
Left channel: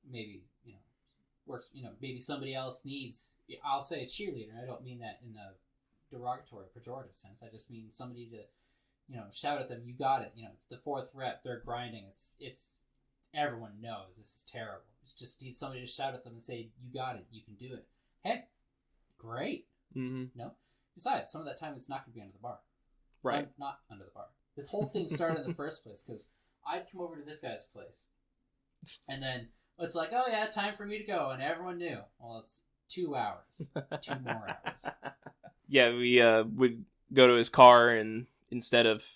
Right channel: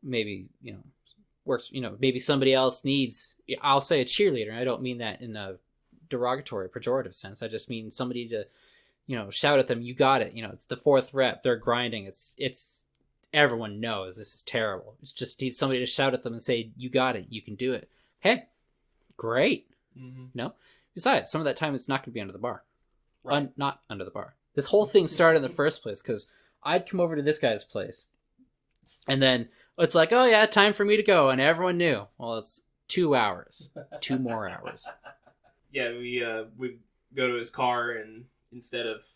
Maybe, works, maybe somebody else needs, I'll say a cheerleader. I don't mean that in a derogatory, pejorative sense. I just mean somebody to, shout at them, you got it. It's the 4th rep, they're grinding. It's everyone knows this is terrible. It's just needs somebody to shout at them and say, you got it. You can do it. Hey, great. Mm-hmm. Besides, some of that time it's not going to be under the bar. Right. Not under the bar. This whole thing started in the first place because I'd come over to this guy's place, and then it's like, oh yeah, time for me to go, and everyone knew. Well, it's 2 hours, 2 more hours. Yeah, we would go to his car, and instead of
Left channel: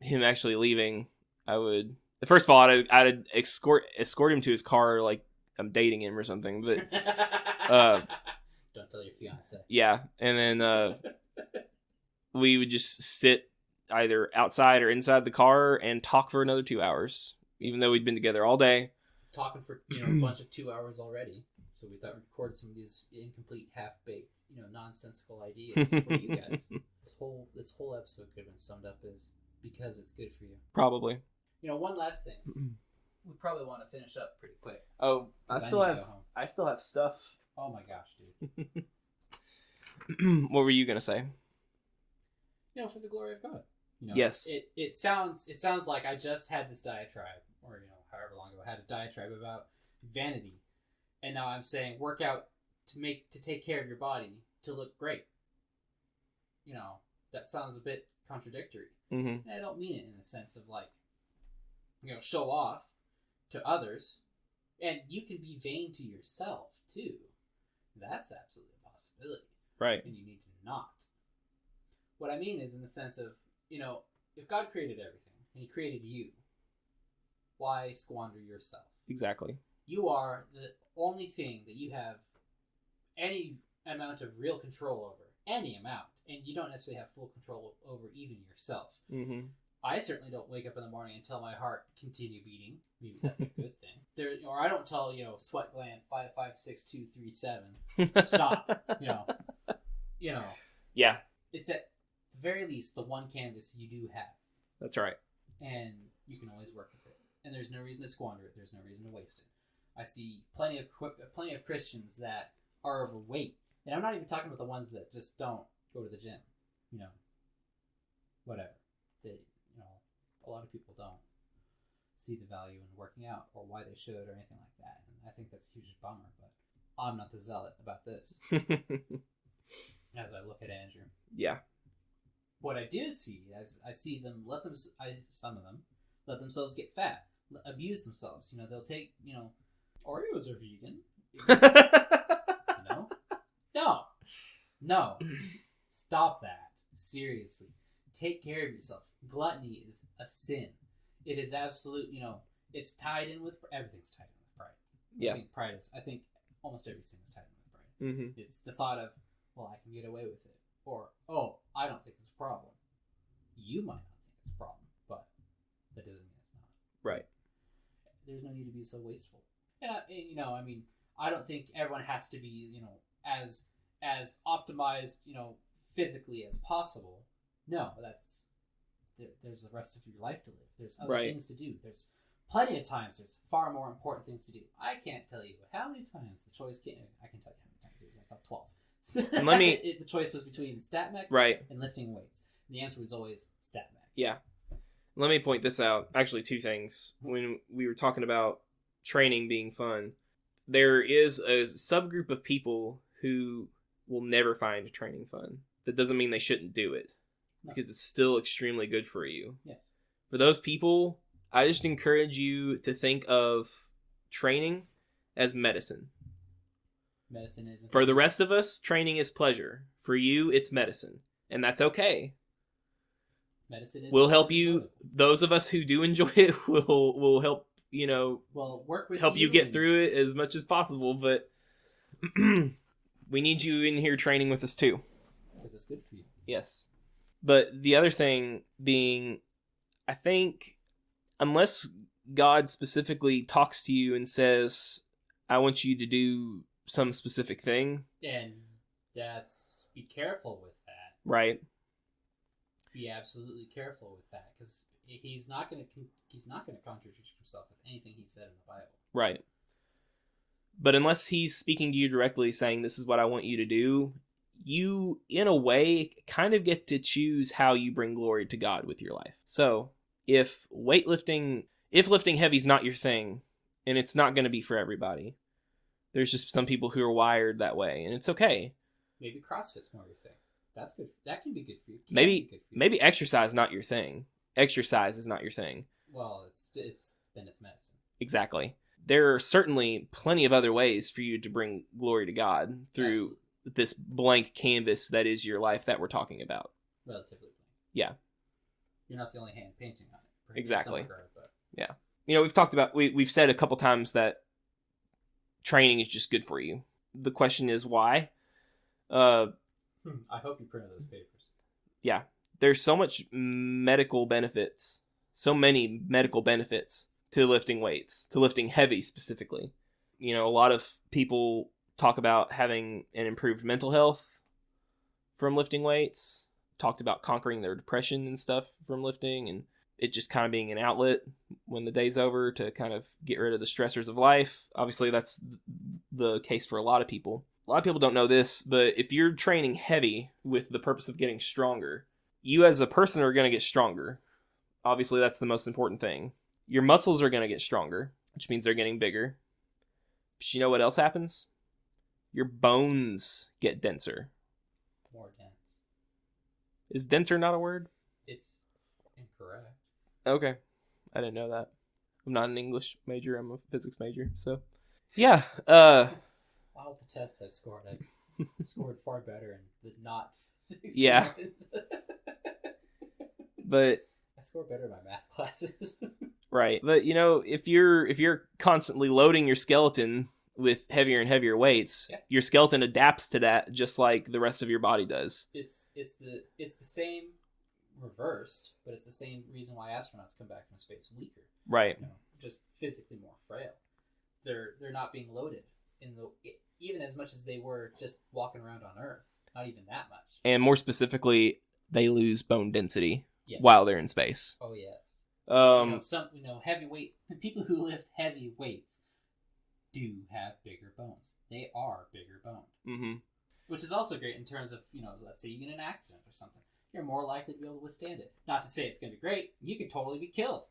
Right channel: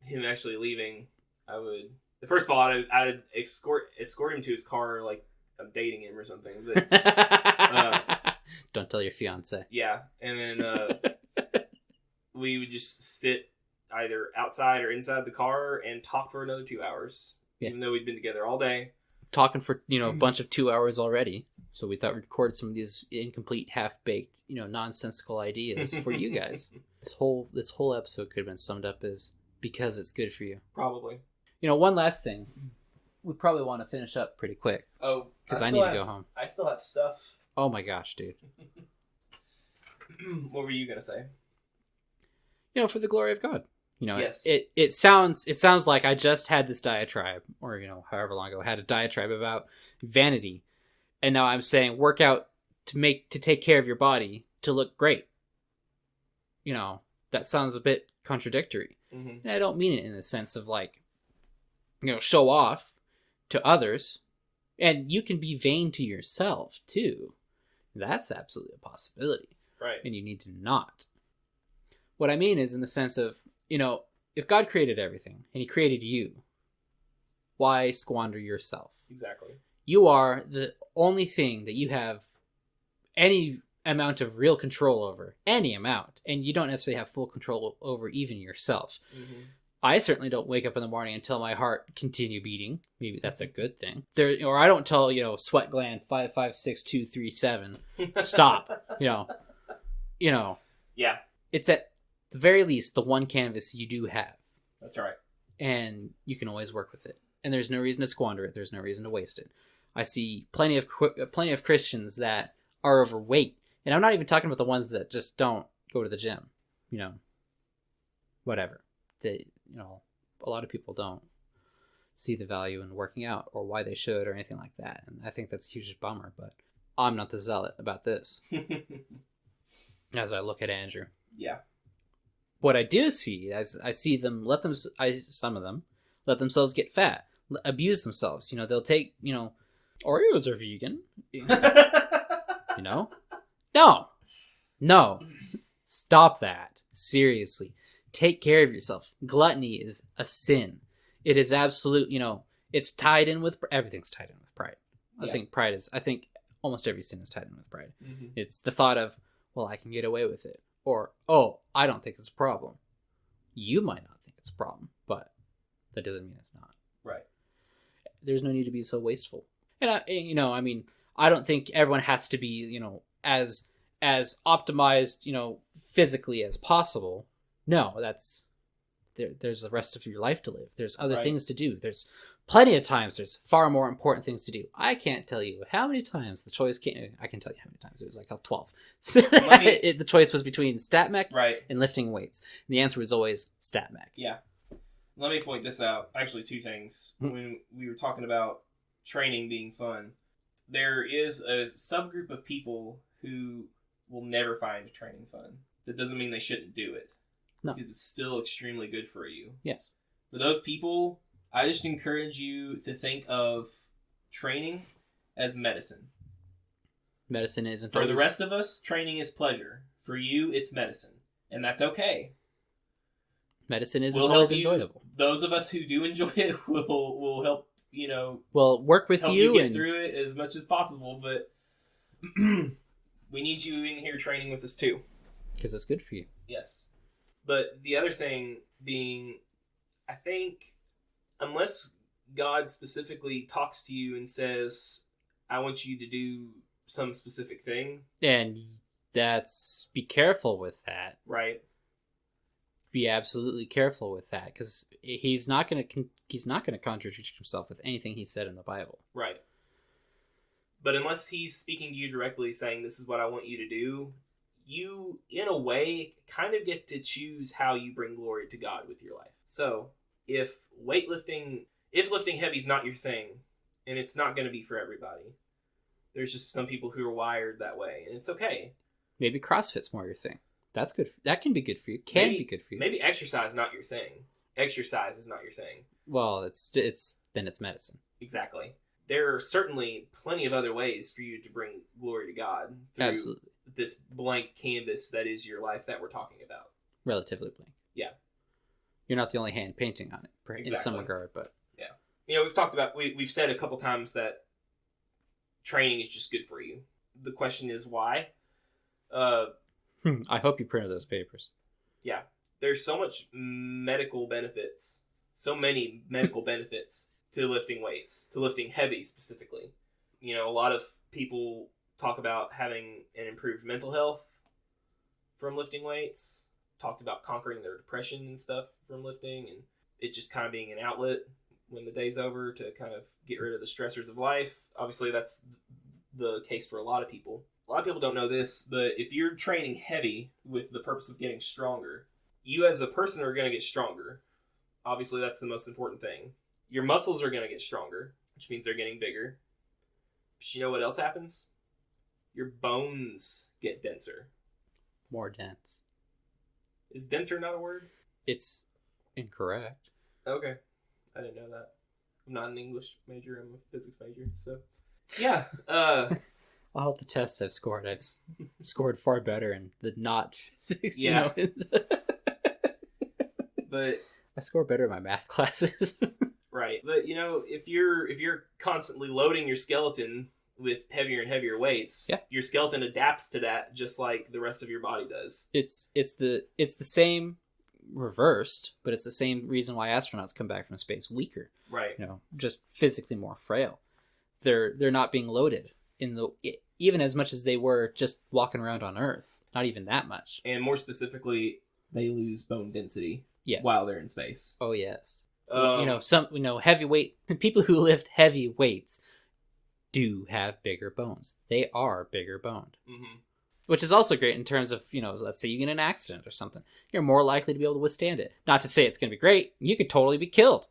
him actually leaving, I would. First of all, I'd escort him to his car like I'm dating him or something. But don't tell your fiance. Yeah, and then. We would just sit either outside or inside the car and talk for another 2 hours, even though we'd been together all day. Talking for, a bunch of 2 hours already. So we thought we'd record some of these incomplete, half-baked, nonsensical ideas for you guys. This whole episode could have been summed up as because it's good for you. Probably. One last thing. We probably want to finish up pretty quick. Oh, because I need to go home. I still have stuff. Oh my gosh, dude. What were you going to say? For the glory of God. Yes. It sounds like I just had this diatribe, or however long ago, I had a diatribe about vanity, and now I'm saying work out to take care of your body to look great. That sounds a bit contradictory, and I don't mean it in the sense of like, show off to others, and you can be vain to yourself too. That's absolutely a possibility, right? And you need to not. What I mean is in the sense of, if God created everything and he created you, why squander yourself? Exactly. You are the only thing that you have any amount of real control over, any amount, and you don't necessarily have full control over even yourself. Mm-hmm. I certainly don't wake up in the morning and tell my heart continue beating. Maybe that's a good thing. Or I don't tell, sweat gland 5, 5, 6, 2, 3, 7 stop. Yeah. It's at the very least the one canvas you do have. That's right. And you can always work with it. And there's no reason to squander it. There's no reason to waste it. I see plenty of Christians that are overweight. And I'm not even talking about the ones that just don't go to the gym. Whatever. A lot of people don't see the value in working out or why they should or anything like that. And I think that's a huge bummer, but I'm not the zealot about this. As I look at Andrew. Yeah. What I do see is I see them some of them let themselves get fat, abuse themselves. They'll take, Oreos are vegan. You know? No. Stop that. Seriously. Take care of yourself. Gluttony is a sin. It is absolute, it's tied in with, everything's tied in with pride. Yeah. I think almost every sin is tied in with pride. Mm-hmm. It's the thought of, well, I can get away with it. Or, oh, I don't think it's a problem. You might not think it's a problem, but that doesn't mean it's not. Right. There's no need to be so wasteful. And I don't think everyone has to be, as optimized, physically as possible. No, there's the rest of your life to live. There's other things to do. There's plenty of times there's far more important things to do. I can't tell you how many times the choice came. I can tell you how many times. It was like 12. The choice was between stat mech and lifting weights. And the answer was always stat mech. Yeah. Let me point this out. Actually, two things. Mm-hmm. When we were talking about training being fun, there is a subgroup of people who will never find training fun. That doesn't mean they shouldn't do it. No. Because it's still extremely good for you. Yes. For those people, I just encourage you to think of training as medicine. Medicine isn't. For the rest of us, training is pleasure. For you, it's medicine. And that's okay. Medicine is enjoyable. Those of us who do enjoy it will help, will work with help you get through it as much as possible, but we need you in here training with us too. Because it's good for you. Yes. But the other thing being, I think, unless God specifically talks to you and says, I want you to do some specific thing. And be careful with that. Right. Be absolutely careful with that, because he's not going to contradict himself with anything he said in the Bible. Right. But unless he's speaking to you directly saying, this is what I want you to do, you, in a way, kind of get to choose how you bring glory to God with your life. So, if lifting heavy is not your thing, and it's not going to be for everybody, there's just some people who are wired that way, and it's okay. Maybe CrossFit's more your thing. That's good. That can be good for you. Be good for you. Maybe exercise is not your thing. Exercise is not your thing. Well, it's medicine. Exactly. There are certainly plenty of other ways for you to bring glory to God through this blank canvas that is your life that we're talking about. Relatively blank. Yeah. You're not the only hand painting on it. Exactly. In some regard, but yeah. We've talked about, we've said a couple times that training is just good for you. The question is why? I hope you printed those papers. Yeah. There's so much medical benefits. So many medical benefits to lifting weights, to lifting heavy specifically. A lot of people talk about having an improved mental health from lifting weights. Talked about conquering their depression and stuff from lifting, and it just kind of being an outlet when the day's over to kind of get rid of the stressors of life. Obviously, that's the case for a lot of people. A lot of people don't know this, but if you're training heavy with the purpose of getting stronger, you as a person are going to get stronger. Obviously, that's the most important thing. Your muscles are going to get stronger, which means they're getting bigger. But you know what else happens? Your bones get denser. More dense. Is denser not a word? It's incorrect. Okay. I didn't know that. I'm not an English major. I'm a physics major. So, yeah. All the tests I've scored, I've scored far better in the not physics. Yeah. But I score better in my math classes. Right. But, if you're constantly loading your skeleton with heavier and heavier weights, your skeleton adapts to that just like the rest of your body does. It's the same reversed, but it's the same reason why astronauts come back from space weaker. Right. Just physically more frail. They're not being loaded even as much as they were just walking around on Earth. Not even that much. And more specifically, they lose bone density while they're in space. Oh yes. Heavyweight people who lift heavy weights do have bigger bones. They are bigger boned. Mm-hmm. Which is also great in terms of, let's say you get in an accident or something. You're more likely to be able to withstand it. Not to say it's going to be great. You could totally be killed.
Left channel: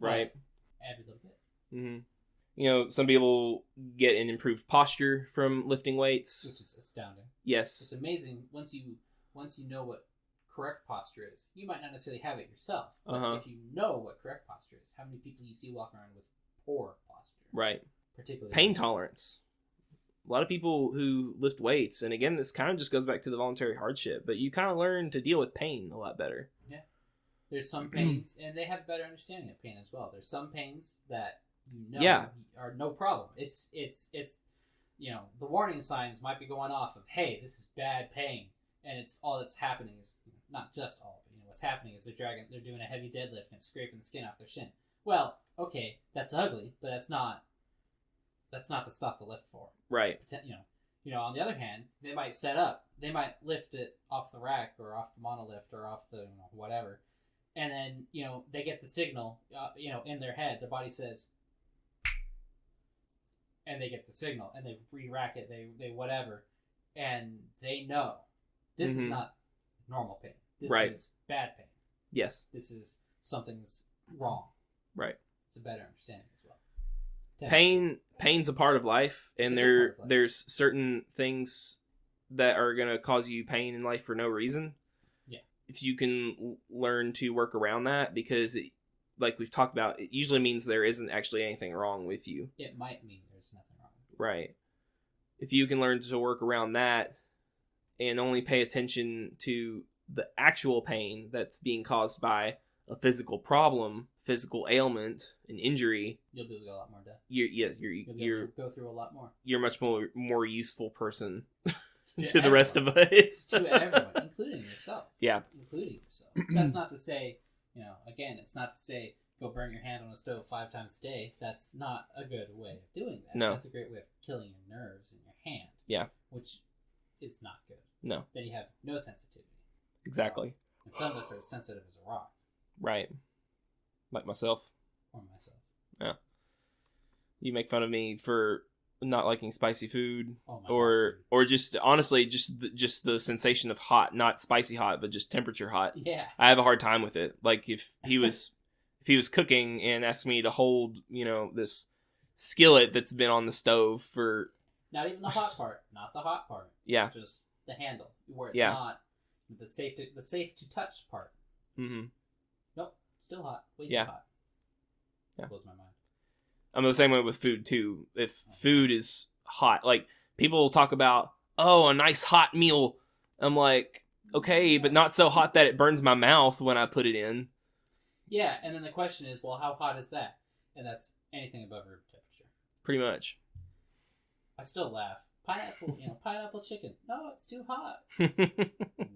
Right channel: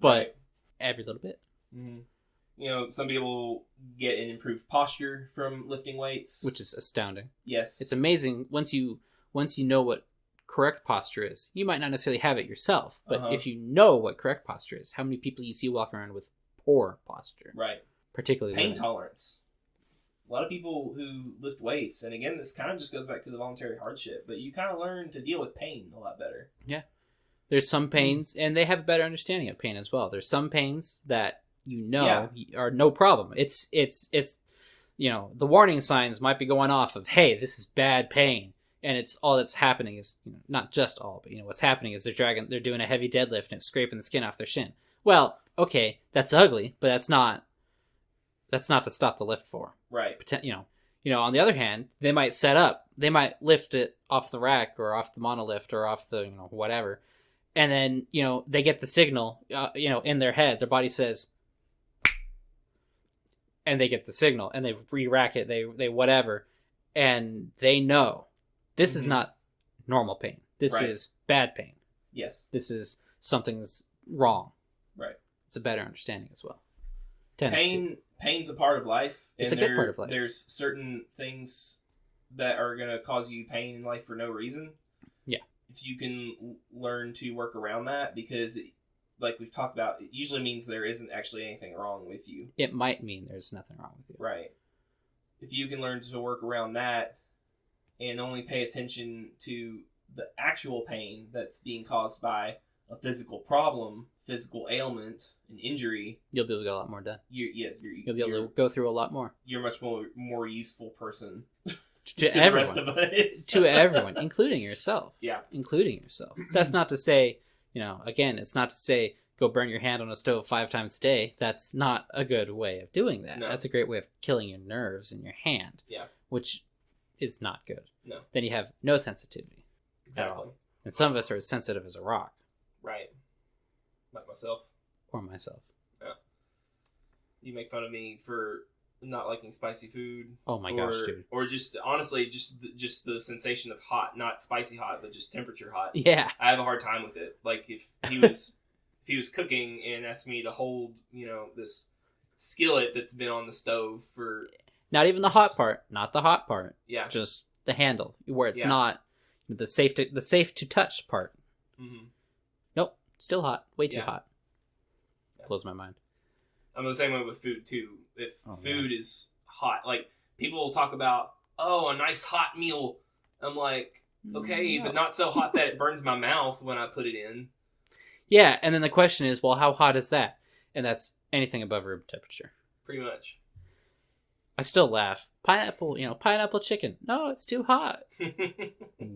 But every little bit. Mm-hmm. Some people get an improved posture from lifting weights. Which is astounding. Yes. It's amazing once you know what correct posture is. You might not necessarily have it yourself. But if you know what correct posture is, how many people you see walking around with poor posture. Right. particularly pain women. tolerance. A lot of people who lift weights, and again, this kind of just goes back to the voluntary hardship, but you kind of learn to deal with pain a lot better. Yeah. There's some pains, and they have a better understanding of pain as well. There's some pains that are no problem. It's the warning signs might be going off of, hey, this is bad pain. And it's all that's happening is, not just all, but what's happening is they're doing a heavy deadlift and it's scraping the skin off their shin. Well, okay, that's ugly, but that's not to stop the lift for. Right. On the other hand, they might they might lift it off the rack or off the monolift or off the, whatever. And then, they get the signal, in their head, their body says, and they get the signal and they re-rack it, they whatever. And they know this is not normal pain. This is bad pain. Yes. This is something's wrong. Right. It's a better understanding as well. Pain's a part of life. It's a good part of life. There's certain things that are going to cause you pain in life for no reason. Yeah. If you can learn to work around that, because like we've talked about, it usually means there isn't actually anything wrong with you. It might mean there's nothing wrong with you. Right. If you can learn to work around that and only pay attention to the actual pain that's being caused by a physical problem, physical ailment, an injury, you'll be able to get a lot more done. You'll be able to go through a lot more. You're a much more useful person to the rest of us. To everyone, including yourself. Yeah. Including yourself. That's not to say, again, it's not to say go burn your hand on a stove 5 times a day. That's not a good way of doing that. No. That's a great way of killing your nerves in your hand. Yeah. Which is not good. No. Then you have no sensitivity. Exactly. And some of us are as sensitive as a rock. Right. Like myself. Or myself. Yeah. You make fun of me for not liking spicy food. Oh my gosh, dude. Or just, honestly, just the sensation of hot. Not spicy hot, but just temperature hot. Yeah. I have a hard time with it. Like, if he was cooking and asked me to hold, this skillet that's been on the stove for... Not even the hot part. Not the hot part. Yeah. Just the handle, where it's not the safe to touch part. Mm-hmm. Nope. Still hot. Way too hot. Yeah. Blows my mind. I'm the same way with food too. If food is hot, like people talk about, a nice hot meal. I'm like, okay, but not so hot that it burns my mouth when I put it in. Yeah, and then the question is, well, how hot is that? And that's anything above room temperature. Pretty much. I still laugh. Pineapple chicken. No, it's too hot.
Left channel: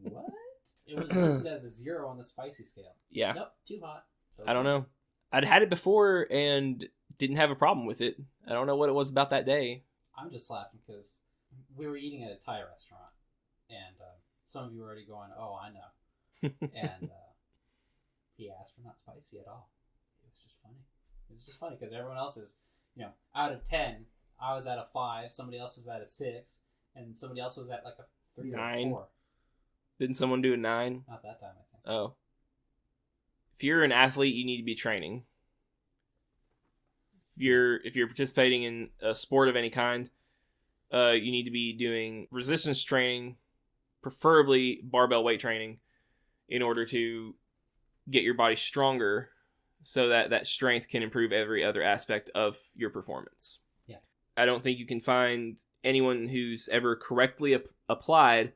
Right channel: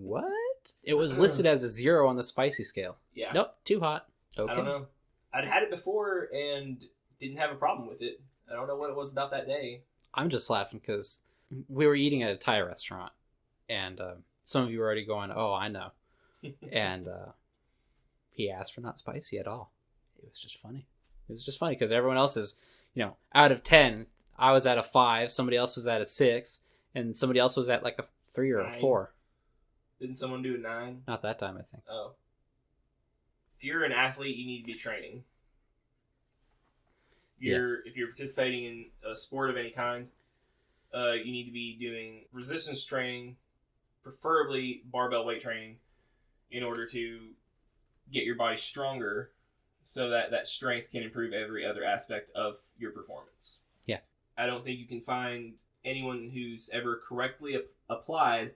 What? It was listed as a 0 on the spicy scale. Yeah. Nope, too hot. Okay. I don't know. I'd had it before and didn't have a problem with it. I don't know what it was about that day. I'm just laughing because we were eating at a Thai restaurant, and some of you were already going, oh, I know. And he asked for not spicy at all. It was just funny. It was just funny because everyone else is, out of 10, I was at a 5, somebody else was at a 6, and somebody else was at like a 3 or 9. a 4. Didn't someone do a 9? Not that time, I think. Oh. If you're an athlete, you need to be training. If you're participating in a sport of any kind, you need to be doing resistance training, preferably barbell weight training, in order to get your body stronger so that strength can improve every other aspect of your performance. Yeah. I don't think you can find anyone who's ever correctly applied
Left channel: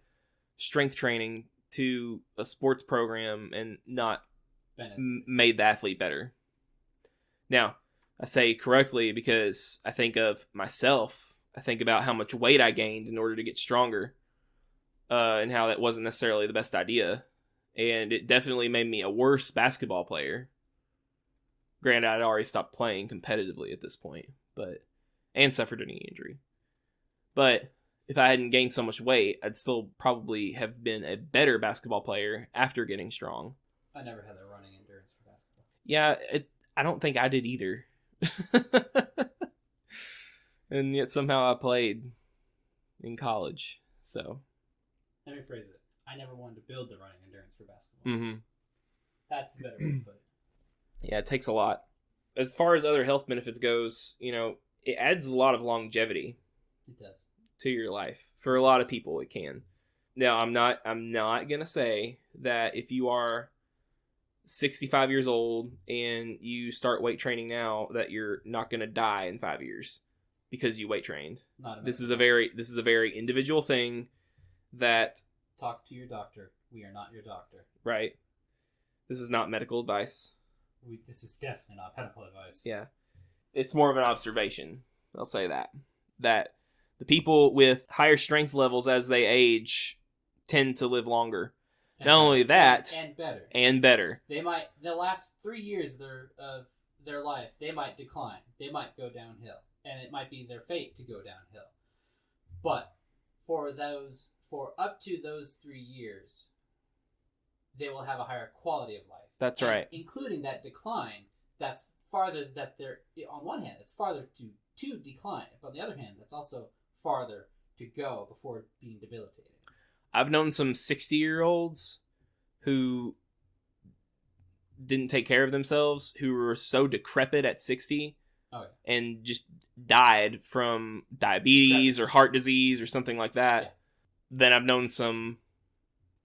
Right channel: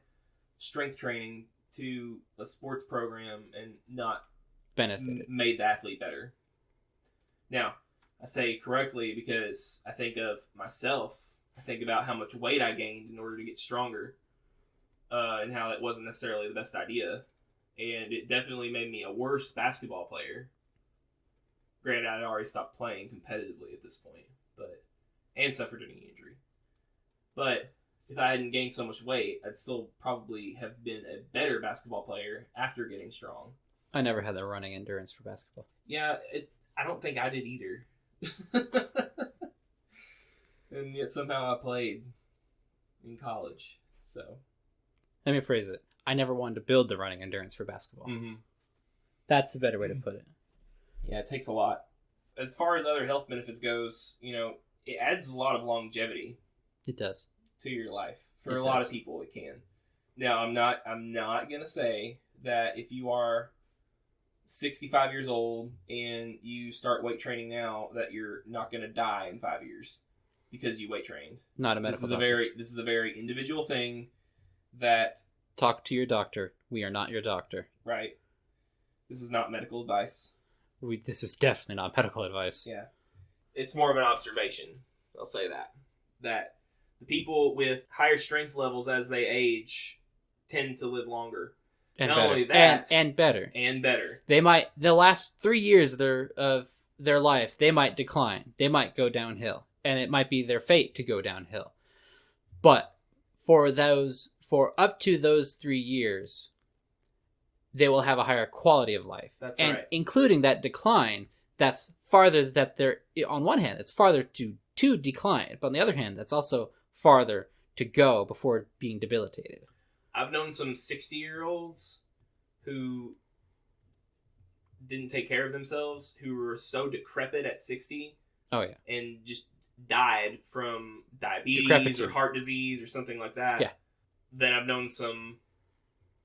strength training to a sports program and not made the athlete better. Now, I say correctly because I think of myself. I think about how much weight I gained in order to get stronger, and how that wasn't necessarily the best idea. And it definitely made me a worse basketball player. Granted, I'd already stopped playing competitively at this point, and suffered a knee injury. But if I hadn't gained so much weight, I'd still probably have been a better basketball player after getting strong. I never had the running endurance for basketball. Yeah, I don't think I did either. And yet somehow I played in college. So let me phrase it. I never wanted to build the running endurance for basketball. Mm-hmm. That's the better way to put it. Yeah, it takes a lot. As far as other health benefits goes, it adds a lot of longevity. It does. To your life. For a lot of people, it can. Now, I'm not gonna say that if you are 65 years old and you start weight training now that you're not gonna die in 5 years. because you weight trained. Not a medical This is a very individual thing that... Talk to your doctor. We are not your doctor. Right. This is not medical advice. This is definitely not medical advice. Yeah. It's more of an observation. I'll say that. That the people with higher strength levels as they age tend to live longer. And not better. only that... And better. And better. They might... The last 3 years of their life, they might decline. They might go downhill. And it might be their fate to go downhill. But for up to those 3 years, they will have a higher quality of life. That's and right. Including that decline, that's farther that they're... On one hand, it's farther to decline. But on the other hand, that's also farther to go before being debilitated. I've known some 60-year-olds who didn't take care of themselves, who were so decrepit at 60. Oh, yeah. And just died from diabetes or heart disease or something like that. Yeah. Then I've known some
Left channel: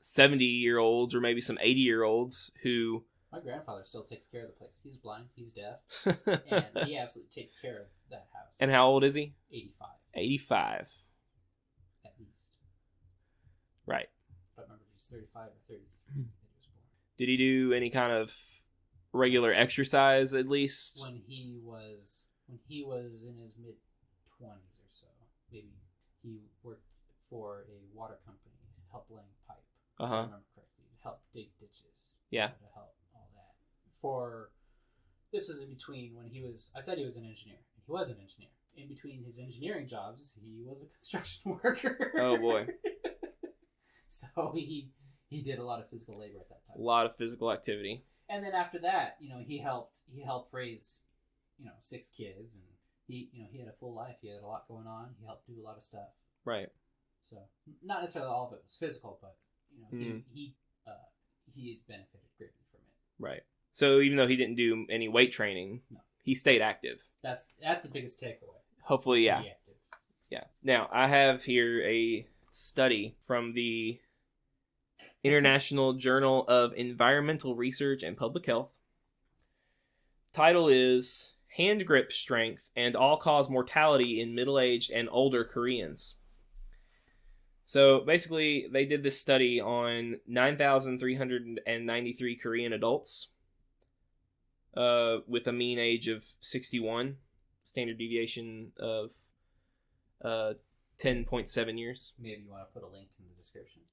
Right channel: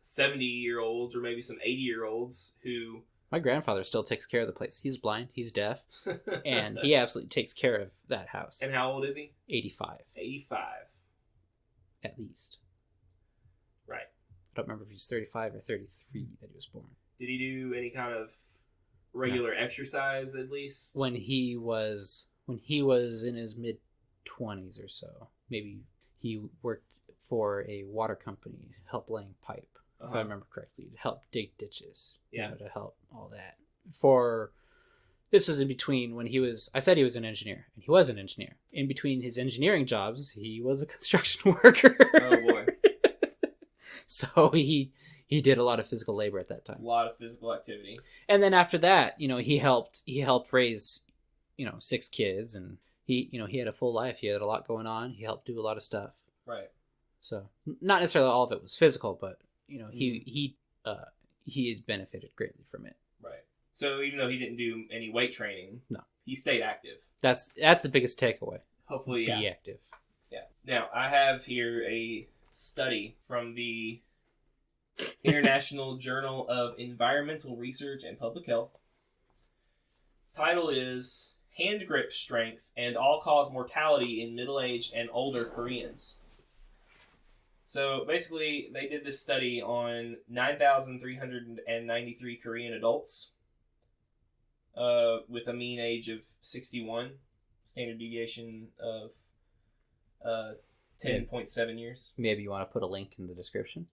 70-year-olds or maybe some 80-year-olds who... My grandfather still takes care of the place. He's blind, he's deaf, and he absolutely takes care of that house. And how old is he? 85. 85. At least. Right. I don't remember if he's 35 or 33 that he was born. Did he do any kind of regular exercise at least? When he was in his mid-20s or so. Maybe he worked for a water company, help laying pipe. If I remember correctly, to help dig ditches. Yeah. To help all that. This was in between when I said he was an engineer, and he was an engineer. In between his engineering jobs, he was a construction worker. Oh boy. So he did a lot of physical labor at that time. A lot of physical activity. And then after that, he helped raise, 6 kids, and he had a full life. He had a lot going on. He helped do a lot of stuff. Right. So not necessarily all of it was physical, but he has benefited greatly from it. Right. So even though he didn't do any weight training, no, he stayed active. That's the biggest takeaway. Hopefully, yeah. Be active. Yeah. Now I have here a study from the International Journal of Environmental Research and Public Health. Title is Hand Grip Strength and All-Cause Mortality in Middle-Aged and Older Koreans. So basically, they did this study on 9,393 Korean adults with a mean age of 61, standard deviation of 10.7 years. Maybe you want to put a link in the description?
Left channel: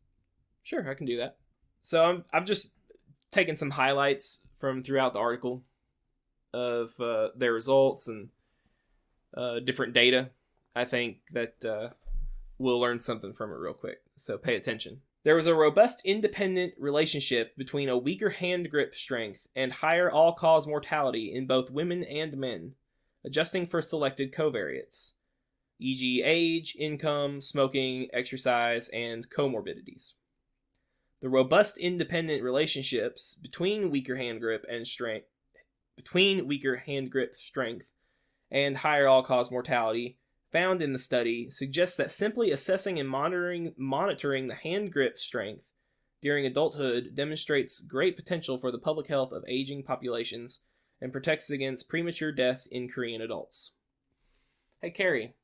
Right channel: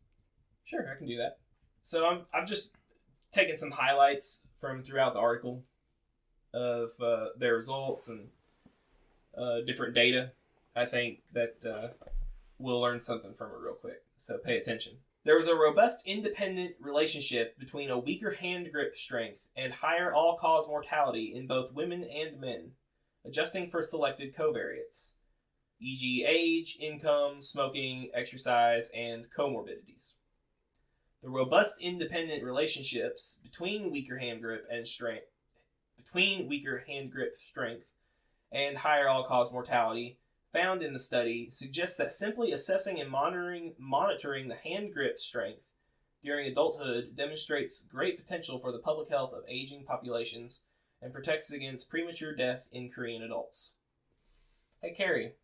Sure, I can do that. So I've just taken some highlights from throughout the article of their results and different data. I think that we'll learn something from it real quick, so pay attention. There was a robust independent relationship between a weaker hand grip strength and higher all-cause mortality in both women and men, adjusting for selected covariates, e.g. age, income, smoking, exercise, and comorbidities. The robust independent relationships between weaker hand grip strength and higher all-cause mortality found in the study suggests that simply assessing and monitoring the hand grip strength during adulthood demonstrates great potential for the public health of aging populations and protects against premature death in Korean adults. Hey, Cary.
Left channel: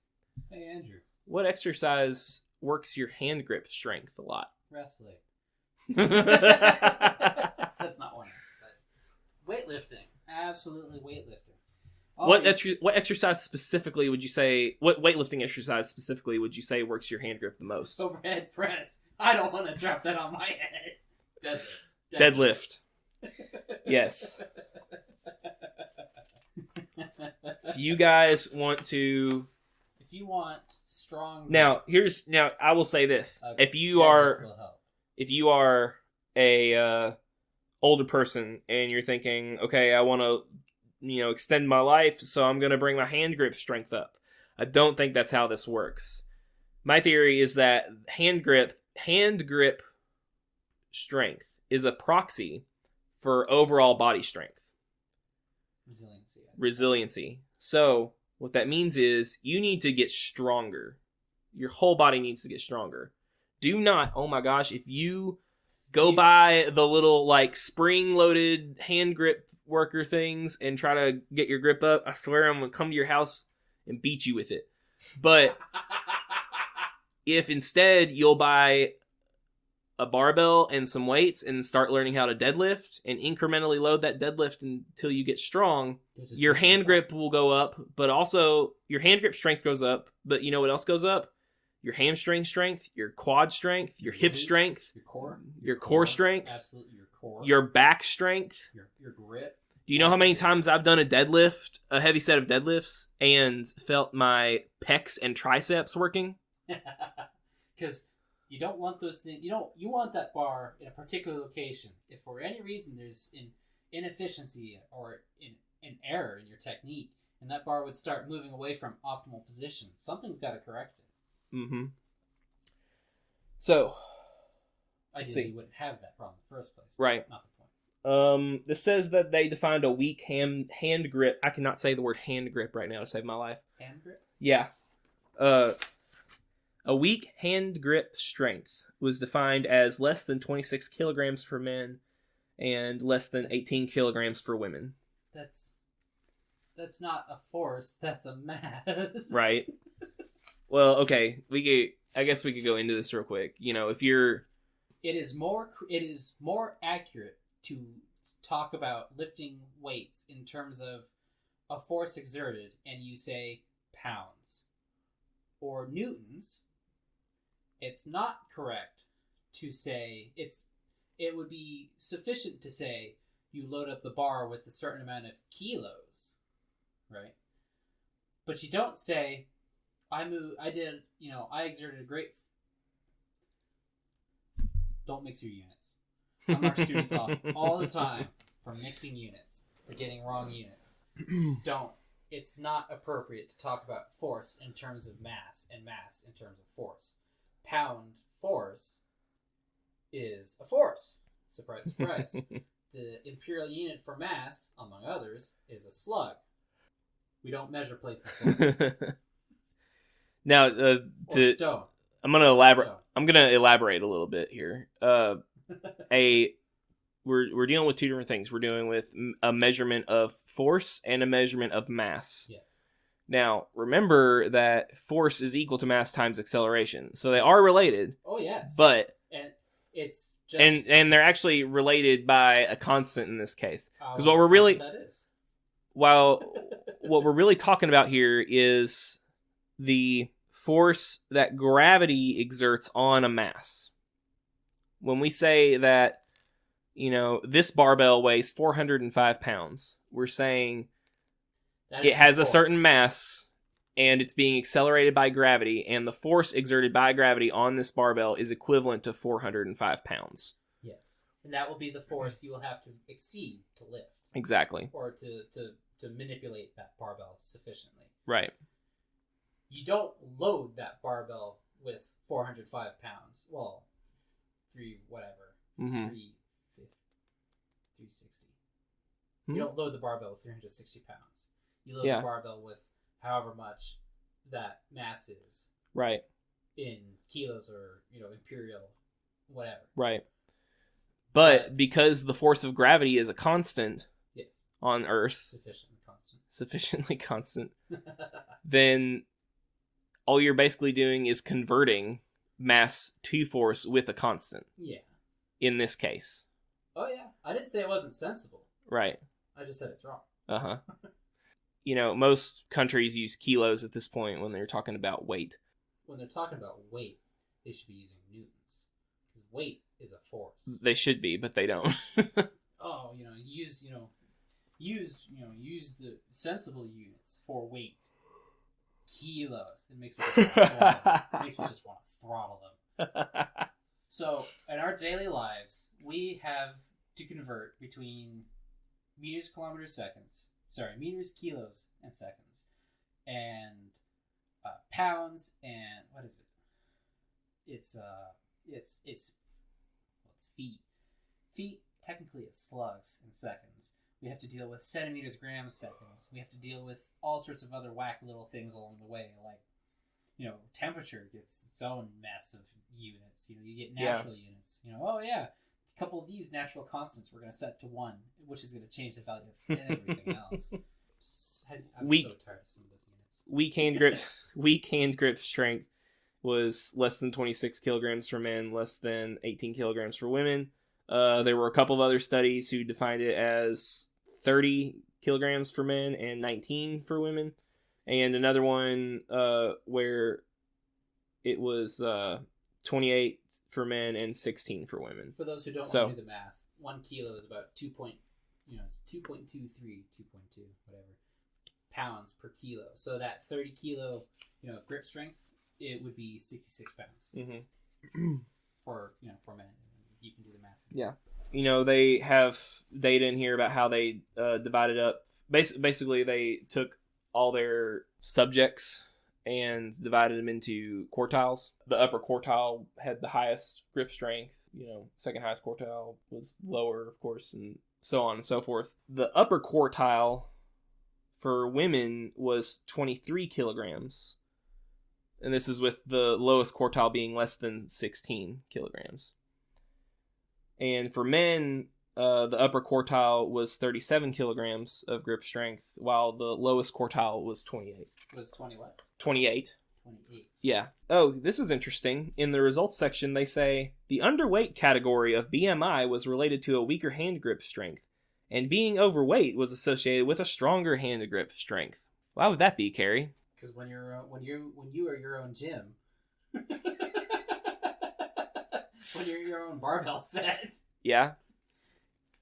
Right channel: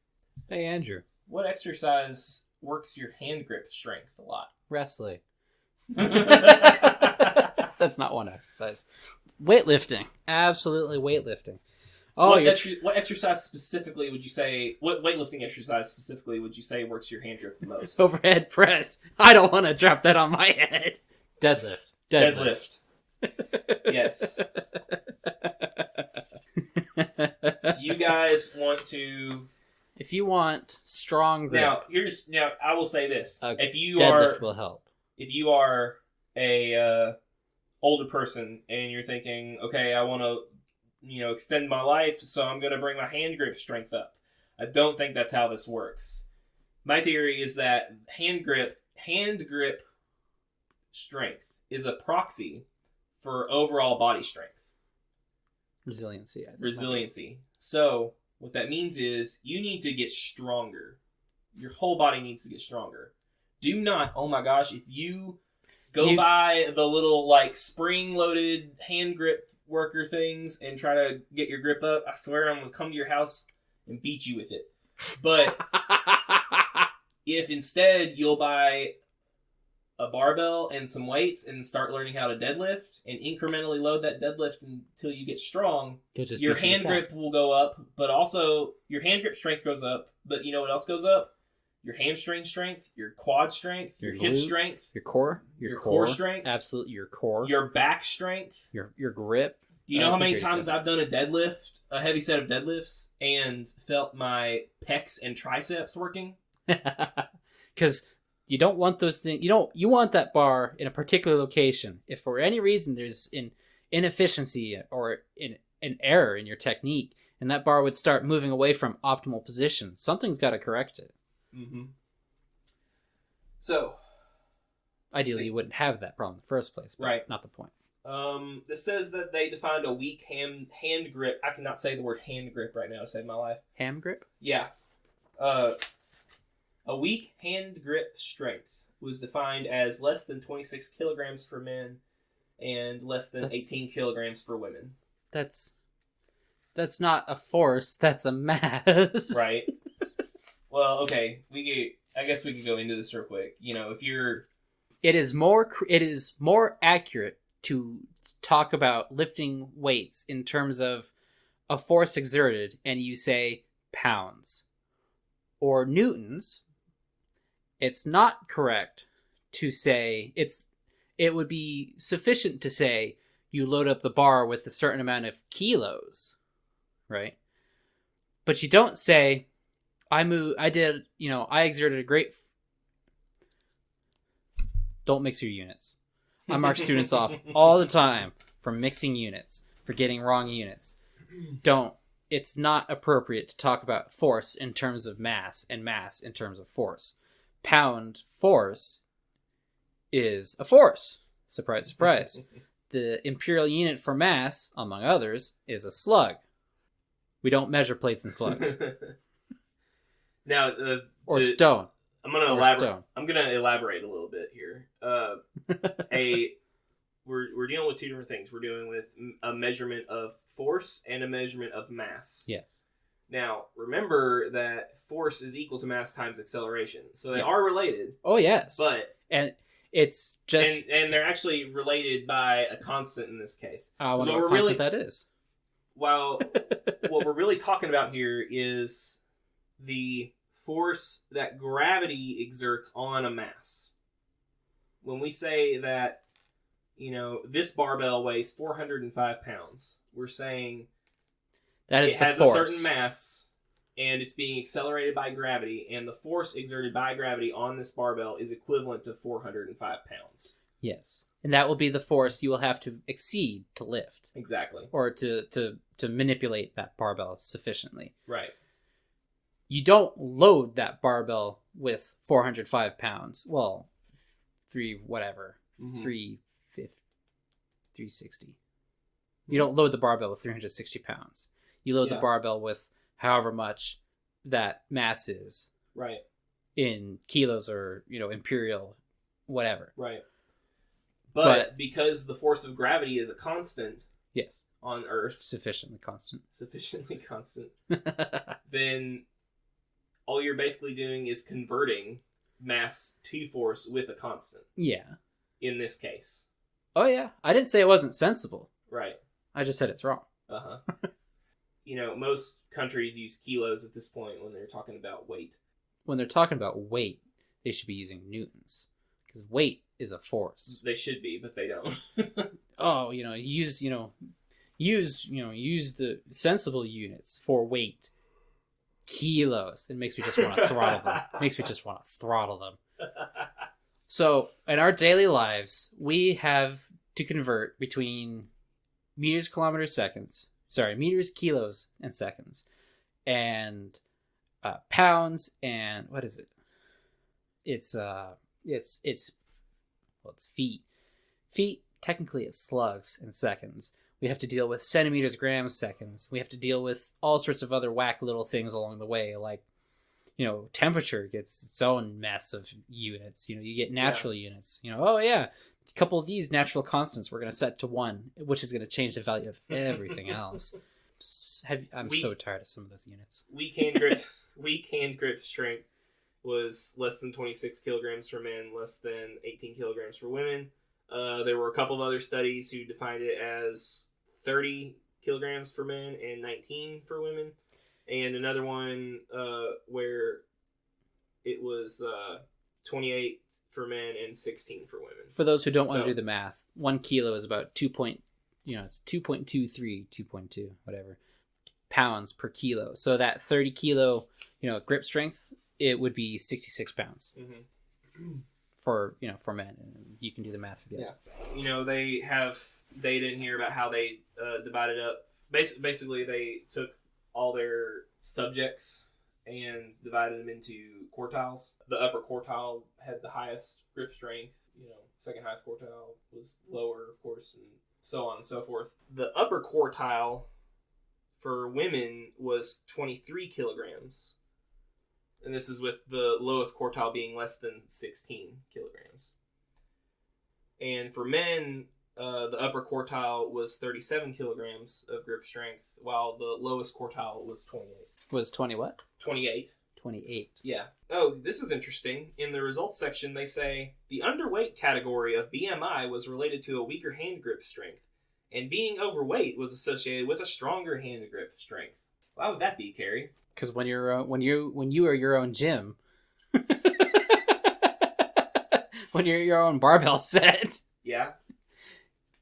Hey, Andrew. What exercise works your hand grip strength a lot? Wrestling. That's not one exercise. Weightlifting. Absolutely weightlifting. Oh, what exercise specifically would you say, what weightlifting exercise specifically would you say works your hand grip the most? Overhead press. I don't want to drop that on my head. Deadlift. Yes. If you guys want to... If you want strong grip... Now, I will say this. If you deadlift will help. If you are a older person and you're thinking, okay, I want to extend my life, so I'm going to bring my hand grip strength up. I don't think that's how this works. My theory is that hand grip strength is a proxy for overall body strength. Resiliency. So, what that means is you need to get stronger. Your whole body needs to get stronger. Do not, oh my gosh, if you buy the little spring-loaded hand grip worker things and try to get your grip up, I swear I'm going to come to your house and beat you with it. But if instead you'll buy a barbell and some weights and start learning how to deadlift and incrementally load that deadlift until you get strong, your hand grip will go up, but also your hand grip strength goes up. But you know what else goes up? Your hamstring strength, your quad strength, your hip strength, your core, your core strength, absolutely, your core, your back strength, your grip. Do you know how many times I've done a heavy set of deadlifts, and felt my pecs and triceps working? Because you don't want those things. You want that bar in a particular location. If for any reason there's an inefficiency or an error in your technique, and that bar would start moving away from optimal position, something's got to correct it. Mm-hmm. So, ideally, you wouldn't have that problem in the first place. Right. Not the point. This says that they defined a weak hand grip. I cannot say the word hand grip right now to save my life. Ham grip? Yeah. A weak hand grip strength was defined as less than 26 kilograms for men and less than 18 kilograms for women. That's not a force. That's a mass. Right. Well, okay. I guess we could go into this real quick. You know, if you're... It is more accurate to talk about lifting weights in terms of a force exerted, and you say pounds or newtons. It's not correct to say it would be sufficient to say you load up the bar with a certain amount of kilos, right? But you don't say I exerted a great... Don't mix your units. I mark students off all the time for mixing units, for getting wrong units. It's not appropriate to talk about force in terms of mass and mass in terms of force. Pound force is a force. Surprise, surprise. The imperial unit for mass, among others, is a slug. We don't measure plates and slugs. Now, or stone. I'm gonna elaborate a little bit here. We're dealing with two different things. We're dealing with a measurement of force and a measurement of mass. Yes. Now, remember that force is equal to mass times acceleration, so they are related. Oh yes. And it's just and they're actually related by a constant in this case. Because what we're really that is. While what we're really talking about here is the force that gravity exerts on a mass. When we say that, this barbell weighs 405 pounds, we're saying that it has a certain mass and it's being accelerated by gravity, and the force exerted by gravity on this barbell is equivalent to 405 pounds. Yes. And that will be the force you will have to exceed to lift. Exactly. Or to manipulate that barbell sufficiently. Right. You don't load that barbell with 405 pounds. Well, 360. You don't load the barbell with 360 pounds. You load the barbell with however much that mass is. Right. In kilos or, imperial, whatever. Right. But because the force of gravity is a constant. Yes. On Earth. Sufficiently constant. Then all you're basically doing is converting mass to force with a constant. Yeah. In this case. Oh, yeah. I didn't say it wasn't sensible. Right. I just said it's wrong. Uh-huh. Most countries use kilos at this point when they're talking about weight. When they're talking about weight, they should be using newtons. Because weight is a force. They should be, but they don't. Oh, use the sensible units for weight. Kilos. It makes me just want to throttle them. So, in our daily lives, we have to convert between meters, kilometers, kilos, and seconds, and pounds, and what is it? It's feet. Feet, technically, it's slugs and seconds. We have to deal with centimeters, grams, seconds. We have to deal with all sorts of other whack little things along the way, like, temperature gets its own mess of units. You get natural units. A couple of these natural constants we're going to set to 1, which is going to change the value of everything else. I'm Weak- so tired of some of those units. weak hand grip strength was less than 26 kilograms for men, less than 18 kilograms for women. There were a couple of other studies who defined it as 30 kilograms for men and 19 for women, and another one where it was 28 for men and 16 for women. For those who don't want to do the math, 1 kilo is about it's 2.23, 2.2, whatever, pounds per kilo. So that 30 kilo, grip strength, it would be 66 pounds for men. You can do the math for that. Yeah. They have data in here about how they divided up. Basically, they took all their subjects and divided them into quartiles. The upper quartile had the highest grip strength. Second highest quartile was lower, of course, and so on and so forth. The upper quartile for women was 23 kilograms. And this is with the lowest quartile being less than 16 kilograms. And for men, the upper quartile was 37 kilograms of grip strength, while the lowest quartile was 28. Was 20 what? 28. 28. Yeah. Oh, this is interesting. In the results section, they say, the underweight category of BMI was related to a weaker hand grip strength, and being overweight was associated with a stronger hand grip strength. Why would that be, Cary? Because when you are your own gym, when you're your own barbell set, yeah,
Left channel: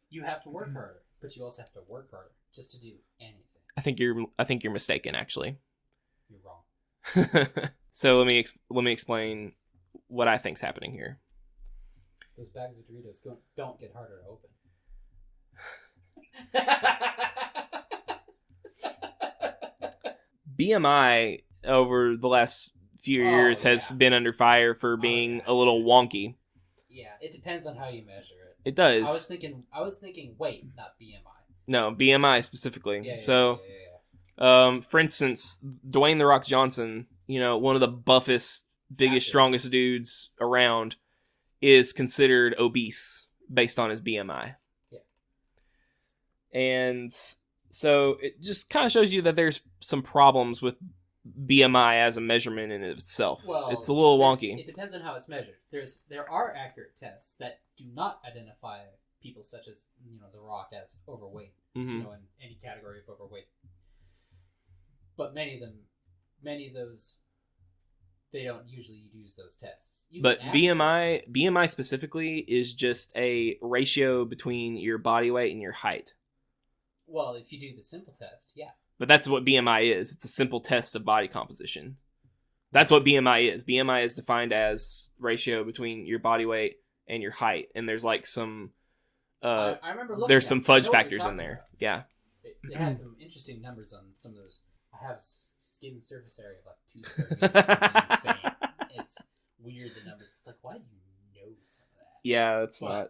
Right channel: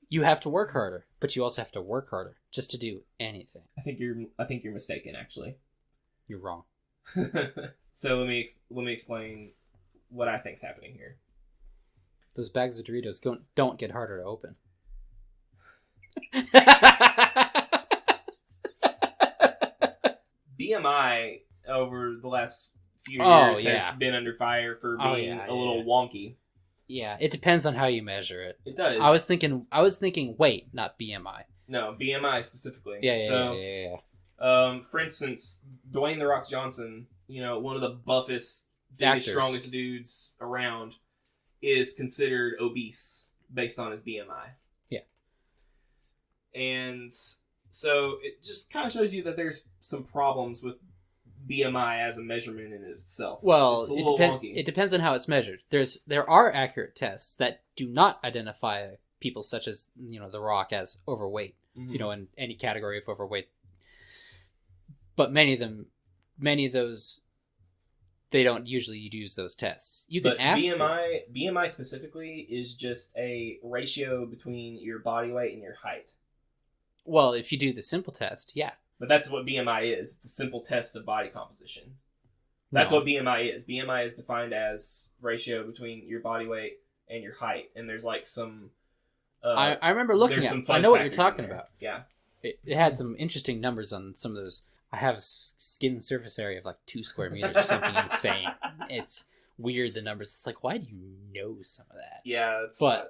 you have to work harder, but you also have to work harder just to do anything. I think you're mistaken. Actually, you're wrong. So let me explain what I think's happening here. Those bags of Doritos don't get harder to open. BMI over the last few years has been under fire for being a little wonky. Yeah, it depends on how you measure it. It does. I was thinking weight, not BMI. No, BMI specifically. Yeah. For instance, Dwayne "The Rock" Johnson, one of the buffest, biggest, strongest dudes around, is considered obese based on his BMI. Yeah. And so it just kind of shows you that there's some problems with BMI as a measurement in itself. Well, it's a little wonky. It depends on how it's measured. There are accurate tests that do not identify people such as The Rock as overweight. In any category of overweight. But many of those, they don't usually use those tests. But BMI specifically is just a ratio between your body weight and your height. Well, if you do the simple test, yeah. But that's what BMI is. It's a simple test of body composition. That's what BMI is. BMI is defined as ratio between your body weight and your height. And there's like some... I remember looking there's some fudge factors in there. About. Yeah. It had some interesting numbers on some of those. I have a skin surface area of like 2 square meters, something insane. It's weird, the numbers. It's like, why do you know some of that? Yeah, it's not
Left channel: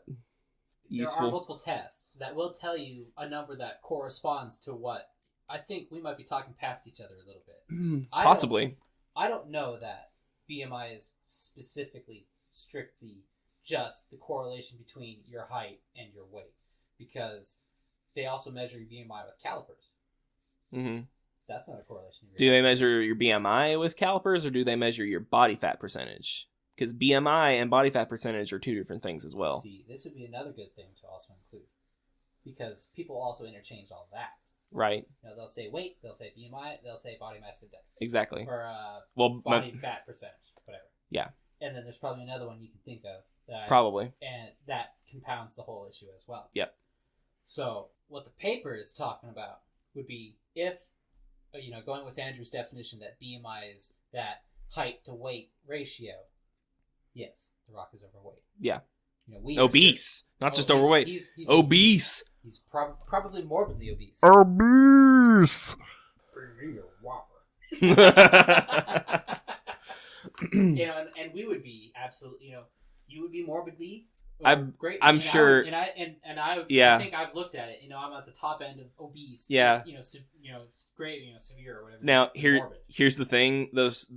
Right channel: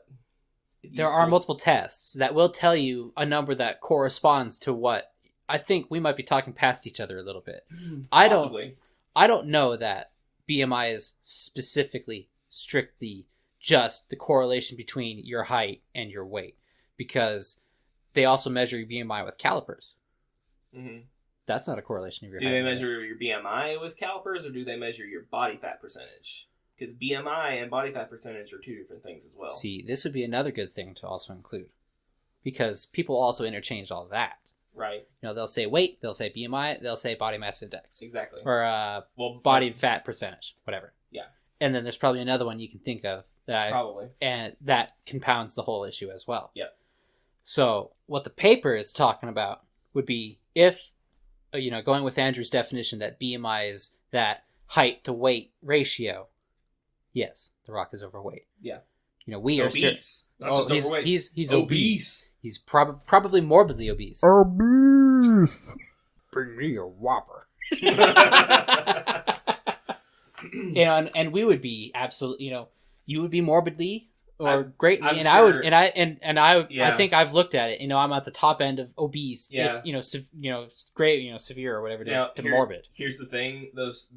there are multiple tests that will tell you a number that corresponds to what I think we might be talking past each other a little bit. Possibly. I don't know that BMI is specifically, strictly just the correlation between your height and your weight, because they also measure your BMI with calipers. Mm-hmm. That's not a correlation of your Do they measure your BMI with calipers, or do they measure your body fat percentage? Because BMI and body fat percentage are two different things as well. See, this would be another good thing to also include, because people also interchange all that. Right. They'll say weight, they'll say BMI, they'll say body mass index. Exactly. Or body fat percentage, whatever. Yeah. And then there's probably another one you can think of that and that compounds the whole issue as well. Yep. So what the paper is talking about would be if, going with Andrew's definition that BMI is that height to weight ratio. Yes, The Rock is overweight. Yeah. We are obese, not just overweight. He's obese. He's probably morbidly obese. Obese. Bring me a Whopper. And we would be absolutely, you would be morbidly or great. I'm sure. I think I've looked at it. I'm at the top end of obese. Yeah. Great. Severe or whatever. Now, morbid. Here's the thing: those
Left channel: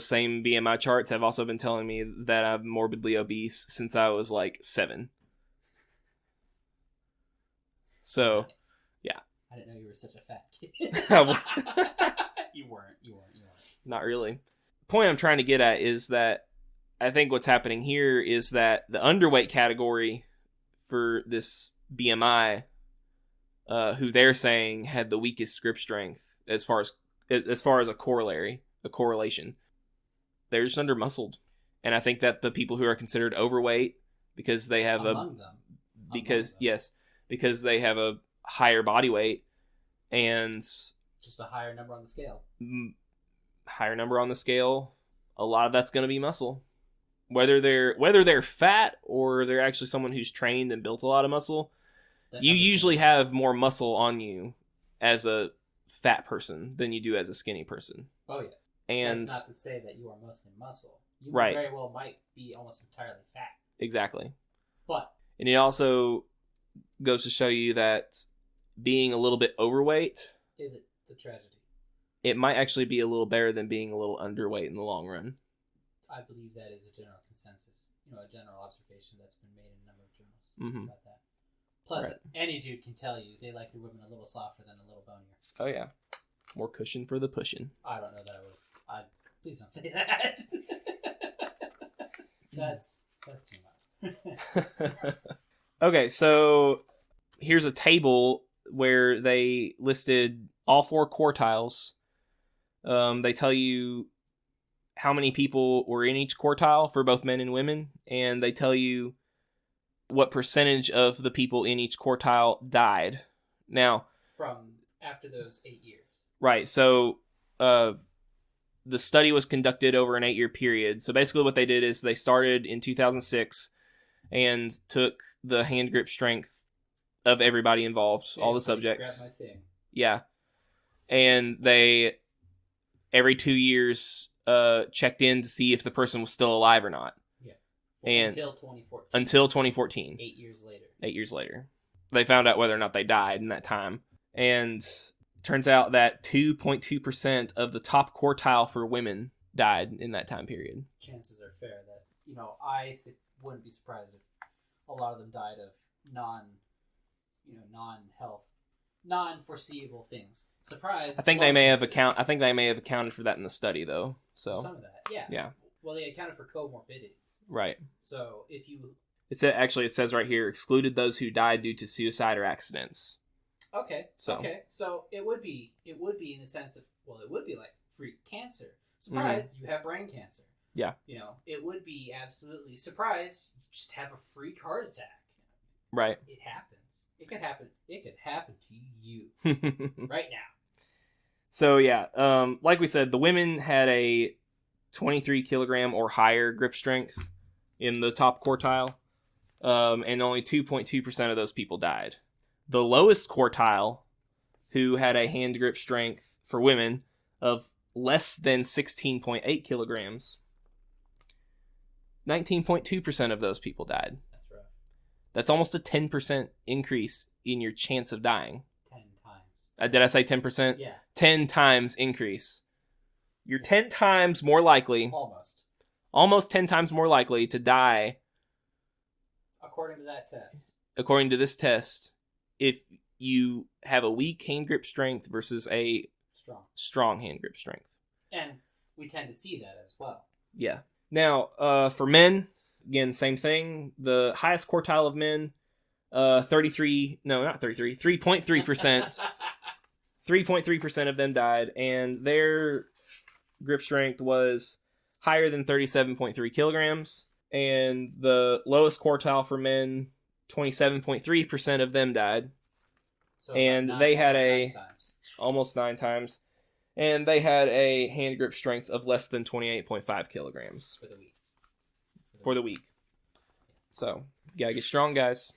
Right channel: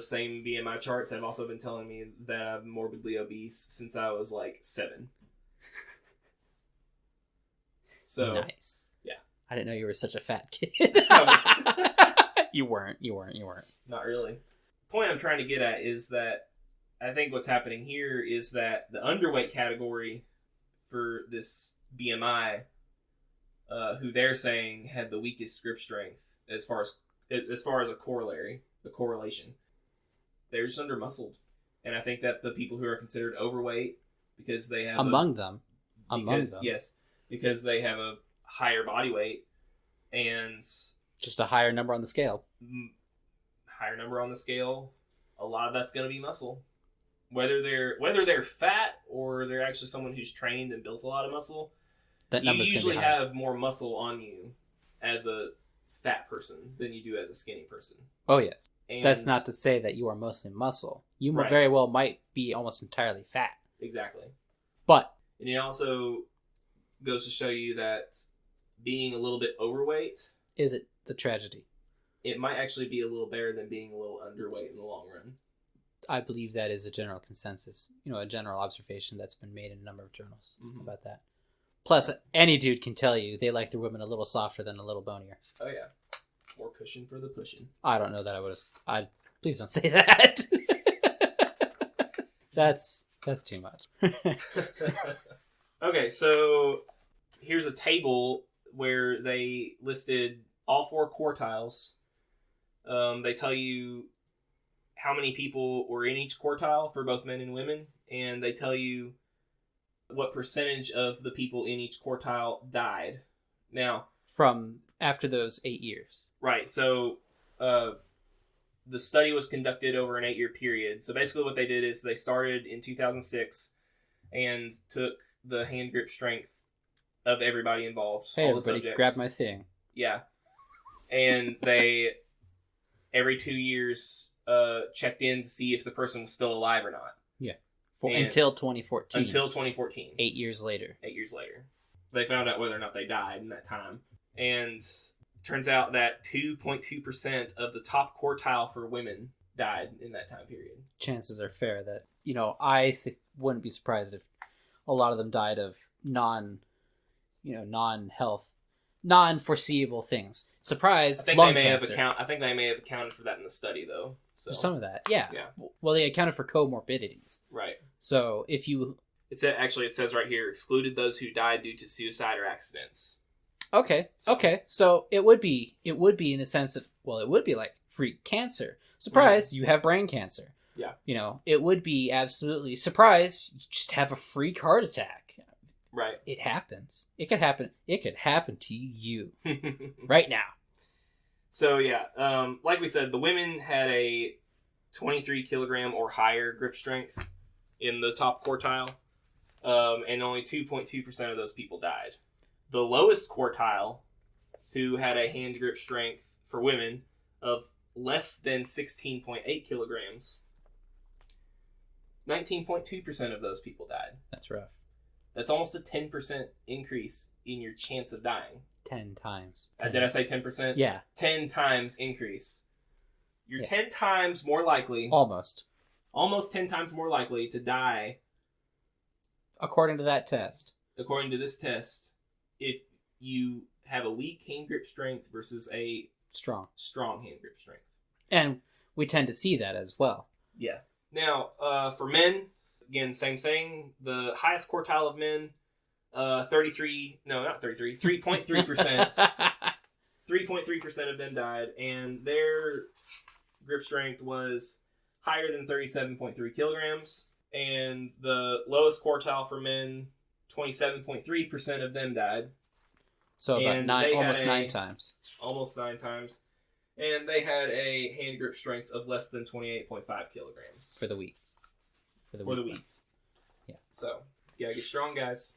same BMI charts have also been telling me that I'm morbidly obese since I was like 7. So nice. Yeah, I didn't know you were such a fat kid. You weren't. Not really. The point I'm trying to get at is that I think what's happening here is that the underweight category for this BMI, who they're saying had the weakest grip strength as far as a correlation, they're just under-muscled. And I think that the people who are considered overweight because they have because they have a higher body weight and just a higher number on the scale. A lot of that's going to be muscle. Whether they're fat or they're actually someone who's trained and built a lot of muscle, you usually have more muscle on you as a fat person than you do as a skinny person. Oh, yes. And that's not to say that you are mostly muscle. You very well might be almost entirely fat. Exactly. And it also goes to show you that being a little bit overweight... Is it the tragedy? It might actually be a little better than being a little underweight in the long run. I believe that is a general consensus, a general observation that's been made in a number of journals about that. Plus, any dude can tell you they like their women a little softer than a little bonier. Oh, yeah. More cushion for the pushing. I don't know that please don't say that. That's too much. Okay, so here's a table where they listed all 4 quartiles. They tell you how many people were in each quartile for both men and women, and they tell you what percentage of the people in each quartile died. Now, from after those 8 years. Right, so the study was conducted over an 8-year period. So basically what they did is they started in 2006 and took the hand grip strength of everybody involved, all the subjects. Grab my thing. Yeah. And they, every 2 years, checked in to see if the person was still alive or not. Yeah. Until 2014. Until 2014. 8 years later. 8 years later. They found out whether or not they died in that time. And turns out that 2.2% of the top quartile for women died in that time period. Chances are fair that, I wouldn't be surprised if a lot of them died of non-health, non-foreseeable things. Surprise! I think they may have accounted for that in the study, though. So some of that, yeah. Yeah. Well, they accounted for comorbidities, right? So if you, it says right here, excluded those who died due to suicide or accidents. Okay. So it would be in the sense of, it would be like freak cancer. Surprise! You have brain cancer. Yeah. It would be absolutely surprise. You just have a freak heart attack. Right. It happens. It could happen. It could happen to you right now. So yeah, like we said, the women had a 23 kilogram or higher grip strength in the top quartile, and only 2.2% of those people died. The lowest quartile, who had a hand grip strength for women of less than 16.8 kilograms, 19.2% of those people died. That's rough. That's almost a 10% increase in your chance of dying. 10 times. Did I say 10%? Yeah. 10 times increase. You're 10 times more likely. Almost 10 times more likely to die. According to that test. According to this test, if you have a weak hand grip strength versus a strong hand grip strength. And we tend to see that as well. Yeah. Now, for men, again, same thing. The highest quartile of men, 3.3%. 3.3% of them died, and their grip strength was higher than 37.3 kilograms. And the lowest quartile for men, 27.3% of them died. So and they had almost 9 times. And they had a hand grip strength of less than 28.5 kilograms. For the week. For the week. Yeah. So, you gotta get strong, guys.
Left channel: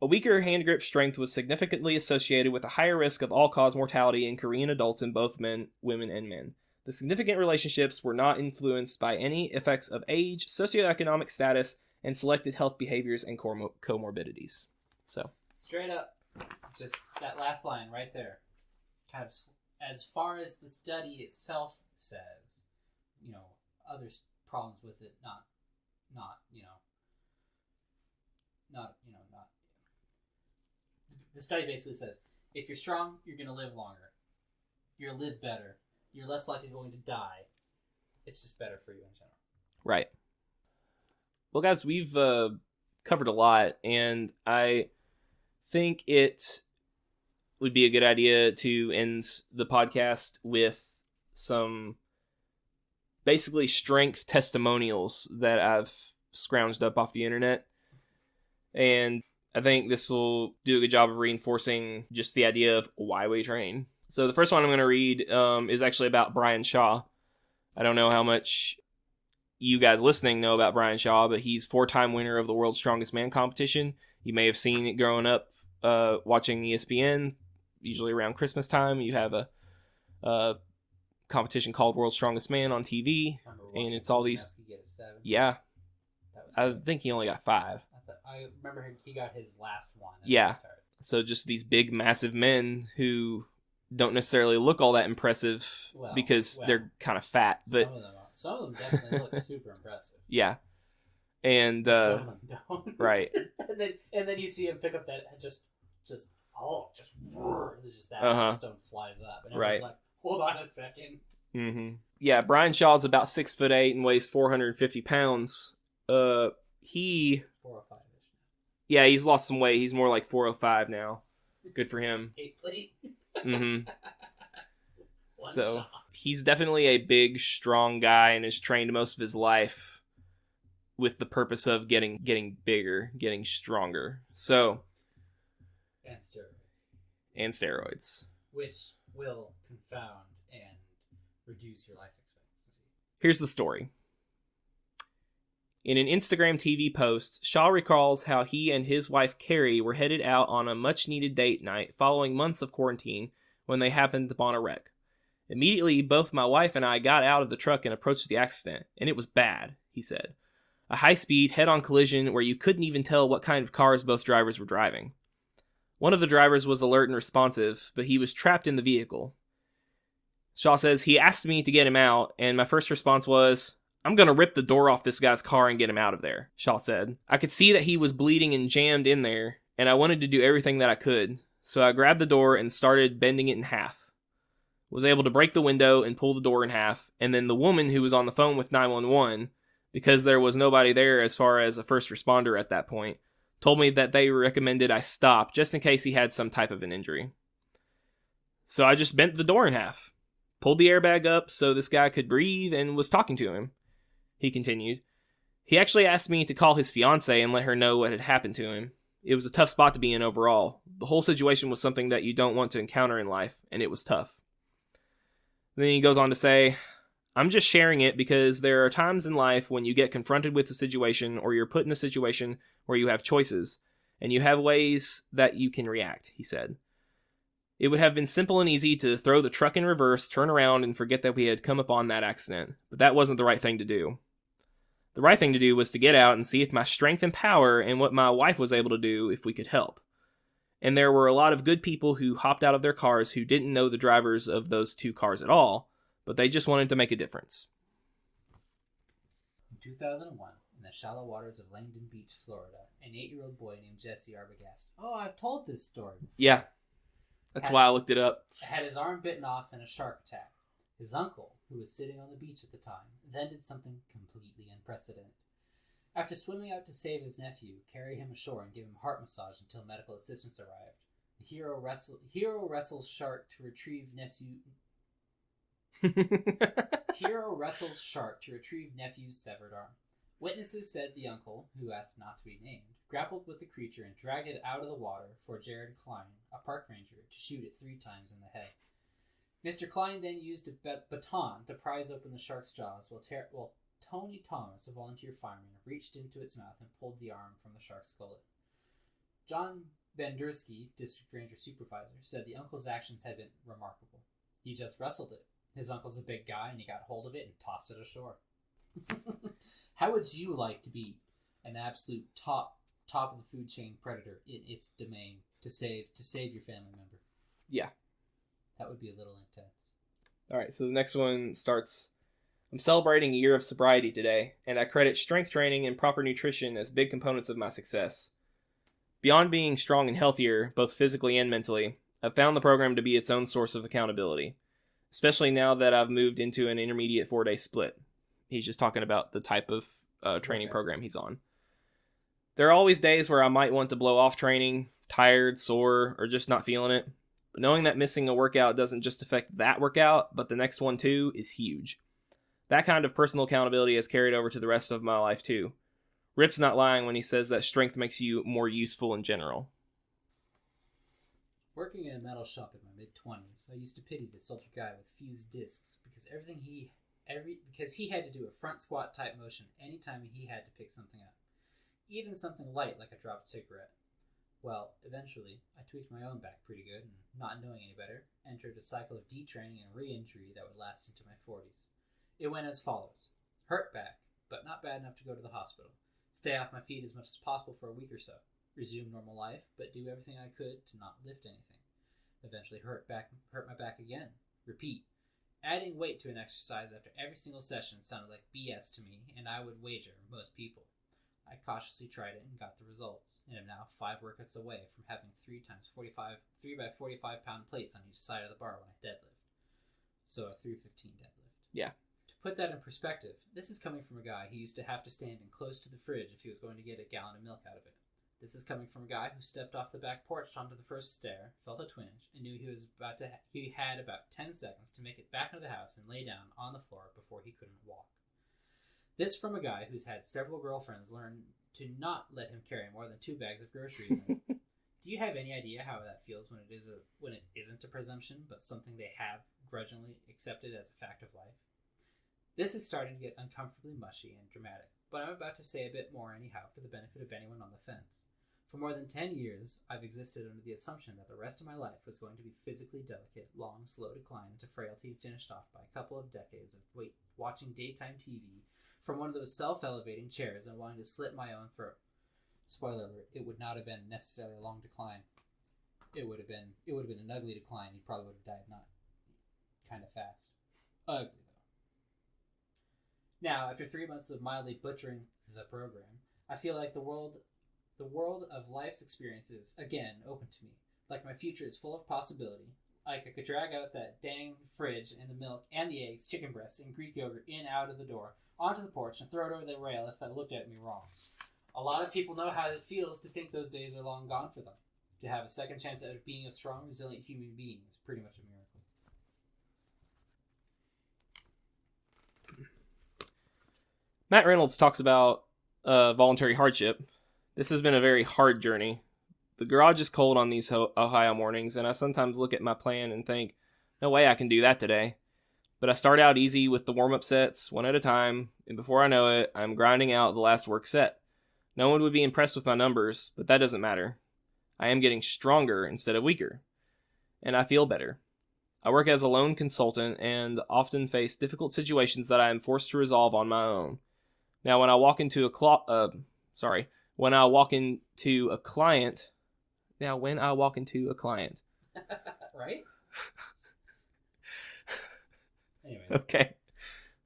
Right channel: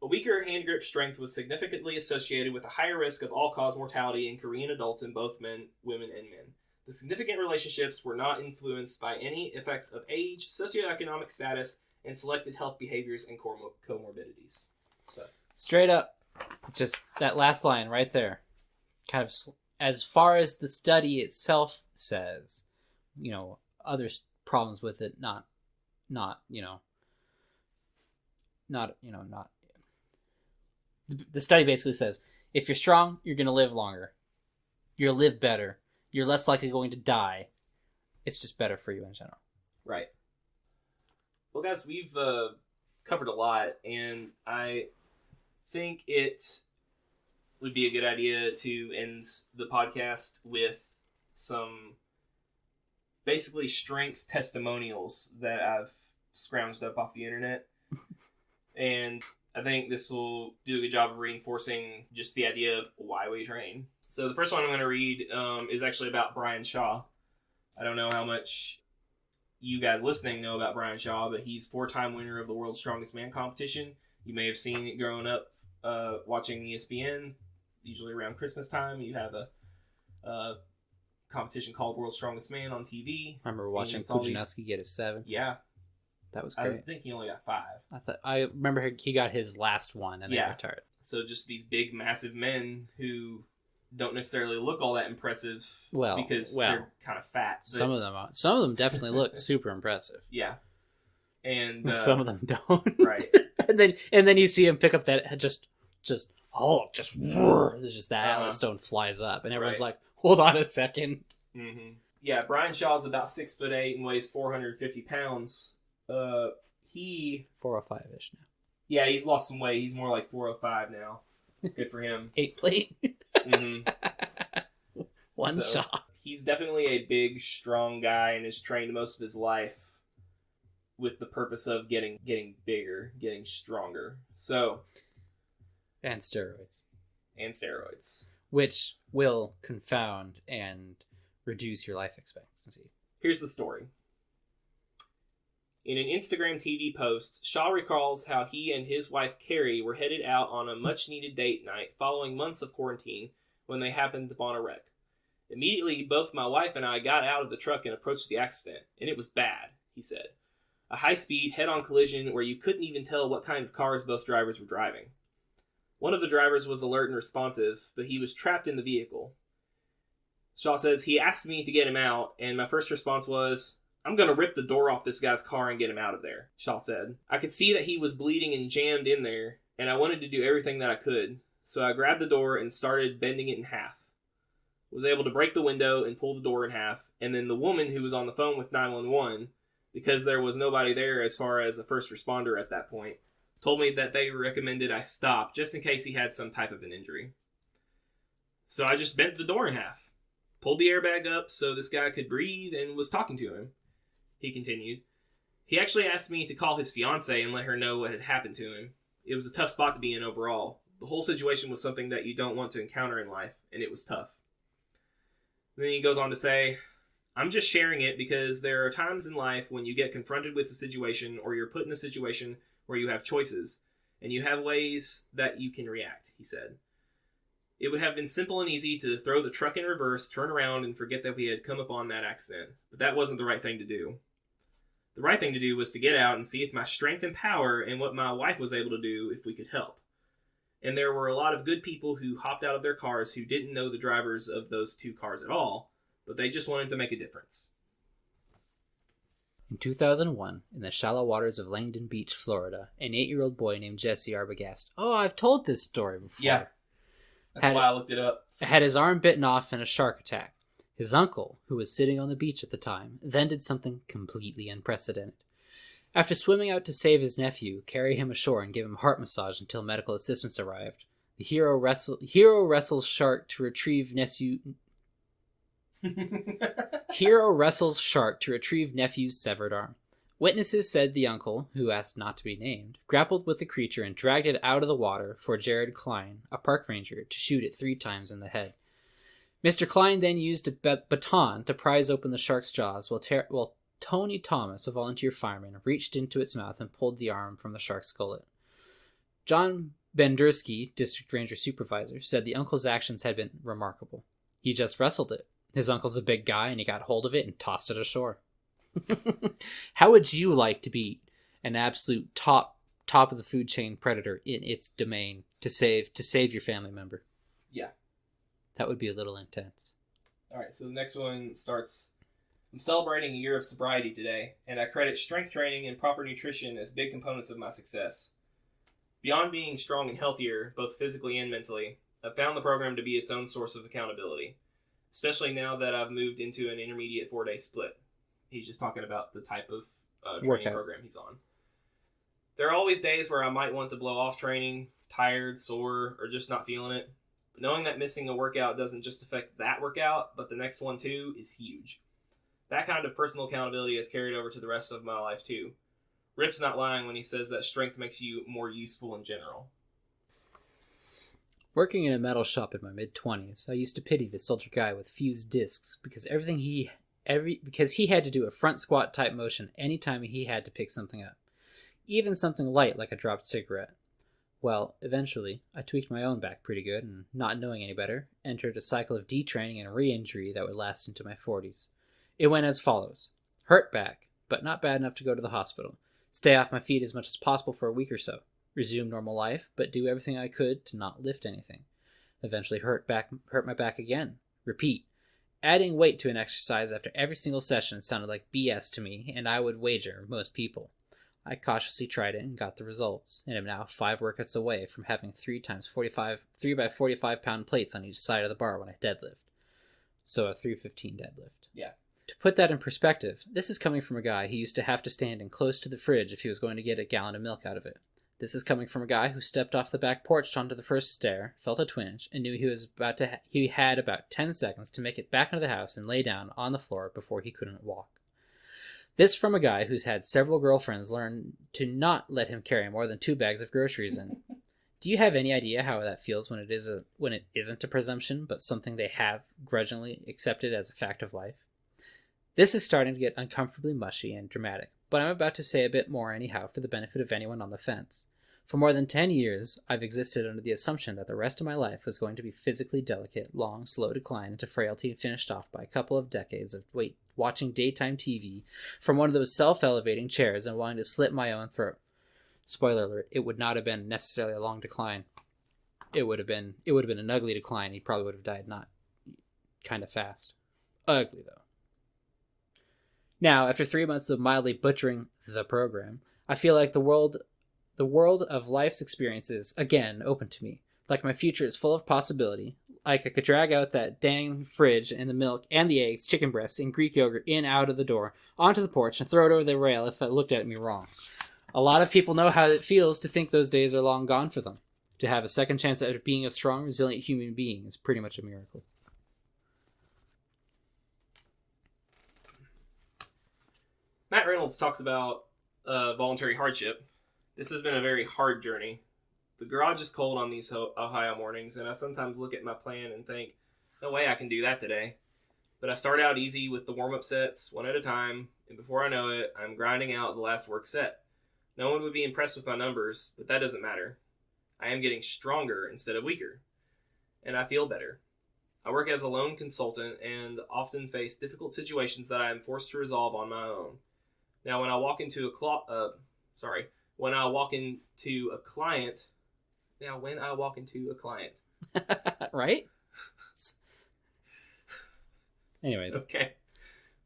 A weaker hand grip strength was significantly associated with a higher risk of all-cause mortality in Korean adults in both women and men. The significant relationships were not influenced by any effects of age, socioeconomic status, and selected health behaviors and comorbidities. So, straight up, just that last line right there. Kind of, as far as the study itself says, other problems with it, not The study basically says if you're strong, you're going to live longer. You'll live better. You're less likely going to die. It's just better for you in general. Right. Well, guys, we've covered a lot, and I think it would be a good idea to end the podcast with some basically strength testimonials that I've scrounged up off the internet. And I think this will do a good job of reinforcing just the idea of why we train. So the first one I'm going to read is actually about Brian Shaw. I don't know how much you guys listening know about Brian Shaw, but he's 4-time winner of the World's Strongest Man competition. You may have seen it growing up watching ESPN. Usually around Christmas time, you have a competition called World's Strongest Man on TV. I remember watching Kujanowski get his 7. Yeah. That was great. I think he only got 5. I remember he got his last one and then retired. So just these big, massive men who don't necessarily look all that impressive because they're kind of fat. But some of them definitely look super impressive. Yeah. And some of them don't. Right. and then you see him pick up that just roar. There's just that and the stone flies up and everyone's like, hold on a second. Mm-hmm. Yeah, Brian Shaw's about 6'8" and weighs 450 pounds. He 405-ish now. Yeah, he's lost some weight. He's more like 405 now. Good for him. 8 plate. Mm-hmm. One shot. He's definitely a big, strong guy and has trained most of his life with the purpose of getting bigger, getting stronger. So. And steroids. Which will confound and reduce your life expectancy. Here's the story. In an Instagram TV post, Shaw recalls how he and his wife Cary were headed out on a much-needed date night following months of quarantine when they happened upon a wreck. Immediately, both my wife and I got out of the truck and approached the accident, and it was bad, he said. A high-speed, head-on collision where you couldn't even tell what kind of cars both drivers were driving. One of the drivers was alert and responsive, but he was trapped in the vehicle. Shaw says, he asked me to get him out, and my first response was, I'm going to rip the door off this guy's car and get him out of there, Shaw said. I could see that he was bleeding and jammed in there, and I wanted to do everything that I could, so I grabbed the door and started bending it in half. Was able to break the window and pull the door in half, and then the woman who was on the phone with 911, because there was nobody there as far as a first responder at that point, told me that they recommended I stop just in case he had some type of an injury. So I just bent the door in half, pulled the airbag up so this guy could breathe, and was talking to him. He continued. He actually asked me to call his fiancée and let her know what had happened to him. It was a tough spot to be in overall. The whole situation was something that you don't want to encounter in life, and it was tough. Then he goes on to say, I'm just sharing it because there are times in life when you get confronted with a situation or you're put in a situation where you have choices, and you have ways that you can react, he said. It would have been simple and easy to throw the truck in reverse, turn around, and forget that we had come upon that accident, but that wasn't the right thing to do. The right thing to do was to get out and see if my strength and power and what my wife was able to do if we could help. And there were a lot of good people who hopped out of their cars who didn't know the drivers of those two cars at all, but they just wanted to make a difference. In 2001, in the shallow waters of Langdon Beach, Florida, an 8-year-old boy named Jesse Arbogast. Oh, I've told this story before. Yeah, that's why I looked it up. Had his arm bitten off in a shark attack. His uncle, who was sitting on the beach at the time, then did something completely unprecedented. After swimming out to save his nephew, carry him ashore, and give him heart massage until medical assistance arrived, the hero wrestles shark to retrieve nephew's severed arm. Witnesses said the uncle, who asked not to be named, grappled with the creature and dragged it out of the water for Jared Klein, a park ranger, to shoot it 3 times in the head. Mr. Klein then used a baton to prise open the shark's jaws while Tony Thomas, a volunteer fireman, reached into its mouth and pulled the arm from the shark's gullet. John Bendersky, district ranger supervisor, said the uncle's actions had been remarkable. He just wrestled it. His uncle's a big guy, and he got hold of it and tossed it ashore. How would you like to be an absolute top of the food chain predator in its domain to save your family member? Yeah. That would be a little intense. All right, so the next one starts, I'm celebrating a year of sobriety today, and I credit strength training and proper nutrition as big components of my success. Beyond being strong and healthier, both physically and mentally, I've found the program to be its own source of accountability, especially now that I've moved into an intermediate 4-day split. He's just talking about the type of training program he's on. There are always days where I might want to blow off training, tired, sore, or just not feeling it. But knowing that missing a workout doesn't just affect that workout, but the next one too, is huge. That kind of personal accountability has carried over to the rest of my life too. Rip's not lying when he says that strength makes you more useful in general. Working in a metal shop in my mid-20s, I used to pity this older guy with fused discs because because he had to do a front squat type motion anytime he had to pick something up, even something light like a dropped cigarette. Well, eventually, I tweaked my own back pretty good and, not knowing any better, entered a cycle of detraining and re-injury that would last into my 40s. It went as follows. Hurt back, but not bad enough to go to the hospital. Stay off my feet as much as possible for a week or so. Resume normal life, but do everything I could to not lift anything. Eventually hurt my back again. Repeat. Adding weight to an exercise after every single session sounded like BS to me, and I would wager most people. I cautiously tried it and got the results, and am now 5 workouts away from having 3 by 45 pound plates on each side of the bar when I deadlift. So a 315 deadlift. Yeah. To put that in perspective, this is coming from a guy who used to have to stand in close to the fridge if he was going to get a gallon of milk out of it. This is coming from a guy who stepped off the back porch onto the first stair, felt a twinge, and knew he had about 10 seconds to make it back into the house and lay down on the floor before he couldn't walk. This from a guy who's had several girlfriends learn to not let him carry more than 2 bags of groceries in. Do you have any idea how that feels when it isn't a presumption, but something they have grudgingly accepted as a fact of life? This is starting to get uncomfortably mushy and dramatic, but I'm about to say a bit more anyhow for the benefit of anyone on the fence. For more than 10 years, I've existed under the assumption that the rest of my life was going to be physically delicate, long, slow decline into frailty finished off by a couple of decades of watching daytime TV from one of those self-elevating chairs and wanting to slit my own throat. Spoiler alert, it would not have been necessarily a long decline. It would have been an ugly decline. He probably would have died not kind of fast. Ugly, though. Now, after 3 months of mildly butchering the program, I feel like the world of life's experiences, again, open to me. Like my future is full of possibility. Like I could drag out that dang fridge and the milk and the eggs, chicken breasts, and Greek yogurt in out of the door, onto the porch, and throw it over the rail if it looked at me wrong. A lot of people know how it feels to think those days are long gone for them. To have a second chance at being a strong, resilient human being is pretty much a miracle. Matt Reynolds talks about voluntary hardship. This has been a very hard journey. The garage is cold on these Ohio mornings, and I sometimes look at my plan and think, no way I can do that today. But I start out easy with the warm-up sets, one at a time, and before I know it, I'm grinding out the last work set. No one would be impressed with my numbers, but that doesn't matter. I am getting stronger instead of weaker, and I feel better. I work as a lone consultant and often face difficult situations that I am forced to resolve on my own. Now, when I walk into a client, right? Anyways. Okay.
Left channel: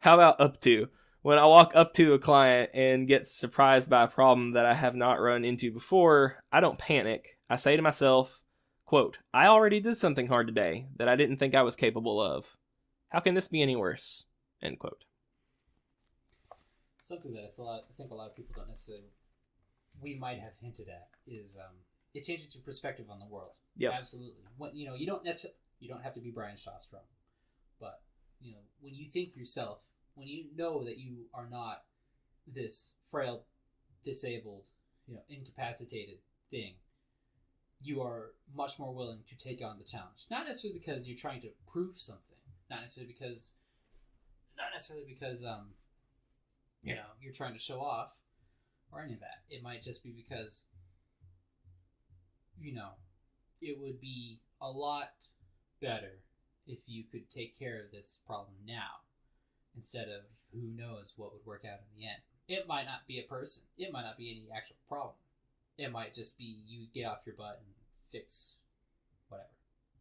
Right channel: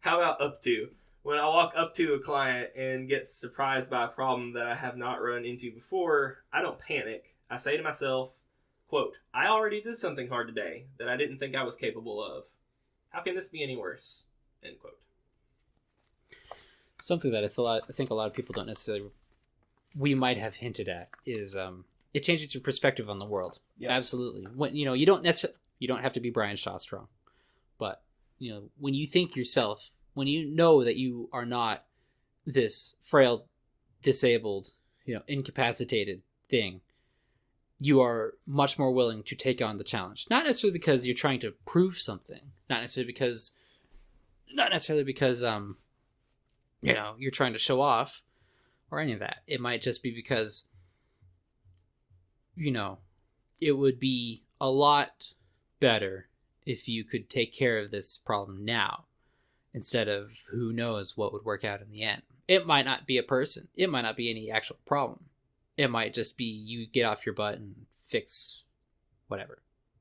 How about up to? When I walk up to a client and get surprised by a problem that I have not run into before, I don't panic. I say to myself, quote, I already did something hard today that I didn't think I was capable of. How can this be any worse? End quote. Something that I think a lot of people don't necessarily, we might have hinted at, is it changes your perspective on the world. Yeah, absolutely. When you don't have to be Brian Shaw strong, but when you think yourself, when you know that you are not this frail, disabled, incapacitated thing, you are much more willing to take on the challenge. Not necessarily because you're trying to prove something. Not necessarily because you're trying to show off or any of that. It might just be because, it would be a lot better if you could take care of this problem now instead of who knows what would work out in the end. It might not be a person. It might not be any actual problem. It might just be you get off your butt and fix whatever.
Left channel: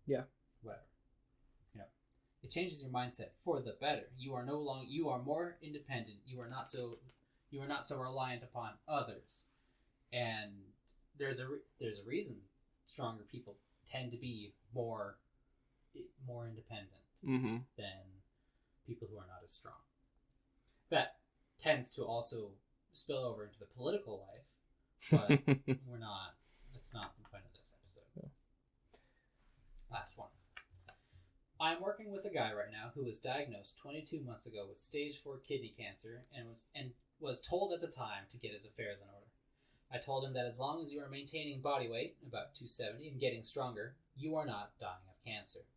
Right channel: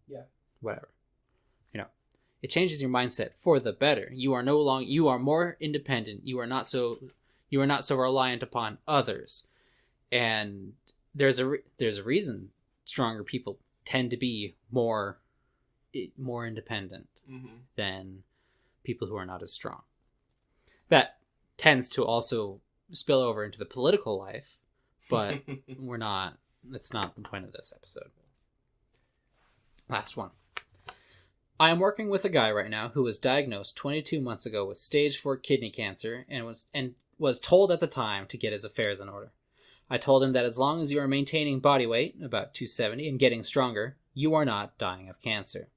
Yeah. Whatever. It changes your mindset for the better. You are more independent. You are not so reliant upon others. And there's a reason stronger people tend to be more independent than people who are not as strong. That tends to also spill over into the political life, but that's not the point of this episode. Last one. I am working with a guy right now who was diagnosed 22 months ago with stage 4 kidney cancer and was told at the time to get his affairs in order. I told him that as long as you are maintaining body weight, about 270, and getting stronger, you are not dying of cancer.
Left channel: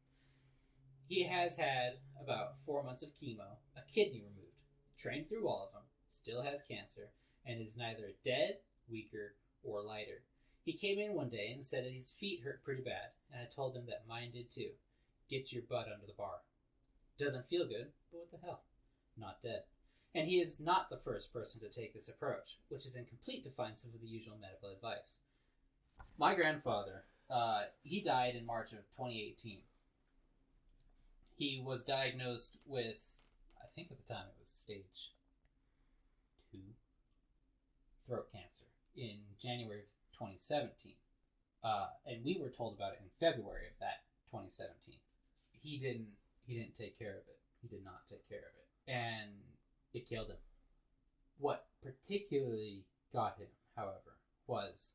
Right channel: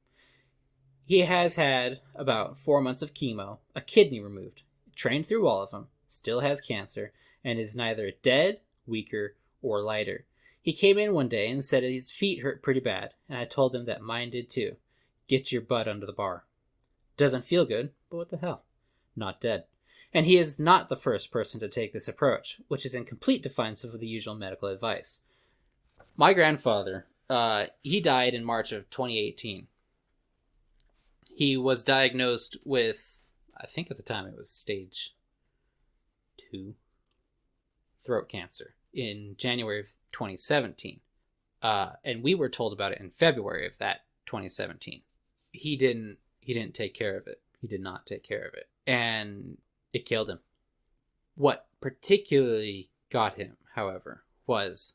He has had about 4 months of chemo, a kidney removed, trained through all of them, still has cancer, and is neither dead, weaker, or lighter. He came in one day and said his feet hurt pretty bad, and I told him that mine did too. Get your butt under the bar. Doesn't feel good, but what the hell? Not dead. And he is not the first person to take this approach, which is in complete defiance of the usual medical advice. My grandfather, he died in March of 2018. He was diagnosed with, I think at the time it was stage 2 throat cancer in January of 2017. And we were told about it in February of that 2017. He didn't take care of it. He did not take care of it. And it killed him. What particularly got him, however, was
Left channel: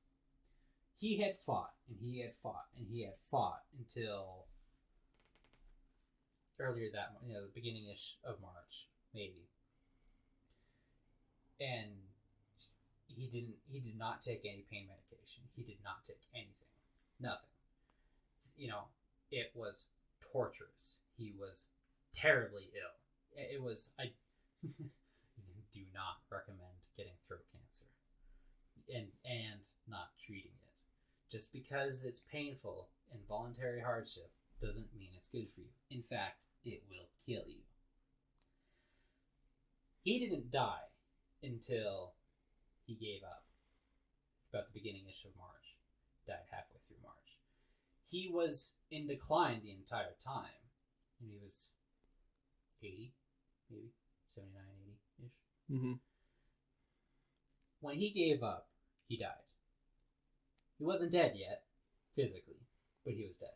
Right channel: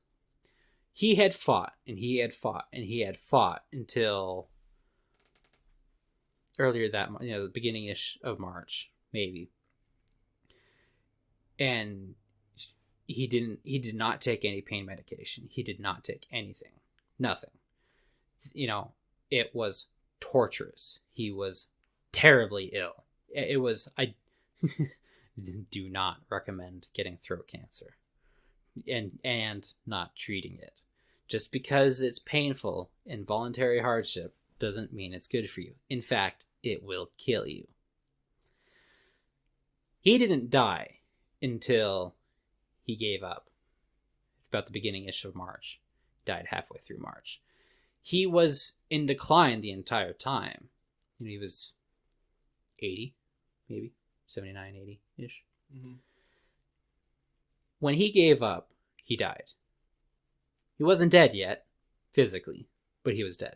he had fought and he had fought and he had fought until earlier that, the beginning-ish of March, maybe. And he did not take any pain medication. He did not take anything. Nothing. It was torturous. He was terribly ill. I do not recommend getting throat cancer and not treating it. Just because it's painful and voluntary hardship doesn't mean it's good for you. In fact, it will kill you. He didn't die until he gave up. About the beginning-ish of March. Died halfway through March. He was in decline the entire time. He was 80, maybe 79, 80-ish. Mm-hmm. When he gave up, he died. He wasn't dead yet, physically, but he was dead.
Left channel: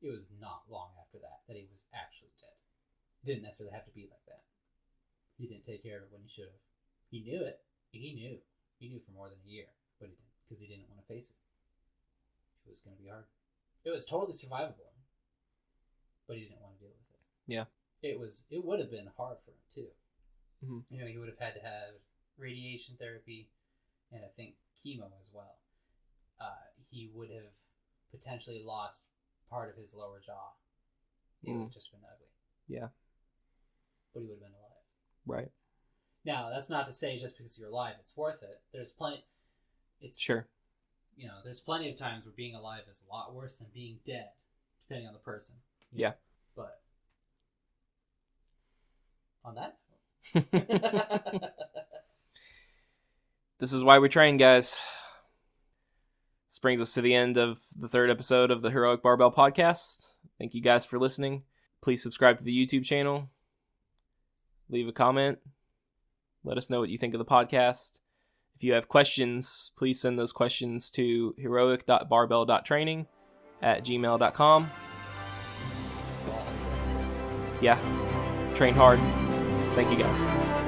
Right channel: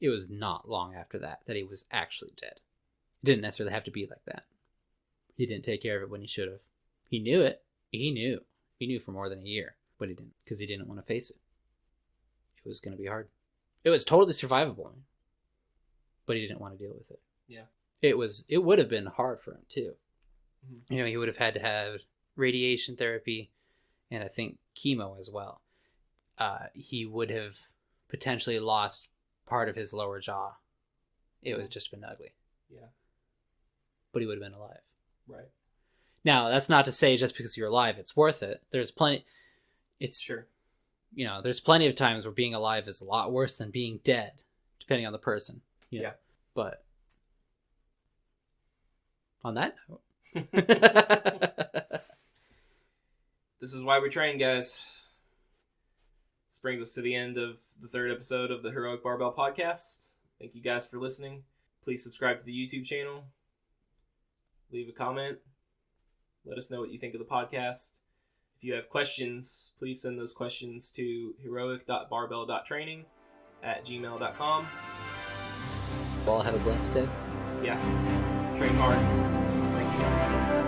It was not long after that he was actually dead. It didn't necessarily have to be like that. He didn't take care of it when he should have. He knew it. He knew. He knew for more than a year, but he didn't, because he didn't want to face it. It was going to be hard. It was totally survivable, but he didn't want to deal with it. Yeah. It would have been hard for him too. Mm-hmm. He would have had to have radiation therapy and I think chemo as well. He would have potentially lost part of his lower jaw. It would have just been ugly. Yeah. But he would have been alive. Right. Now, that's not to say just because you're alive, it's worth it. There's plenty. It's sure. There's plenty of times where being alive is a lot worse than being dead, depending on the person. Yeah. But on that note. This is why we train, guys. This brings us to the end of the 3rd episode of the Heroic Barbell Podcast. Thank you guys for listening. Please subscribe to the YouTube channel. Leave a comment. Let us know what you think of the podcast. If you have questions, please send those questions to heroic.barbell.training@gmail.com. All have a blessed day. Yeah. Train hard. Thank you guys.